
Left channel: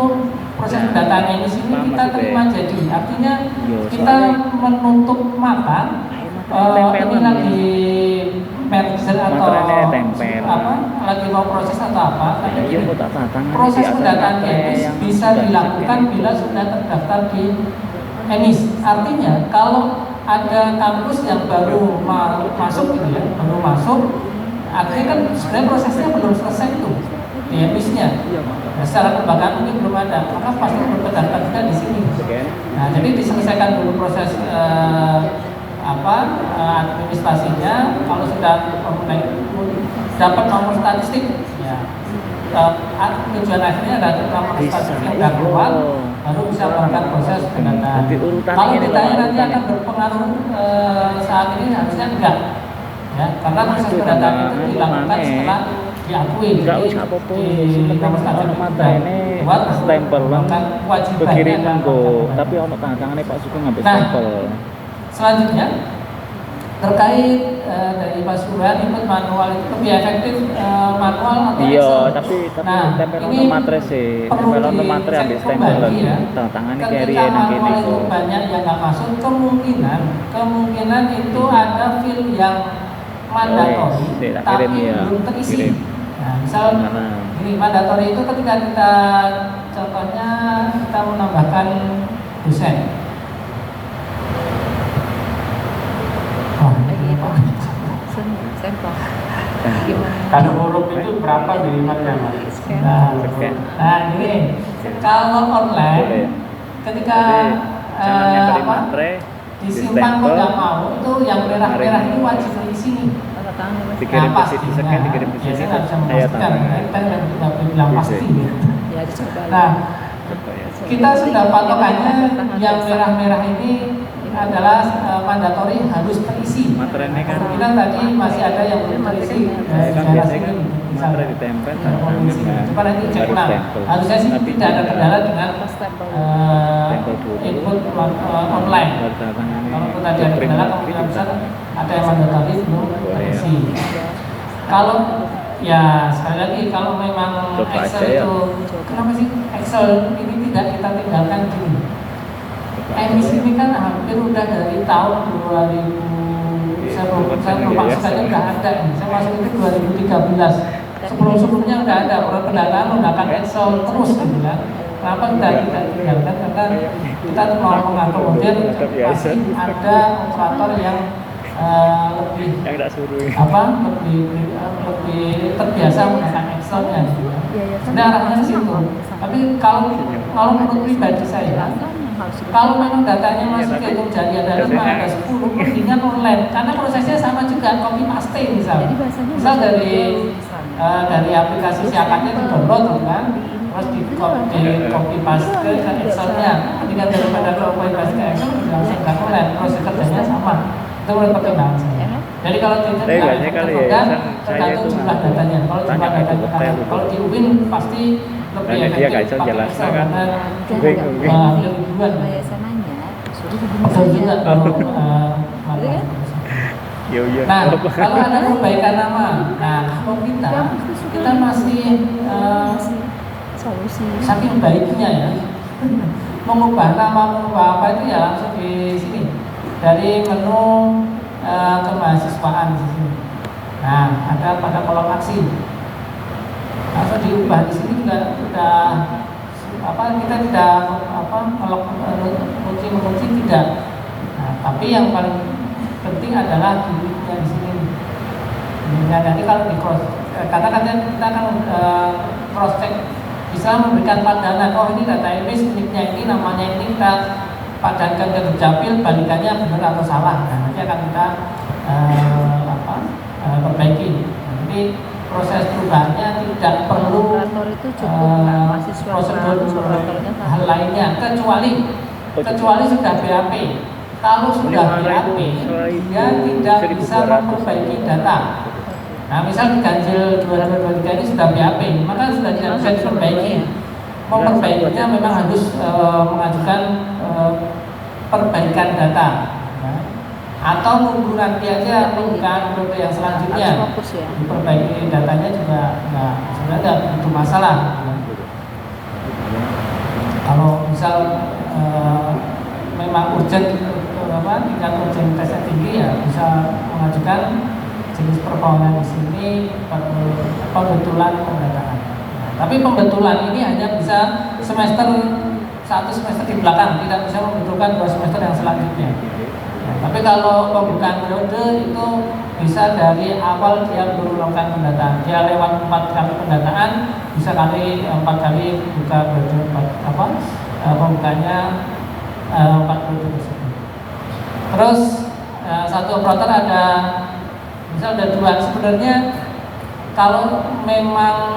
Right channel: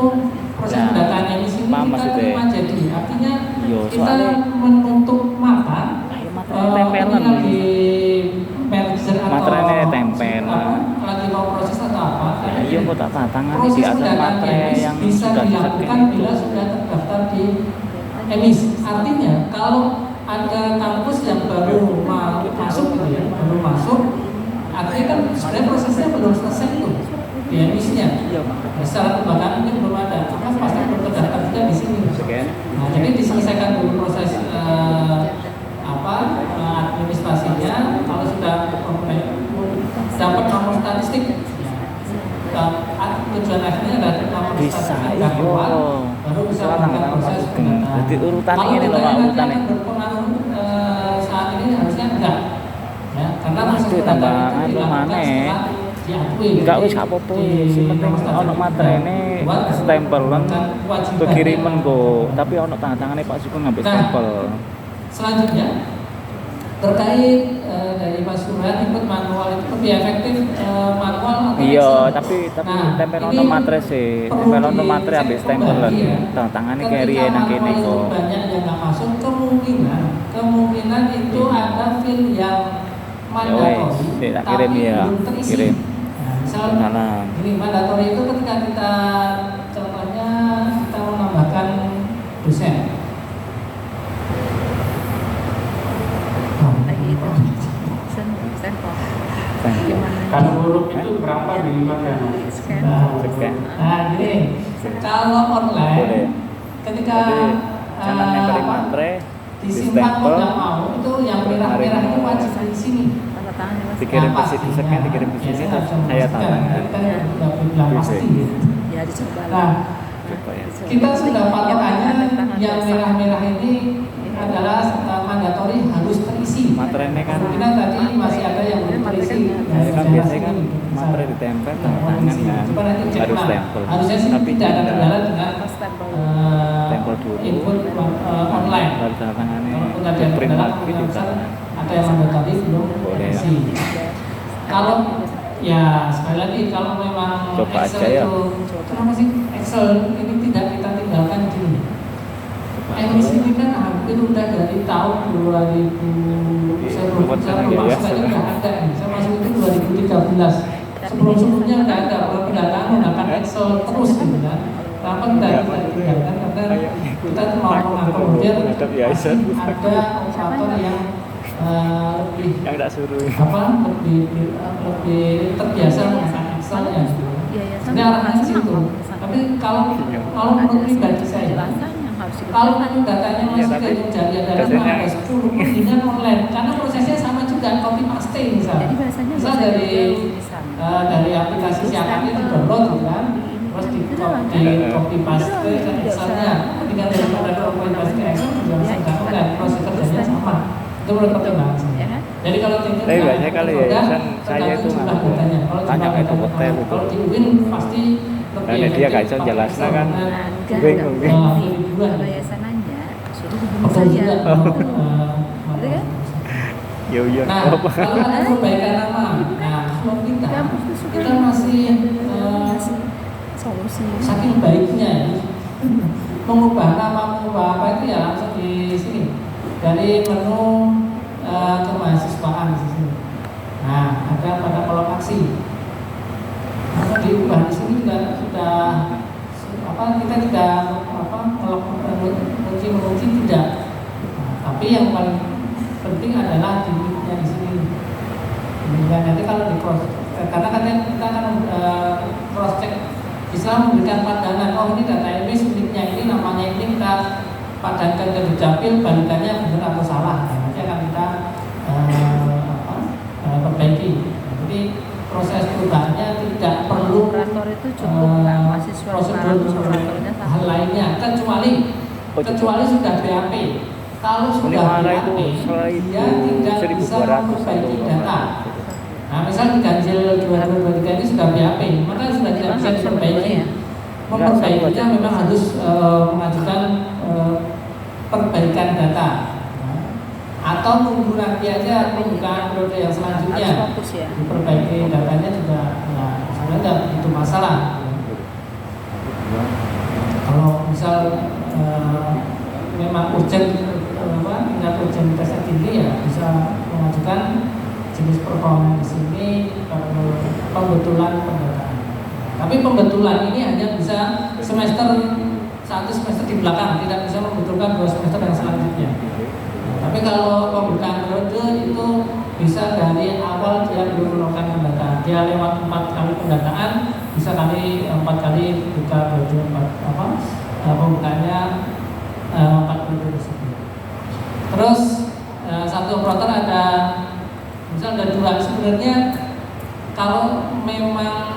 proses Nah, pendataan emisi ini paham kita maksudnya. terima jadi artinya Yo, kita soalnya- menutup mata ini tempelan. lagi merger atau Materai tempel. apa, lagi mau proses atau apa. Ya, iya kok tak tangan di Proses atas pendataan materai emis yang bisa sudah dilakukan disekan itu. bila sudah terdaftar di emis. Artinya kalau ada kampus yang baru masuk gitu ya, baru masuk, artinya kan sebenarnya prosesnya belum selesai tuh di emisnya. Nah, secara kelembagaan mungkin belum ada, maka pasti belum terdaftar juga di sini. Nah, jadi diselesaikan dulu proses administrasinya. Kalau sudah dapat nomor statistik, ya, tujuan akhirnya adalah nomor Bisa, statistik iya. dan keluar, baru bisa melakukan proses pendataan. Jadi urutan Kalau ini kita loh, nanti urutan akan ini. berpengaruh saat ini harusnya enggak, ya, karena proses Itu pendataan tambahan itu lu dilakukan maneh. setelah diakui. Enggak Jadi, wis gak apa-apa, di sing penting nomor statistik ono materene buat stempelan melakukan kewajibannya pekiriman dalam kok, pendataan. tapi ono tanda tangane Pak Sugeng ngambil Nah, stempel. Selanjutnya terkait dari Pak Sugeng input manual itu lebih efektif manual atau Iya, Excel? tapi Nah, tempel ini ono materai sih, perlu tempel ono materai dicek ambil stempelan. kembali ya. Tanda tangane Ketika kiri nang kene manual itu kok. banyak yang nggak masuk, kemungkinan itu ada field yang mandatori sik, tak tapi kirim ya. belum terisi. Kirim. Nah, misal Malam. ini mandatori itu ketika kita contohnya kita menambahkan dosen. Kalau huruf itu berapa minimalnya Mas? Nah, gini, kalau online Boleh. ketika Jangan nempelin apa, materai, disimpan distempel, kok nggak mau itu yang merah-merah itu wajib di sini. dikirim ke Nah, situ pastinya, sekian dikirim ke ya, sini saya nggak bisa saya memastikan, tantangan. kita nggak bilang Bisa. pasti. Ya dicoba. Nah, Coba ya. kita sudah patokannya yang merah-merah ini adalah mandatori harus terisi. Materai kan Kemungkinan tadi masih ada yang belum terisi. kan biasanya kan materai ditempel tanda tangan kan Coba nanti cek baru ulang. stempel. Harusnya sih Tapi tidak ada kendala dengan Stempel dulu. input online. baru tanda tangannya Walaupun tadi ada print kendala, lagi kemungkinan di besar tangan. ada yang mandatori belum Boleh. terisi. Kalau ya sekali lagi kalau memang Coba Excel aja ya. itu kenapa sih Excel ini tidak kita tinggalkan dulu? Emis ini kan hampir udah dari tahun 2000 saya lupa sekali udah ada nih. Saya masuk itu 2013. Sebelumnya udah ada pendataan menggunakan Excel terus gitu kan. Kenapa tidak kita tinggalkan? Karena kita mau mengakomodir pasti ada operator yang lebih yang tidak suruh lebih terbiasa menggunakan Excel ya. Sudah arahnya ke situ. Tapi kalau menurut pribadi saya, kalau memang datanya masih kehitung jari ada 5, ada 10, mendingan online karena prosesnya sama juga copy paste misal dari aplikasi siapannya di download gitu kan, terus di copy paste ke Excelnya. Ketika daripada copy paste ke Excel juga langsung online, proses kerjanya sama. Itu menurut pertimbangan saya. Jadi kalau tidak Tapi biasanya kalau yayasan saya itu jumlah datanya. Kalau tanya jumlah ke datanya, hotel itu. kalau di UIN pasti lebih Nah, dia gak bisa pakai jelasnya Excel kan. karena, Bingung. lebih duluan. Yayasan nanya, suruh hubungi Betul juga. saja. Yo yo. Nah, kalau ada perbaikan nama, nah kalau kita masih Solusi. saking baiknya ya mengubah nama, mengubah apa itu ya langsung di sini dari menu kemahasiswaan di sini. Nah, ada pada kolom aksi. Langsung diubah di sini juga sudah kita tidak mengunci tidak. Nah, tapi yang paling penting adalah di sini. Dan nanti kalau di cross, karena kita akan cross check bisa memberikan pandangan, oh ini data emis miliknya ini, namanya ini kita padankan ke dukcapil, balikannya benar atau salah. Nah, nanti akan kita perbaiki. Jadi proses perubahannya tidak perlu Operator itu cukup mahasiswa prosedur operatornya hal lainnya, kecuali sudah BAP. Kalau sudah BAP, dia tidak bisa memperbaiki data. Nah, misal ganjil 2023 ini sudah BAP, maka sudah tidak bisa diperbaiki. Memperbaikinya memang harus mengajukan perbaikan data, ya. Atau nunggu nanti aja pembukaan periode yang selanjutnya fokus ya. diperbaiki datanya juga. Nah, sebenarnya tidak begitu masalah, ya. Kalau misal memang urgent, tingkat urgentitasnya tinggi, ya bisa mengajukan jenis permohonan di sini perlu pembetulan pendataan. Tapi pembetulan ini hanya bisa satu semester di belakang, tidak bisa membetulkan 2 semester yang selanjutnya. Tapi kalau pembukaan periode itu bisa dari awal dia belum melakukan pendataan, dia lewat 4 kali pendataan, bisa 4 kali buka periode pembukanya 4 periode tersebut. Terus satu operator ada misal ada 2. Sebenarnya kalau memang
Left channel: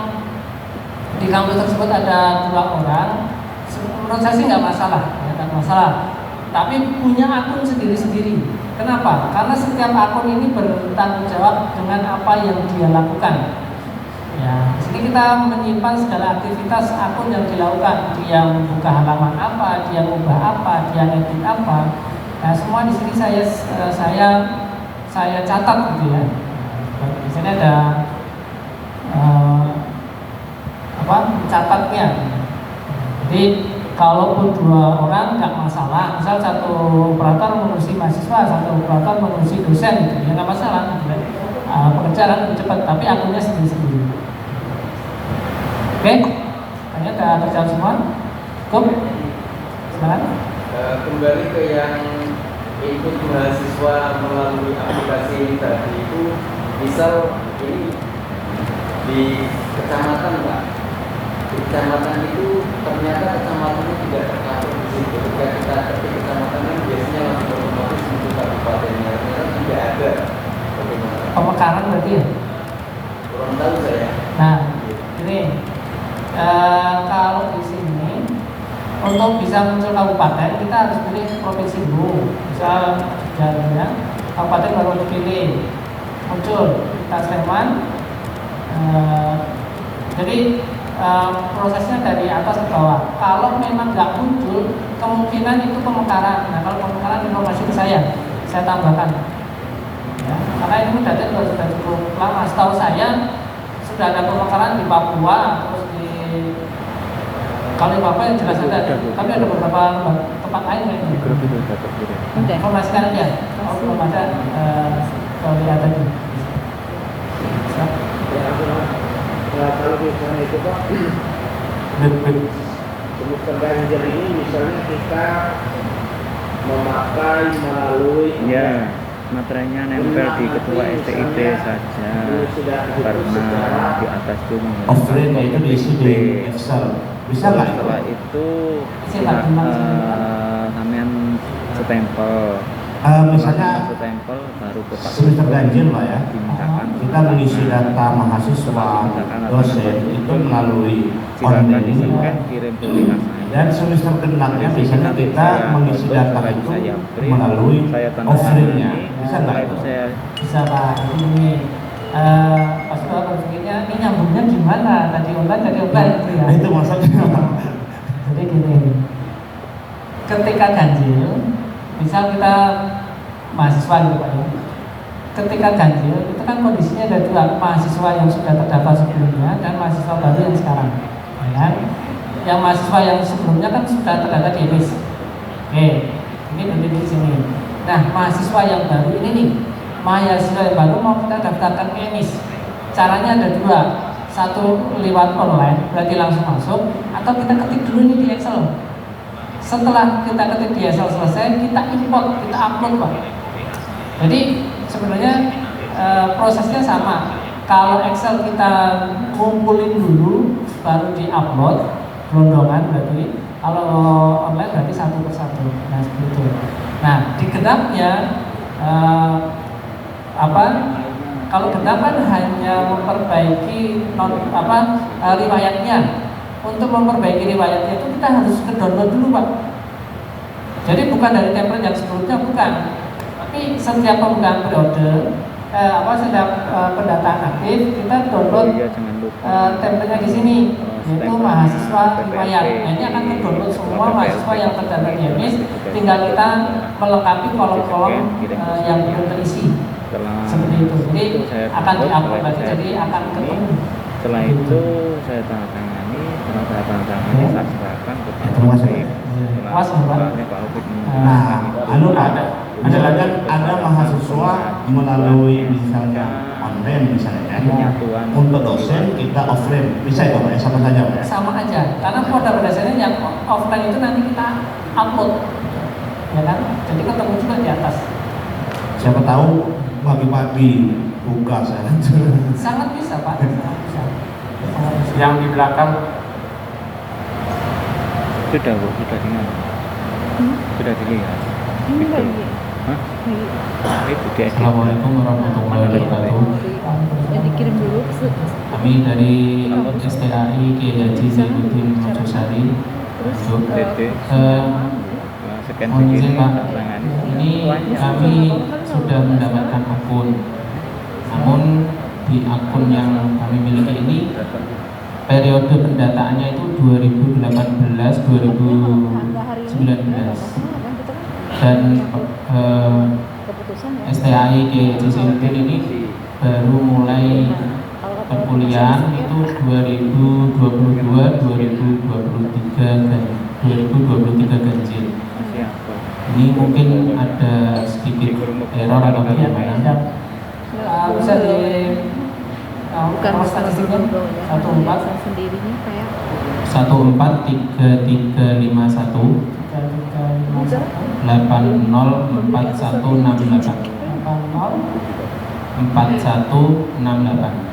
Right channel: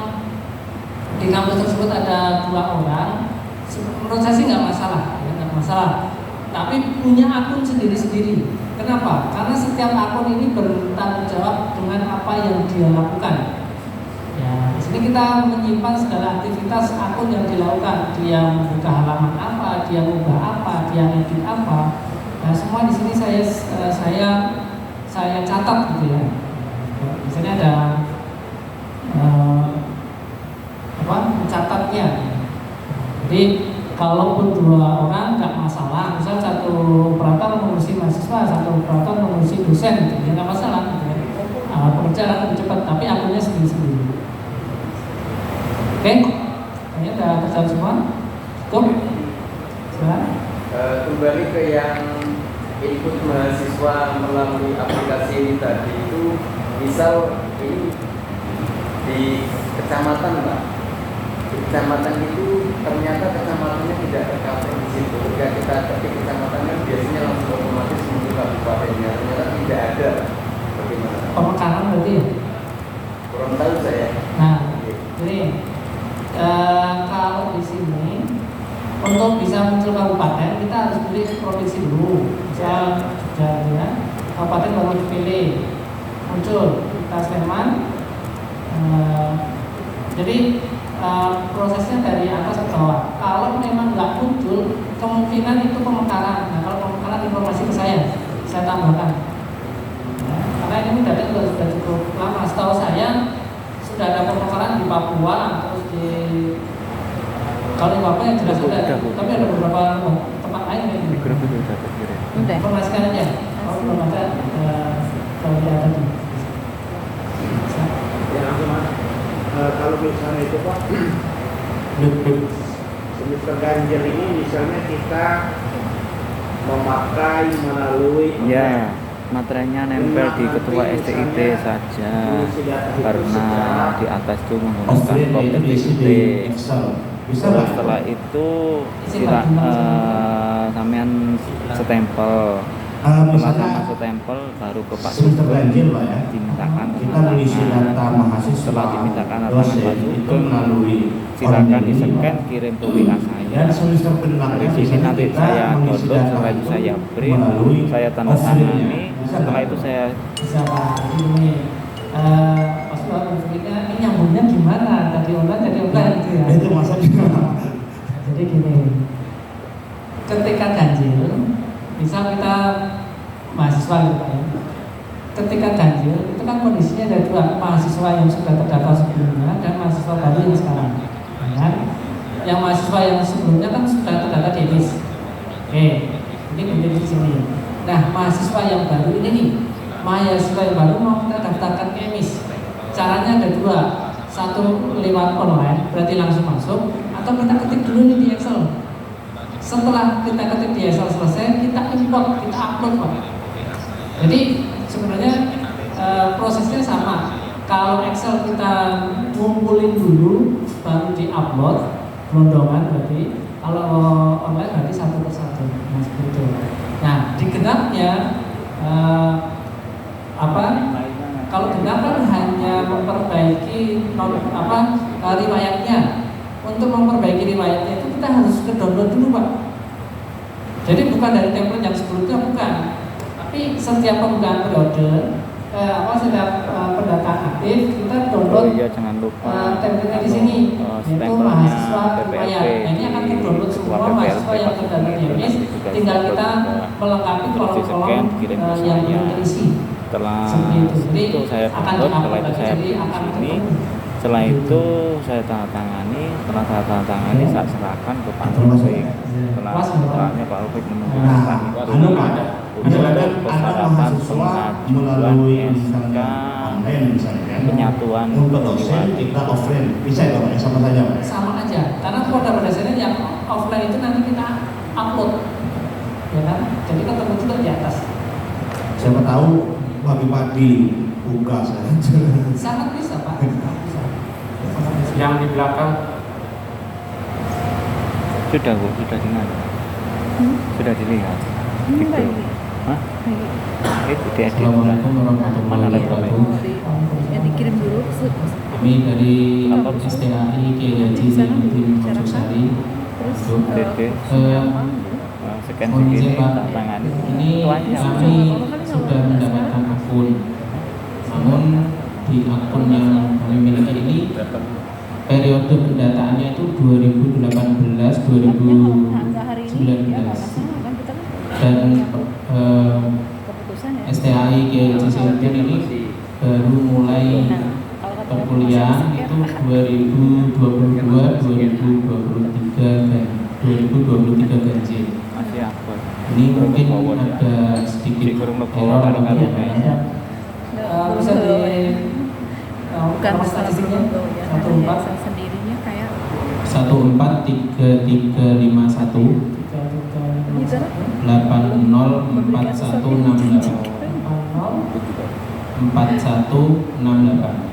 di kampus tersebut ada 2 orang, menurut saya sih nggak masalah, ya, nggak masalah. Tapi punya akun sendiri-sendiri. Kenapa? Karena setiap akun ini bertanggung jawab dengan apa yang dia lakukan. Ya, di sini kita menyimpan segala aktivitas akun yang dilakukan. Dia membuka halaman apa, dia mengubah apa, dia edit apa. Nah, semua di sini saya catat gitu ya. Misalnya ada catatnya. Jadi kalaupun 2 orang nggak masalah, misal satu operator mengurusi mahasiswa, satu operator mengurusi dosen, gitu, ya nggak masalah. Pekerjaan lebih cepat, tapi akunnya sendiri-sendiri. Oke, kayaknya udah terjawab semua. Cukup? Silakan. Kembali ke yang ikut mahasiswa melalui aplikasi tadi itu, misal ini di kecamatan Pak, di kecamatan itu ternyata kecamatannya tidak tercover di situ. Ketika kita ketik kecamatannya biasanya langsung otomatis muncul kabupatennya, ternyata tidak ada. Bagaimana? Pemekaran berarti ya? Kurang tahu saya. Nah, ini kalau di sini untuk bisa muncul kabupaten kita harus pilih provinsi dulu. Misal Jogja, kabupaten baru dipilih, muncul kita Sleman. Jadi prosesnya dari atas ke bawah. Kalau memang nggak muncul, kemungkinan itu pemekaran. Nah, kalau pemekaran informasi ke saya tambahkan. Ya, karena ini data juga sudah cukup lama. Setahu saya sudah ada pemekaran di Papua, terus di kalau di Papua yang jelas ada, tapi ada beberapa tempat lain yang informasikan aja. Kalau belum ada, lihat tadi. Kalau misalnya itu Pak, semester ganjil ini misalnya kita memakai melalui ya, materinya nempel di ketua STIP saja karena di atas itu menggunakan copy bisa lah. Setelah itu sampean stempel. Misalnya stempel baru ke Pak semester ganjil Pak ya, dimintakan kita mengisi data mahasiswa dosen itu melalui silakan online ini di-scan, kirim ke WA saya. dan semester ke-6-nya biasanya kita mengisi data itu melalui offline-nya. Bisa setelah nggak itu saya Bisa Pak. Jadi ini pas kalau konfliknya ini nyambungnya gimana? Tadi online gitu ya. Itu maksudnya. Jadi gini, ketika ganjil, misal kita mahasiswa gitu Pak ya. Ketika ganjil itu kan kondisinya ada 2, mahasiswa yang sudah terdaftar sebelumnya dan mahasiswa baru yang sekarang. Ya. Yang mahasiswa yang sebelumnya kan sudah terdaftar di EDIS. Oke, ini beda di sini. Nah, mahasiswa yang baru ini nih, mahasiswa yang baru mau kita daftarkan ke EMIS. Caranya ada 2, satu lewat online, berarti langsung masuk, atau kita ketik dulu nih di Excel. Setelah kita ketik di Excel selesai, kita import, kita upload Pak. Jadi sebenarnya prosesnya sama. Kalau Excel kita ngumpulin dulu, baru di upload gelondongan berarti. Kalau online berarti satu persatu. Nah seperti itu. Nah di genapnya kalau genap kan hanya memperbaiki riwayatnya. Untuk memperbaiki riwayatnya itu kita harus ke download dulu Pak. Jadi bukan dari template yang sebelumnya, bukan. Tapi setiap pembukaan periode, setiap pendataan aktif kita download template-nya di sini, yaitu mahasiswa riwayat. Nah, ini akan terdownload semua mahasiswa yang terdata di MIS. Tinggal kita melengkapi kolom-kolom yang belum terisi. Seperti itu. Jadi akan diupload lagi. Jadi akan ketemu. Setelah itu saya tanda tangani, setelah saya tanda tangani saya serahkan kepada setelah Pak Alfred ada mahasiswa melalui misalnya online misalnya untuk dosen kita offline bisa ya Pak, sama saja Pak? Sama aja, karena pada dasarnya yang offline itu nanti kita upload, ya kan? Jadi ketemu juga di atas. Siapa tahu pagi-pagi buka saya. Sangat bisa Pak. Yang di belakang sudah Bu, sudah dengar. Sudah dilihat. Gitu. Hah? Itu dia. Assalamualaikum warahmatullahi wabarakatuh. Yang dikirim dulu. Kami dari STAI Kiai Haji Zainuddin Mojosari. Mohon izin Pak, ini kami sudah mendapatkan akun. Namun di akun yang kami miliki ini periode pendataannya itu 2018-2019 dan STAI Kiai Haji Zainuddin ini baru mulai perkuliahan itu 2023 ganjil. Ini mungkin ada sedikit error atau bagaimana? Bisa di bukan statistiknya 14 sendirinya kayak 143351 804168 4168.